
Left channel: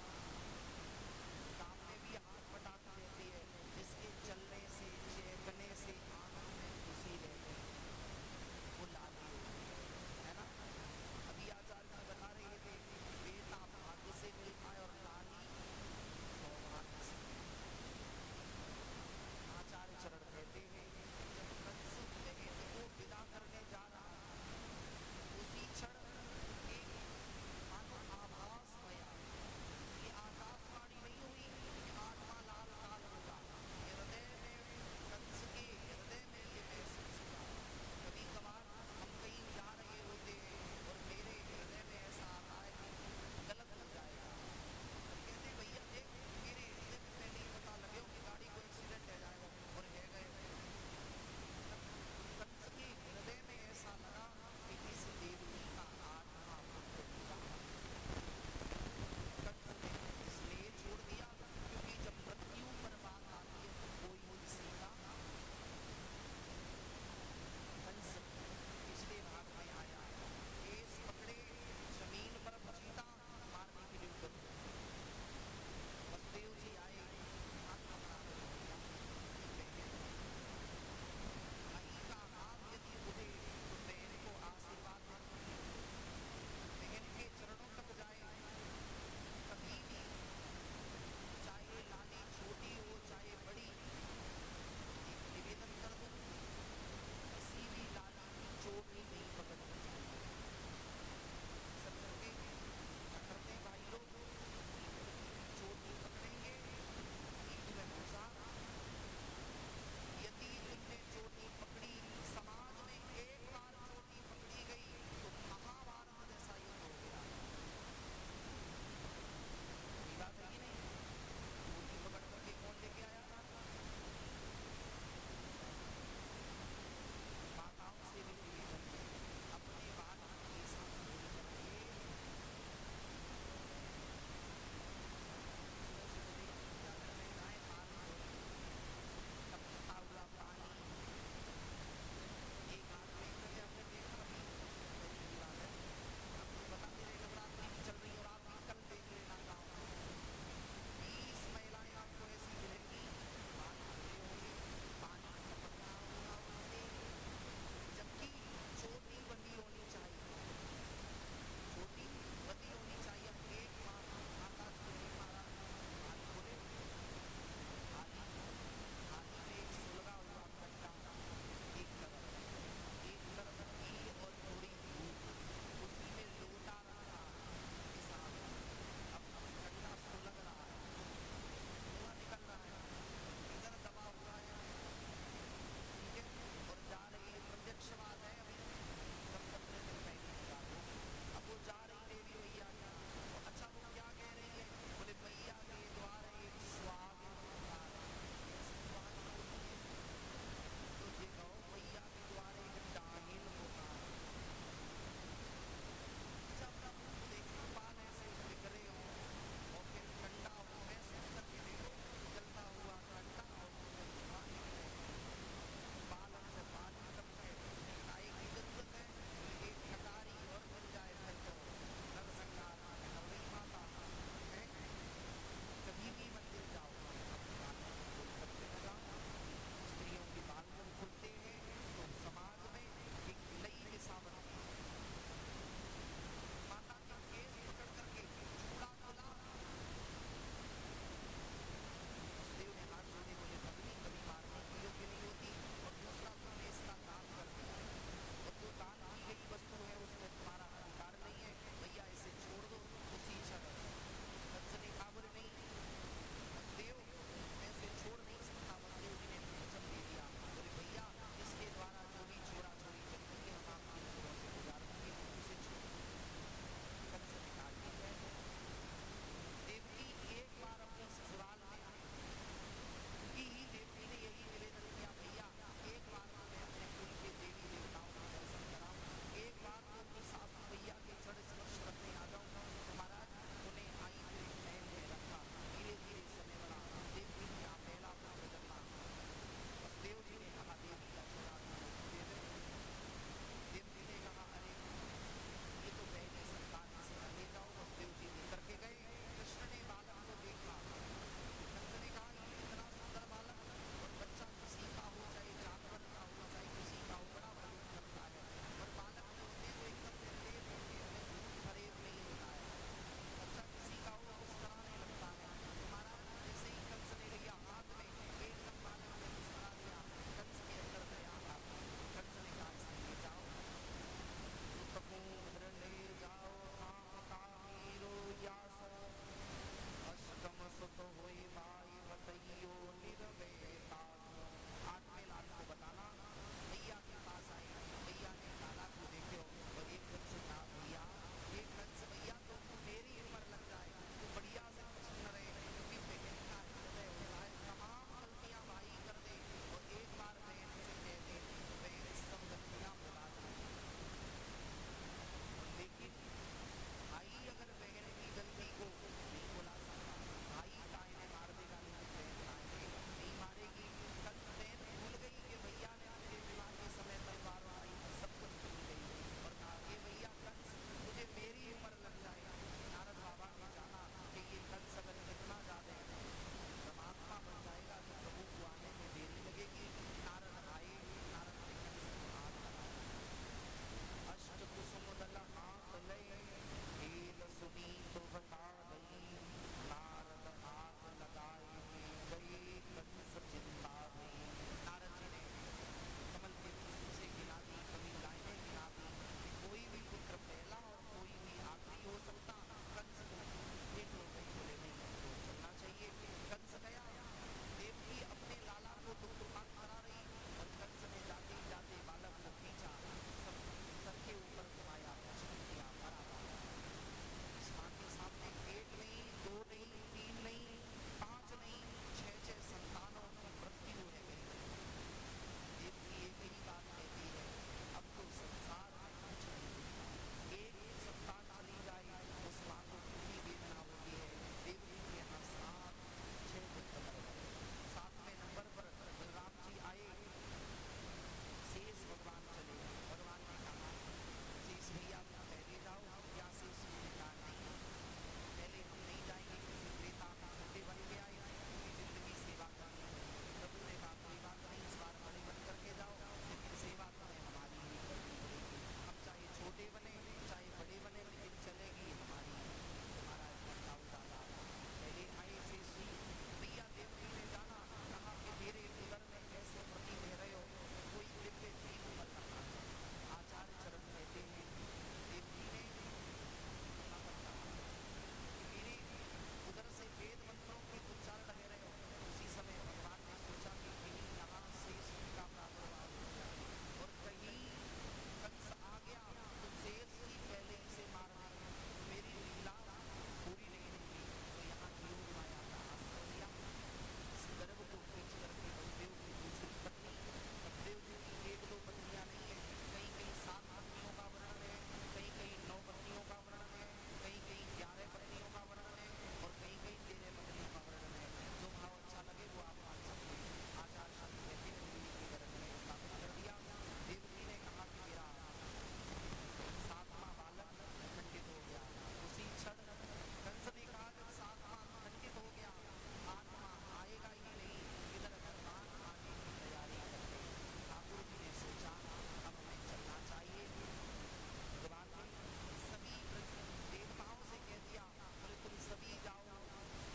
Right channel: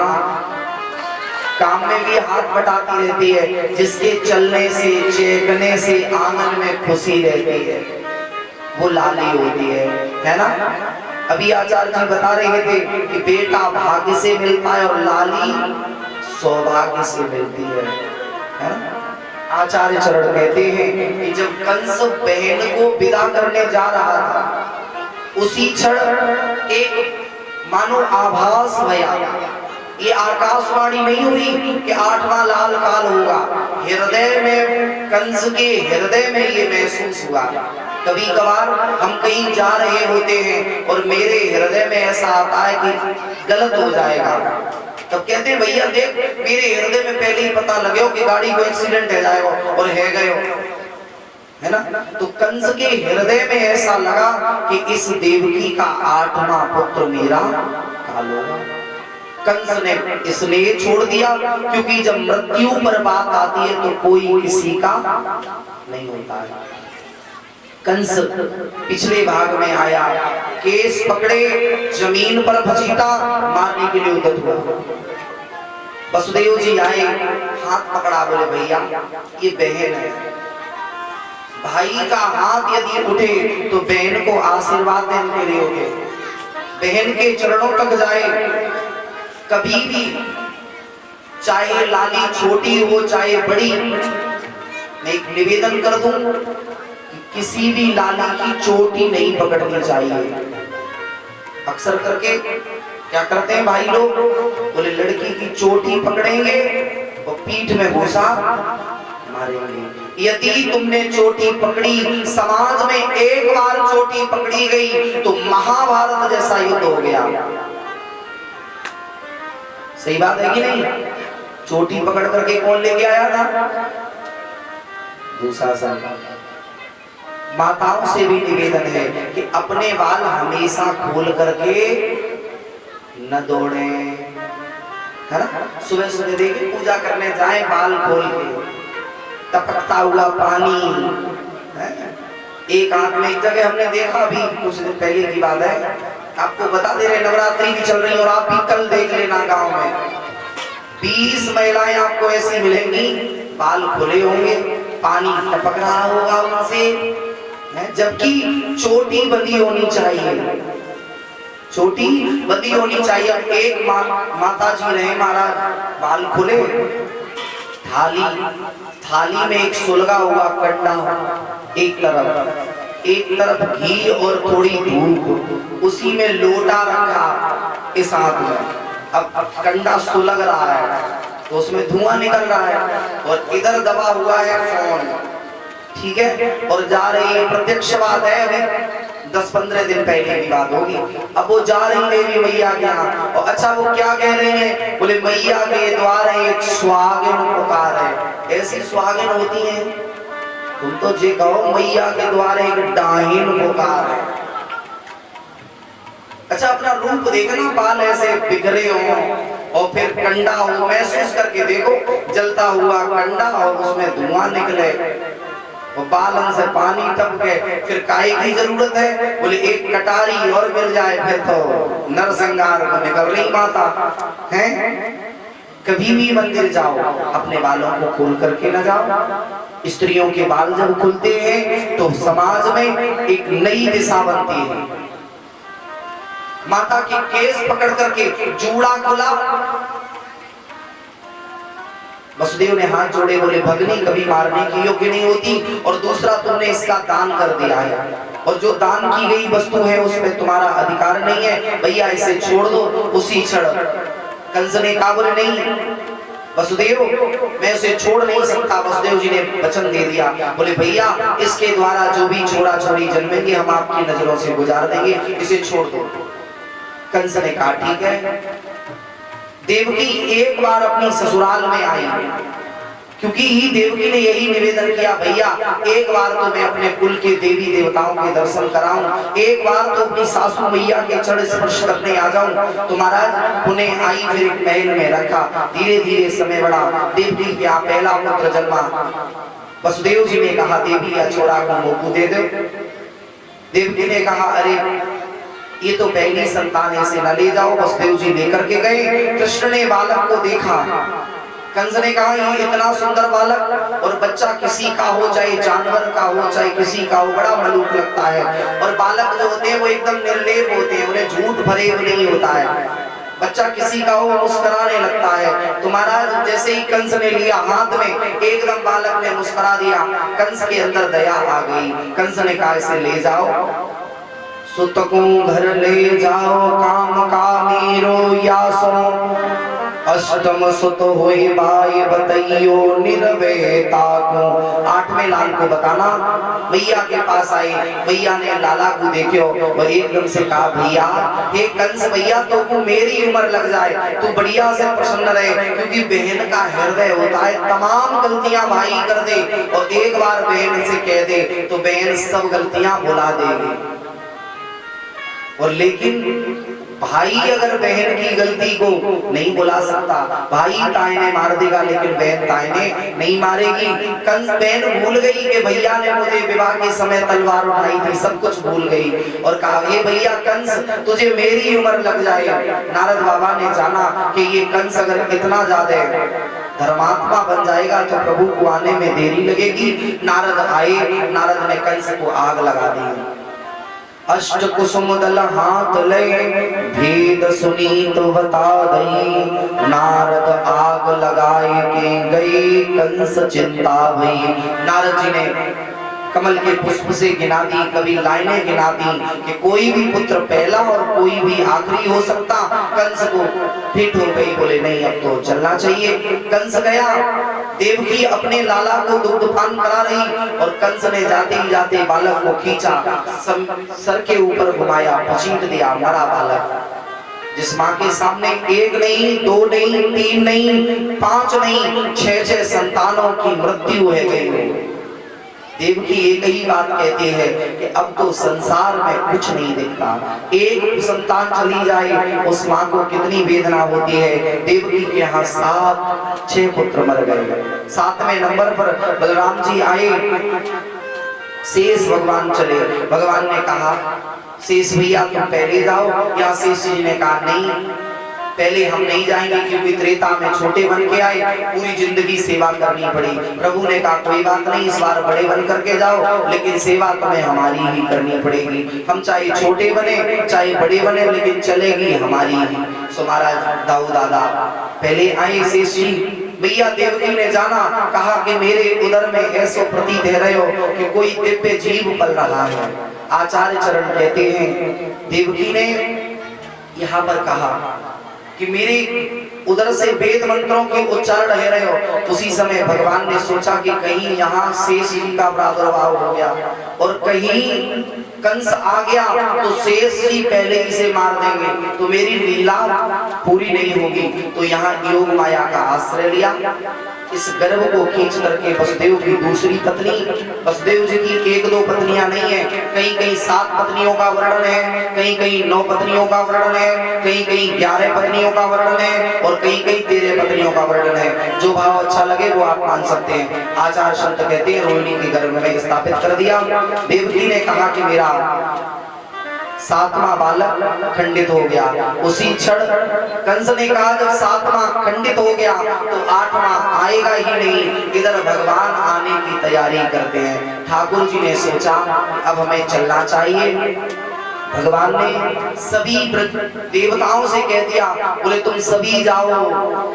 काम में भी हाथ बटाती रहती है, जिसके चलने से चेखने से आंगन में खुशी रहती है, वो लाली होती है ना। अभी आचार्य जी बता रहे थे कि बेटा भाग्य से मिलता है और लाली सौभाग्य से मिलती है ना। आचार्य चरण कहते हैं कि जब कंस बहन को विदा करने जा रहा था उसी क्षण एक मानो आभास भया। ये आकाशवाणी नहीं हुई कि 8वां लाल काल होगा। हृदय में, कंस के हृदय में ये महसूस हुआ। कभी कभार हम कहीं जा रहे होते हैं और मेरे हृदय में ऐसा आता है कि गलत हो जाएगा, तब कहते हैं भैया देख मेरे हृदय में पहले ही पता लगे हो कि गाड़ी को एक्सीडेंट हो जाएगा, और है गए है ना। तो कंस के हृदय में ऐसा लगा कि इस देवकी का 8वां पुत्र मेरा काल होगा। कंस ने इसलिए छोड़ दिया क्योंकि जब मृत्यु पर बात आती है तो कोई किसी का नहीं होता है। कंस पिछले भाग में आया, केस पकड़े, जमीन पर घसीटा, मारने के लिए उद्यत हुआ। वसुदेव जी आए, हाथ पकड़ा, बोले भैया ये बहन है। भाई का हाथ यदि उठे तो बहन को आशीर्वाद देने के लिए उठे, बहन के चरणों तक जाए। कभी भी चाहे लाली छोटी हो चाहे बड़ी, मैं एक निवेदन कर दूं, किसी भी लाली की चोटी नहीं पकड़नी चाहिए। अक्सर करके क्या करते हैं भाई लोग, बोले लड़की की चोटी पकड़ेंगे और पीठ में घुसा मारेंगे। यदि तुमने चोटी पकड़ी, समाज में एक बार चोटी पकड़ी गई तो महाभारत जैसा युद्ध हो गया। सही बात है कि नहीं? चोटी पकड़ करके कौन लेके आया था? दुशासन। माताओं से भी निवेदन है कि अपने बाल हमेशा खोल करके न दौड़े, है ना। सुबह सुबह देखिए पूजा करने जाए बाल खोल के, टपकता हुआ पानी। एक आंख में एक जगह हमने देखा, अभी कुछ दिन पहले की बात है, आपको बता दे रहे नवरात्रि भी चल रही है और आप भी कल देख लेना गांव में 20 महिलाएं आपको ऐसी मिलेंगी, बाल खुले होंगे, पानी टपक रहा होगा उनसे, जबकि चोटी बंधी होनी चाहिए, चोटी बंधी होनी चाहिए। एक माता जी रहे महाराज, बाल खुले, थाली में एक सुलगा हुआ कंडा, एक तरफ घी और थोड़ी धूप, उसी में लोटा रखा इस हाथ में। अब कंडा सुलग रहा है तो उसमें धुआं निकल रहा है और इधर दबा हुआ है फोन, ठीक है, और जा रही है, प्रत्यक्ष बात है, 10-15 दिन पहले की बात होगी। अब वो जा रही देवी मैया के यहाँ, और अच्छा वो क्या कह रहे हैं, बोले मैया के द्वारे एक सुहागिन पुकार है। ऐसी सुहागिन होती है, तुम तो जे कहो मैया के द्वारे एक डाहिन पुकार है। अच्छा अपना रूप देखना, बाल ऐसे बिखरे हो और फिर कंडा हो, महसूस करके देखो, जलता हुआ कंडा और उसमें धुआं निकले और बालन से पानी टपके, फिर काहे की जरूरत है, बोले एक कटारी और मिल जाए फिर तो नरसंहार को निकल रही माता है। कभी भी मंदिर जाओ अपने बालों को खोल करके न जाओ। स्त्रियों के बाल जब खुलते हैं तो समाज में एक नई दिशा बनती है। माता के केस पकड़ करके जूड़ा खुला, वसुदेव ने हाथ जोड़े, बोले भगनी कभी मारने की योग्य नहीं होती, और दूसरा तुमने इसका दान कर दिया है, और जो दान की गई वस्तु है उसमें तुम्हारा अधिकार नहीं है, भैया इसे छोड़ दो। उसी क्षण कंस ने कहा, बोले नहीं वसुदेव मैं उसे छोड़ नहीं सकता। वसुदेव जी ने वचन दे दिया, बोले भैया इसके द्वारा जो भी छोरा छोरी जन्मेंगे हम आपकी नजरों से गुजार देंगे, इसे छोड़ दो। कंस ने कहा ठीक है। देवकी एक बार अपनी ससुराल में आई, क्योंकि ही देवकी ने यही निवेदन किया, भैया एक बार तो मैं अपने कुल के देवी देवताओं के दर्शन कराऊं, एक बार तो अपनी सासू मैया के चरण स्पर्श करने आ जाऊं। तो महाराज उन्हें आई, फिर एक महल में रखा, धीरे धीरे समय बढ़ा, देवकी का पहला पुत्र जन्मा। वसुदेव जी ने कहा देवी या छोरा को मोकू दे दो। देवकी ने कहा अरे ये तो पहली संतान है, इसे न ले जाओ। वसुदेव जी लेकर के गए, कृष्ण ने बालक को देखा, कंस ने कहा ये इतना सुंदर बालक, और बच्चा किसी का हो चाहे जानवर का हो चाहे किसी का हो, बड़ा मलूक लगता है, और बालक जो होते हैं वो एकदम निर्लेप होते हैं, उन्हें झूठ भरे नहीं होता है, बच्चा किसी का हो मुस्कुराने लगता है। तो महाराज जैसे ही कंस ने लिया हाथ में, एकदम बालक ने मुस्कुरा दिया, कंस के अंदर दया आ गई। कंस ने कहा इसे ले जाओ, सुत को घर ले जाओ, काम कामी रोयासो, अष्टम सुत होए भाई बतइयो निर्वेता को। 8वें लाल को बताना, मैया के पास आए, मैया ने लाला को देखो और एकदम से कहा भैया हे कंस भैया तो को मेरी उम्र लग जाए, तू बढ़िया से प्रसन्न रहे, क्योंकि बहन का हृदय होता है तमाम गलतियां भाई कर दे, और एक बार बहन से कह दे तो बहन सब गलतियां भुला देगी। और लेकिन भाई अगर बहन की गलती को नहीं बुला सकता, भाई तायने मार देगा लेकिन बहन तायने नहीं मारेगी। कंस बहन भूल गई कि भैया ने मुझे विवाह के समय तलवार उठाई थी, सब कुछ भूल गई और कहा ये भैया कंस तुझे मेरी उम्र लग जाए। नारद बाबा ने जाना कि ये कंस अगर इतना ज्यादा धर्मात्मा बन जाएगा तो प्रभु को आने में देरी लगेगी। नारद आए, नारद ने कंस को आग लगा दी। अष्ट कुसुम दल हाथ ले, भेद सुनी तो बता दई, नारद आग लगाए के गई, कंस चिंता भई। नारद जी ने कमल के पुष्प से गिना दी, कभी लाइनें गिना दी कि कोई भी पुत्र पहला और कोई भी आखिरी हो सकता। कंस को फिट हो गई, बोले नहीं अब तो चलना चाहिए। कंस गया, देवकी अपने लाला को दुग्धपान करा रही और कंस ने जाते ही जाते बालक को खींचा, सर के ऊपर घुमाया, पचीट दिया, मरा बालक। जिस माँ के सामने एक नहीं, दो नहीं, तीन नहीं, 5 नहीं, 6 संतानों की मृत्यु है गई। देवकी एक ही बात कहती है कि अब तो संसार में कुछ नहीं दिखता, एक संतान चली जाए उस माँ को कितनी वेदना होती है। देवकी के यहाँ 6 पुत्र मर गए। 7वें नंबर पर बलराम जी आए शेष भगवान चले। भगवान ने कहा शेष भैया तुम पहले जाओ, या शेष जी ने कहा नहीं पहले हम नहीं जाएंगे, क्योंकि त्रेता में छोटे बन के आए, पूरी जिंदगी सेवा करनी पड़ी। प्रभु ने कहा कोई बात नहीं, इस बार बड़े बन करके जाओ, लेकिन सेवा तुम्हें हमारी ही करनी पड़ेगी। हम चाहे छोटे बने चाहे बड़े बने, लेकिन चलेगी हमारी ही। सो महाराज दाऊ दादा पहले आए। शेष जी भैया देवकी ने जाना, कहा कि मेरे उदर में ऐसा प्रतीत है रहे हो कि कोई दिव्य जीव पल रहा है। आचार्य चरण कहते हैं देवकी ने यहाँ पर कहा कि मेरे उधर से वेद मंत्रों के उच्चारण रह रहे हो। उसी समय भगवान ने सोचा कि कहीं यहाँ शेष जी का प्रादुर्भाव हो गया और कहीं कंस आ गया तो शेष जी पहले इसे मार देंगे, तो मेरी लीला पूरी नहीं होगी। तो यहाँ योग माया का आश्रय लिया। इस गर्भ को खींच करके वसुदेव की दूसरी पत्नी, वसुदेव जी की एक दो पत्नियां नहीं है, कहीं कहीं 7 पत्नियों का वर्णन है, कहीं कहीं 9 पत्नियों का वर्णन है, कहीं कहीं 11 पत्नियों का वर्णन है और कहीं कहीं 13 पत्नियों का वर्णन है। जो भाव अच्छा लगे वो आप मान सकते हैं। आचार्य संत कहते हैं रोहिणी के गर्भ में स्थापित कर दिया। देवकी ने कहा कि मेरा 7वां बालक खंडित हो गया। उसी क्षण कंस ने कहा जब 7वां खंडित हो गया तो 8वां आएगा ही नहीं। इधर भगवान आने की तैयारी करते हैं। ठाकुर जी ने सोचा अब हमें चलना चाहिए। भगवान ने सभी देवताओं से कह दिया, बोले तुम सभी जाओ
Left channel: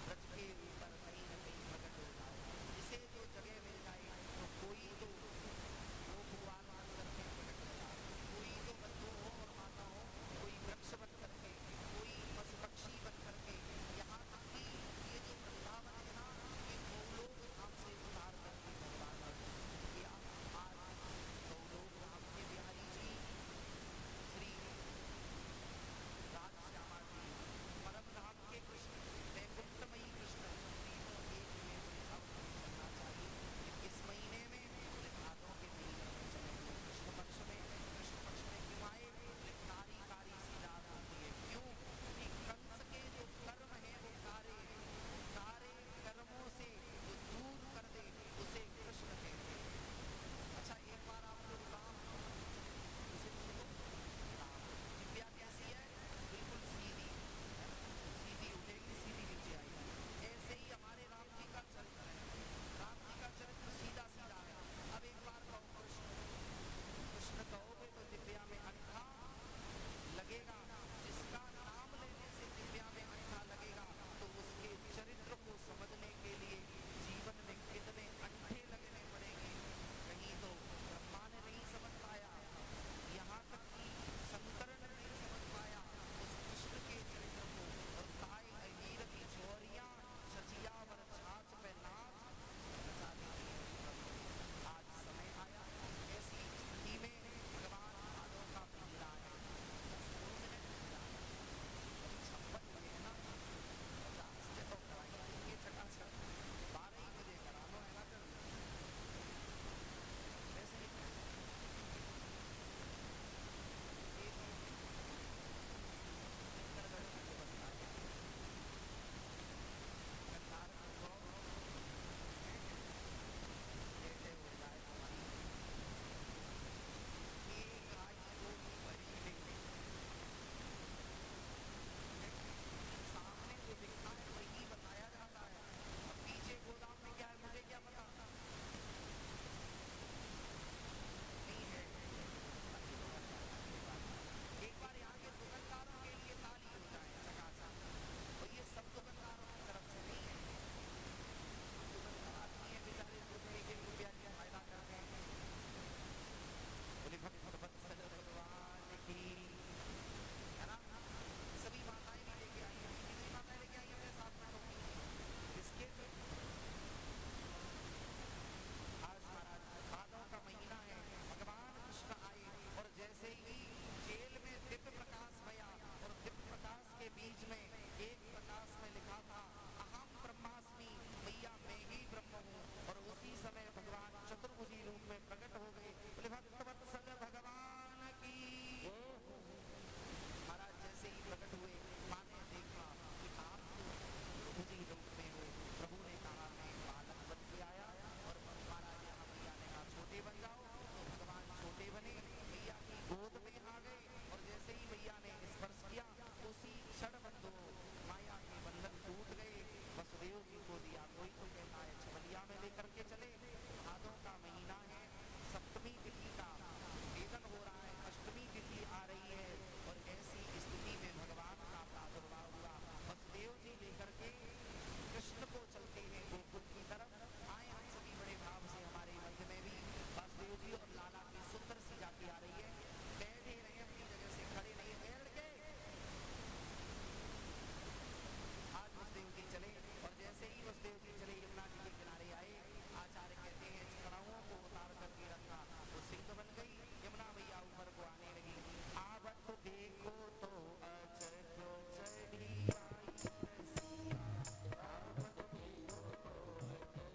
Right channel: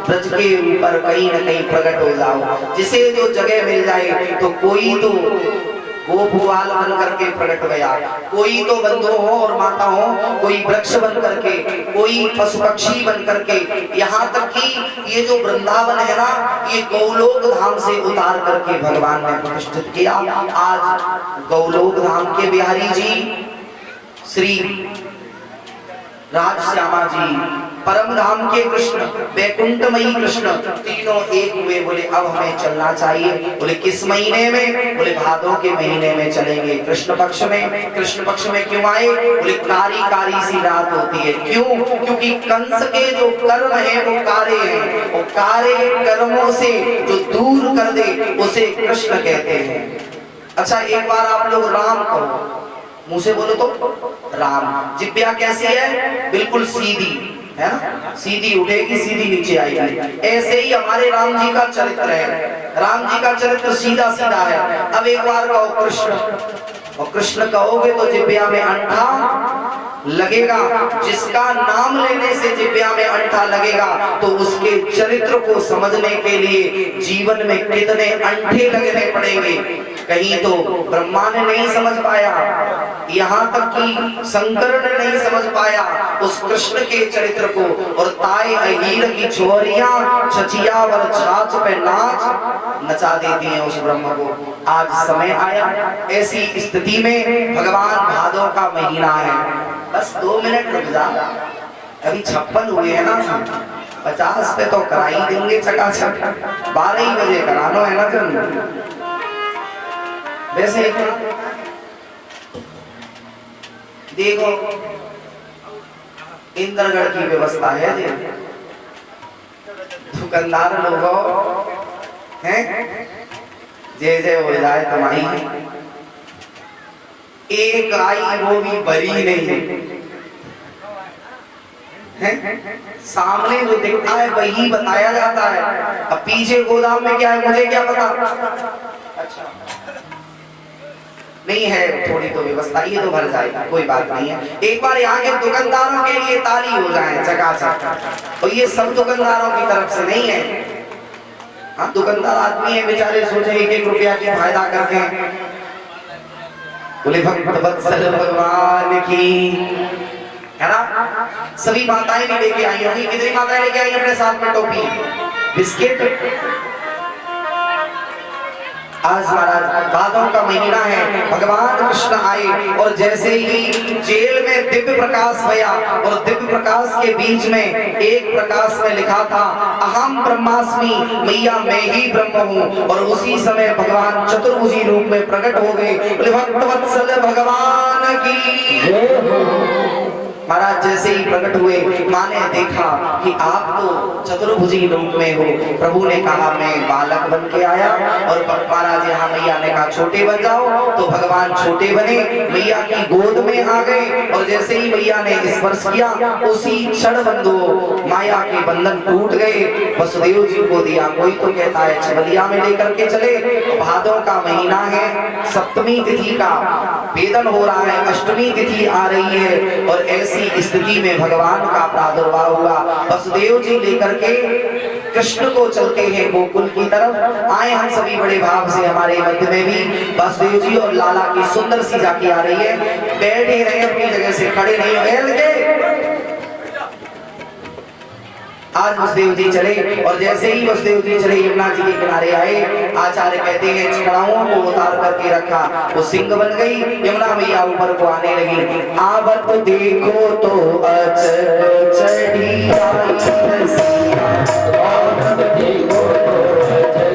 ब्रज के ऊपर कहीं न कहीं प्रकट हो जाओ। जिसे जो जगह मिल जाए, तो कोई तो गोपुवाल बन करके प्रकट गया, कोई तो बंधु हो और माता हो, कोई वृक्ष बन करके, कोई पशु पक्षी बन करके, यहाँ तक कि ये जो वृंदावन है ना, ये गौलोक धाम से उतार करके भगवान ने प्रतिष्ठित किया। आज गौलोक धाम के बिहारी जी श्री राजश्यामा जी, परम धाम के कृष्ण, वैकुंठमयी कृष्ण, तीनों एक हुए। बोले अब हमें चलना चाहिए। बोले किस महीने में? बोले भादों के महीने में चलेंगे। कृष्ण पक्ष में। कृष्ण पक्ष में क्यों आए? बोले कारी कारी सी रात होती है। क्यों? क्योंकि कंस के जो कर्म है वो कारे हैं, वो कारे कर्मों से जो दूर कर दे उसे कृष्ण कहते हैं। अच्छा एक बार आप लोग राम कहो, मुंह से बोलो तो राम। जिब्या कैसी है? बिल्कुल सीधी है ना, सीधी उठेगी सीधी नीचे आएगी। ऐसे ही हमारे राम जी का चरित्र है। राम जी का चरित्र सीधा सीधा है। अब एक बार कहो कृष्ण, और कृष्ण कहोगे तो जिब्या में अंठा लगेगा। जिसका नाम लेने से जिब्या में अंठा लगेगा तो उसके चरित्र को समझने के लिए जीवन में कितने अंठे लगने पड़ेंगे। कहीं तो ब्रह्मा ने नहीं समझ पाया, यहाँ तक कि शंकर ने नहीं समझ पाया उस कृष्ण के चरित्र को। और ताए अहीर की छोरियां छचिया वर छाछ पे नाच नचा देती हैं उस ब्रह्म को। आज समय आया ऐसी स्थिति में, भगवान भादों का महीना है, बस 2 मिनट रुक जा। अभी 56 हुए हैं ना, 50 पे तो करा ही देंगे चकाचक। 12 ही बजे करानो है ना तुम। वैसे देखो इंद्रगढ़ की व्यवस्था है, दुकानदार लोगों हैं जय जय हो जाए तुम्हारी। एक आई वो भी बरी नहीं है, सामने जो दिखता है वही बताया जाता है। अब पीछे गोदाम में क्या है मुझे क्या पता। अच्छा नहीं है, थोड़ी तो व्यवस्था, ये तो भर जाएगा, कोई बात नहीं है। एक बार यहाँ के दुकानदारों के लिए ताली हो जाए चकाचक। और ये सब दुकानदारों की तरफ से नहीं है। हाँ दुकानदार आदमी है बेचारे, सोचे 1-1 रुपया की फायदा करते हैं। बोले भक्त वत्सल भगवान की, है ना। सभी माताएं भी लेके आई होंगी। कितनी माताएं लेके आई अपने साथ में? टोपी, बिस्किट। आज महाराज भादों का महीना है, भगवान कृष्ण आए और जैसे ही जेल में दिव्य प्रकाश भया, और दिव्य प्रकाश के बीच में एक प्रकाश में लिखा था अहम ब्रह्मास्मि, मैया मैं ही ब्रह्म हूँ। और उसी समय भगवान चतुर्भुजी रूप में प्रकट हो गए। भक्त वत्सल भगवान की। महाराज जैसे ही प्रकट हुए, माँ ने देखा कि आप तो चतुर्भुजी रूप में हो। प्रभु ने कहा मैं बालक बन के आया, और महाराज यहाँ मैया ने कहा छोटे बन जाओ, तो भगवान छोटे बने, मैया की गोद में आ गए। और जैसे ही मैया ने स्पर्श किया, उसी क्षण बंधु माया के बंधन टूट गए, वसुदेव जी को दिया। कोई तो कहता है छबलिया में लेकर के चले, भादों का महीना है, सप्तमी तिथि का वेदन हो रहा है, अष्टमी तिथि आ रही है, और ऐसी स्थिति में भगवान का प्रादुर्भाव हुआ। वसुदेव जी लेकर के कृष्ण को चलते हैं गोकुल की तरफ। आए हम सभी बड़े भाव से, हमारे मध्य में भी वसुदेव जी और लाला की सुंदर सी झांकी आ रही है। बैठ ही रहे अपनी जगह से, खड़े नहीं हुए। आज वसुदेव जी चले, और जैसे ही वसुदेव जी चले यमुना जी के किनारे आए, आचार्य कहते हैं चढ़ाओं को उतार करके रखा, वो सिंह बन गई। यमुना मैया ऊपर को आने लगी। आवत देखो तो अचक चढ़ी आई रसिया, आवत देखो तो अचक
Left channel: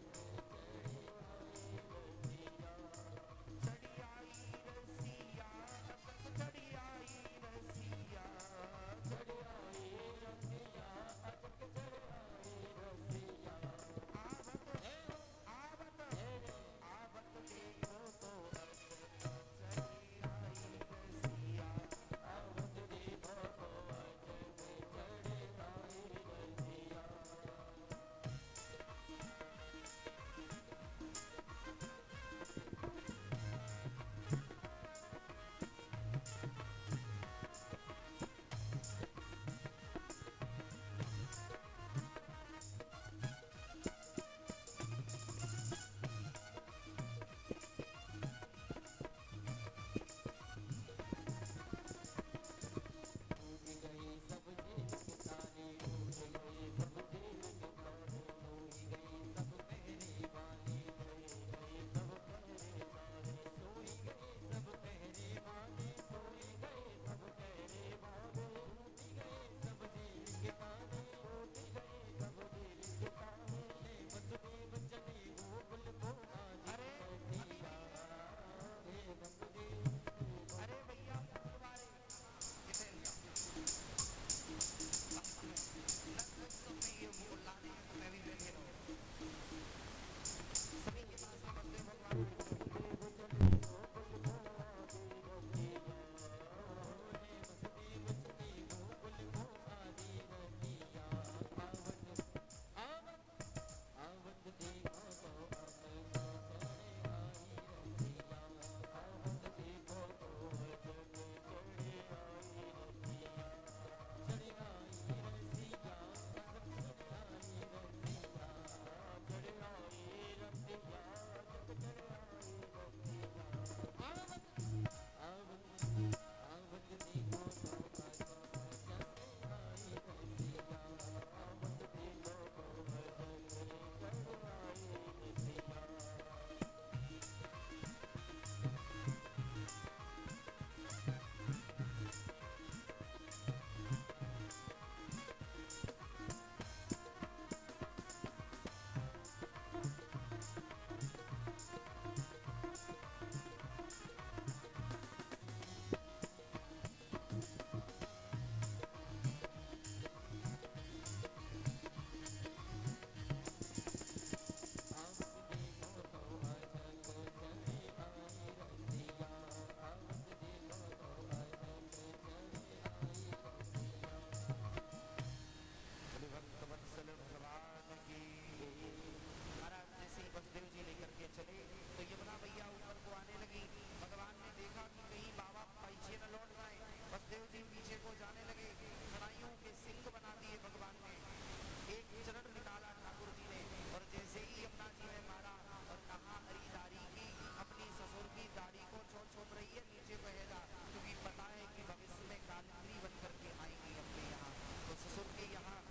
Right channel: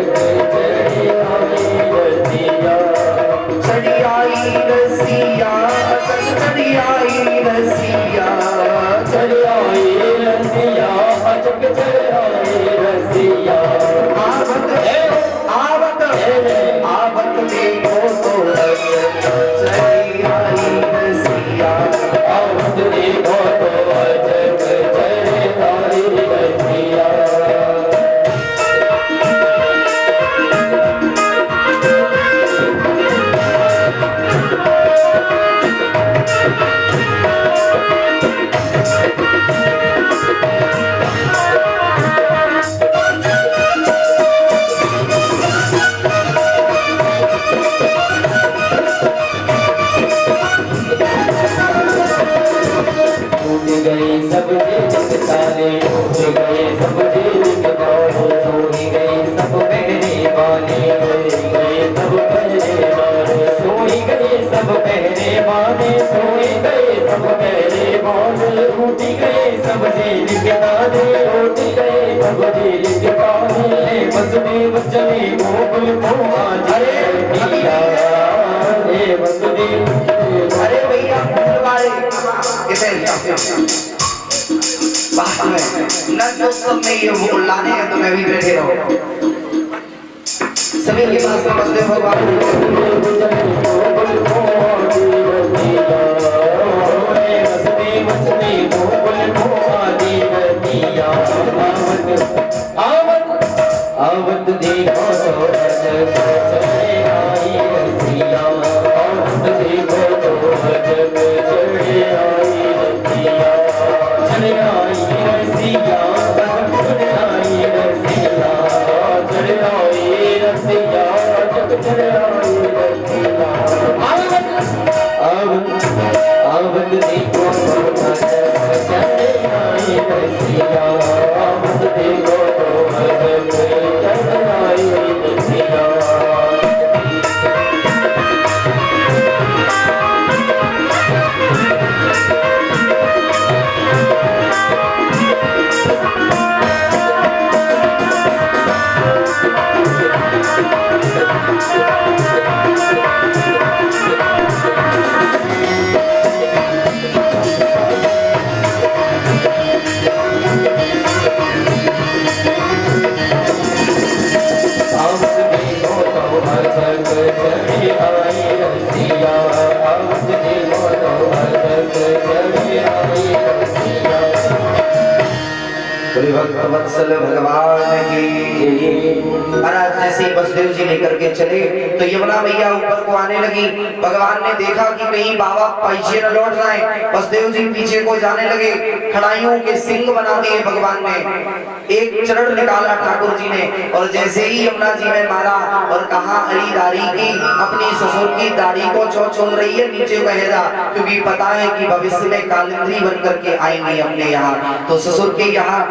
चढ़ी आई रसिया, अचक चढ़ी आई रसिया, चढ़ी आई रसिया, अचक चढ़ी आई रसिया। आवत आवत देखो तो अचक चढ़ी आई रसिया, आवत देखो तो अचक चढ़ी आई रसिया। अरे भैया सब में ये वो लाने हैं, तो मैं भी बैठे रहो। सभी के पास नमस्ते आवत देखो तो अचक चढ़ी आई रसिया, आवत देखो तो अचक चढ़ी आई रसिया, चढ़ी आई रसिया, चढ़ी आई रसिया, चढ़ी आई रसिया, अचक चढ़ी आई रसिया। आवत देखो तो अचक चढ़ी आई रसिया, आवत देखो तो अचक चढ़ी आई रसिया। वत्सल भगवान की। महाराज जैसे ही वसुदेव जी लेकर के चले, तो यमुना मैया ऊपर को आने लगी। भगवान ने देखा कि कहीं बाबा पीछे न लौट जाए, वसुदेव जी पीछे को जाने लगे। खड़ाइयों के सिंह बना दिए भगवान ने। एक चरण निकाला ठाकुर जी ने, और जैसे ही यमुना जी में मारा और कहा अली दाढ़ी की, अपनी ससुर की दाढ़ी को चूम रही है, नीचे कह जा, क्योंकि पता है कि भविष्य में कालिंद्री बन करके आएंगे अपने यहाँ, तो ससुर के यहाँ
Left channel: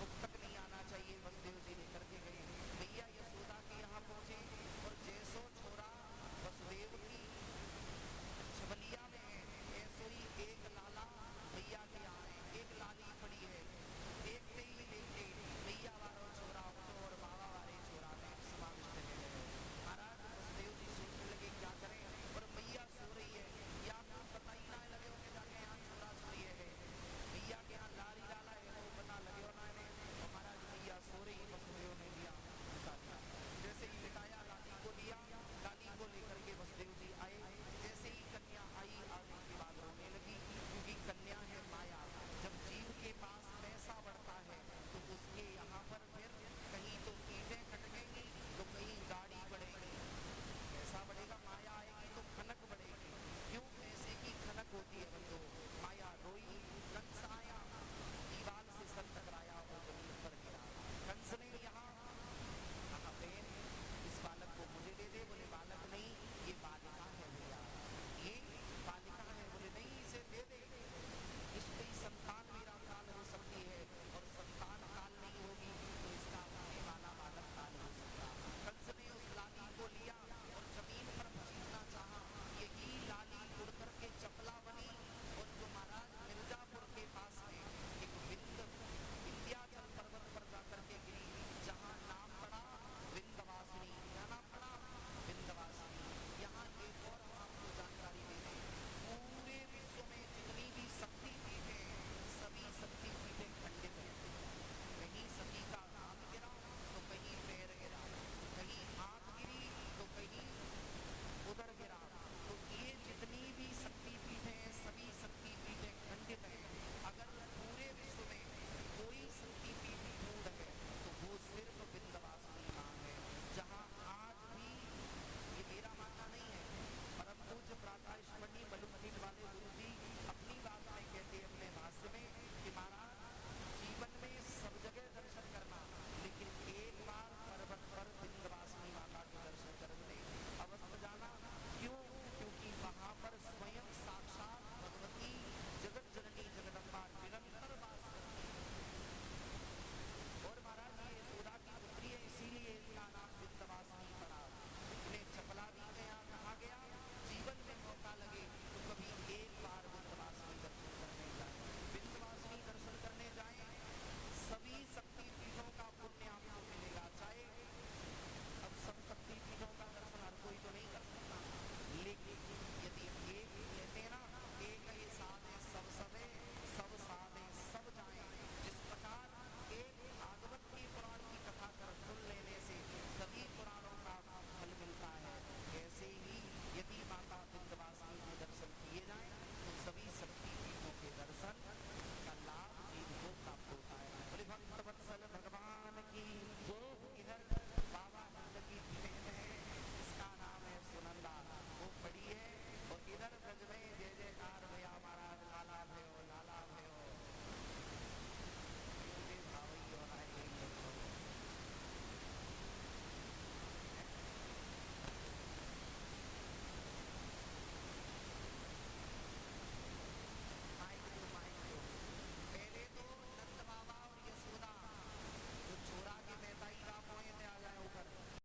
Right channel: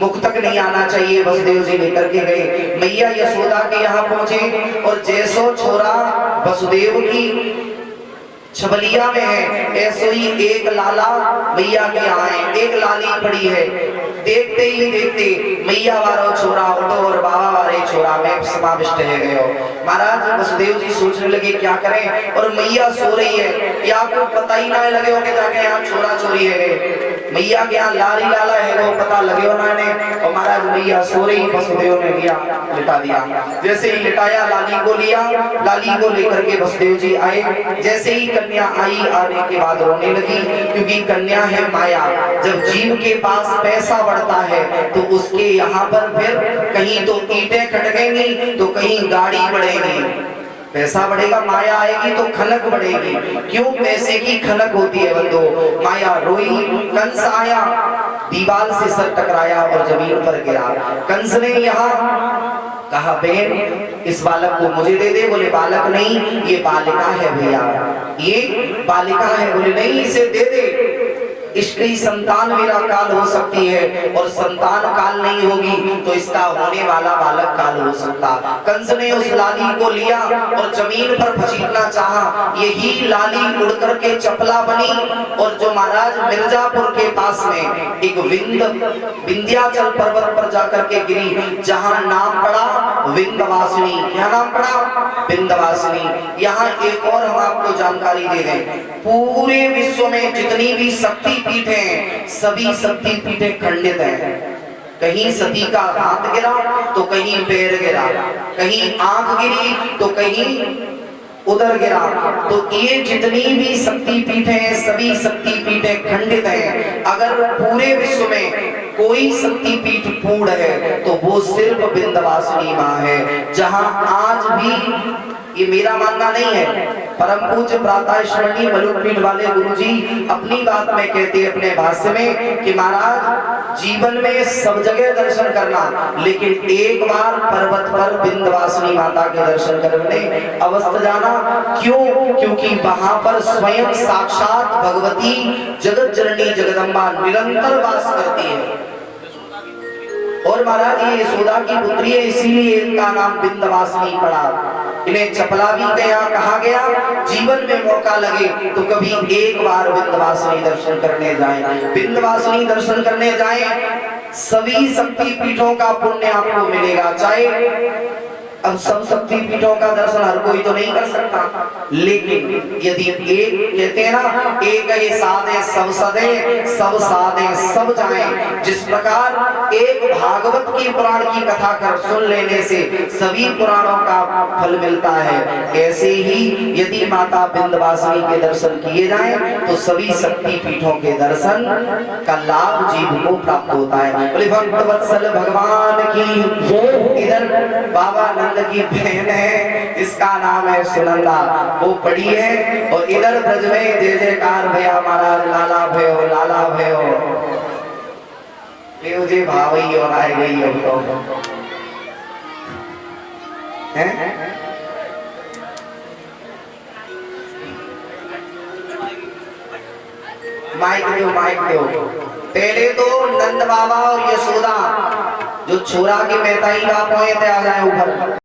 मुख तक नहीं आना चाहिए। वसुदेव जी लेकर के गए, मैया यशोदा के यहाँ पहुंचे, और जैसो छोरा वसुदेव की छबलिया में है, ऐसो ही एक लाला मैया के यहाँ है, एक लाली पड़ी है। देखते ही देखते मैया वारो छोरा उठो और बाबा वारे छोरा में समाविष्ट है गयो। महाराज वसुदेव जी सोचने लगे क्या करें, और मैया सो रही है, या आपको पता ही ना लगे हो कि जाके यहाँ छोरा चोरी है, मैया के यहाँ लारी लाला है वो पता लगे हो ना ने। और महाराज मैया सो रही, वसुदेव ने लिया लिटा दिया। जैसे ही लिटाया लाली को लिया, लाली को लेकर के वसुदेव जी आए। जैसे ही कन्या आई, आने के बाद रोने लगी, क्योंकि कन्या है माया। जब जीव के पास पैसा बढ़ता है तो उसके यहाँ पर फिर कहीं तो ईंटें खटकेंगी तो कहीं गाड़ी बढ़ेगी। पैसा बढ़ेगा, माया आएगी तो खनक बढ़ेगी। क्यों पैसे की खनक होती है बंधु? माया रोई, कंस आया, दीवार से सर टकराया और जमीन पर गिरा। कंस ने यहाँ कहा बहन इस बालक को मुझे दे दे। बोले बालक नहीं, ये बालिका है भैया, ये बालिका है। बोले नहीं, इसे दे दे, इसकी संतान मेरा काल हो सकती है, और संतान काल नहीं होगी तो इसका होने वाला बालक काल हो सकता। कंस ने उस लाली को लिया और जमीन पर घसीटना चाहा। यही लाली उड़ करके चपला बनी, और जो महाराज मिर्जापुर के पास में एक विंध्याचल पर्वत पर जाकर के गिरी, जहां नाम पड़ा विंध्यवासिनी। क्या नाम पड़ा? विंध्यवासिनी। यहाँ एक और हम आपको जानकारी दे दें, पूरे विश्व में जितनी भी शक्ति पीठ हैं, सभी शक्ति पीठें खंडित हैं। कहीं सती का हाथ गिरा तो कहीं पैर गिरा, कहीं आंख गिरी तो कहीं उधर गिरा। तो ये जितनी भी शक्ति पीठें हैं, सभी शक्ति पीठें खंडित हैं। अगर पूरे विश्व में कोई शक्ति पीठ पूर्ण है तो वो सिर्फ विंध्यवासिनी माँ है। जहां आज भी, ये मेरा मानना नहीं है, परम पूज्य प्रातः स्मरणीय मलुकपीठ वाले गुरुजी अपनी बात में कहते हैं अपने भाष्य में कि महाराज जीवन में सब जगह दर्शन करना, लेकिन एक बार पर्वत पर विंध्यवासिनी माता के दर्शन करने अवश्य जाना। क्यों? क्योंकि वहां पर स्वयं साक्षात भगवती जगत जननी जगदम्बा निरंतर वास करती है। और महाराज ये यशोदा की पुत्री है, इसीलिए इनका नाम विंध्यवासिनी पड़ा। इन्हें चपला भी कहा गया। जीवन में मौका लगे तो कभी एक बार विंध्यवासिनी दर्शन करने जाएं। विंध्यवासिनी दर्शन करने जाएं, सभी शक्ति पीठों का पुण्य आपको मिलेगा। चाहे अब सब शक्ति पीठों का दर्शन हर कोई तो नहीं कर सकता, लेकिन यदि एक कहते हैं ना, एक ये साधे सब सदे, सब साधे सब जाएं। जिस प्रकार एक भागवत की पुराण की कथा कर सुन लेने से सभी पुराणों का फल मिलता है, ऐसे ही यदि माता विंध्यवासिनी के दर्शन किए जाएं तो सभी शक्ति पीठों के दर्शन का लाभ जीव को प्राप्त होता है। बोले भक्त वत्सल भगवान की। इधर बाबा की बहन है, इसका नाम है सुनंदा, वो पड़ी है। और इधर ब्रज में जय जयकार भैया महाराज, लाला भयो, लाला भयो, मुझे भावई और आए गई हो हैं। माइक दो, माइक दो। पहले तो नंद बाबा और यशोदा जो छोरा के मेहताई बाप हुए थे आ जाए ऊपर।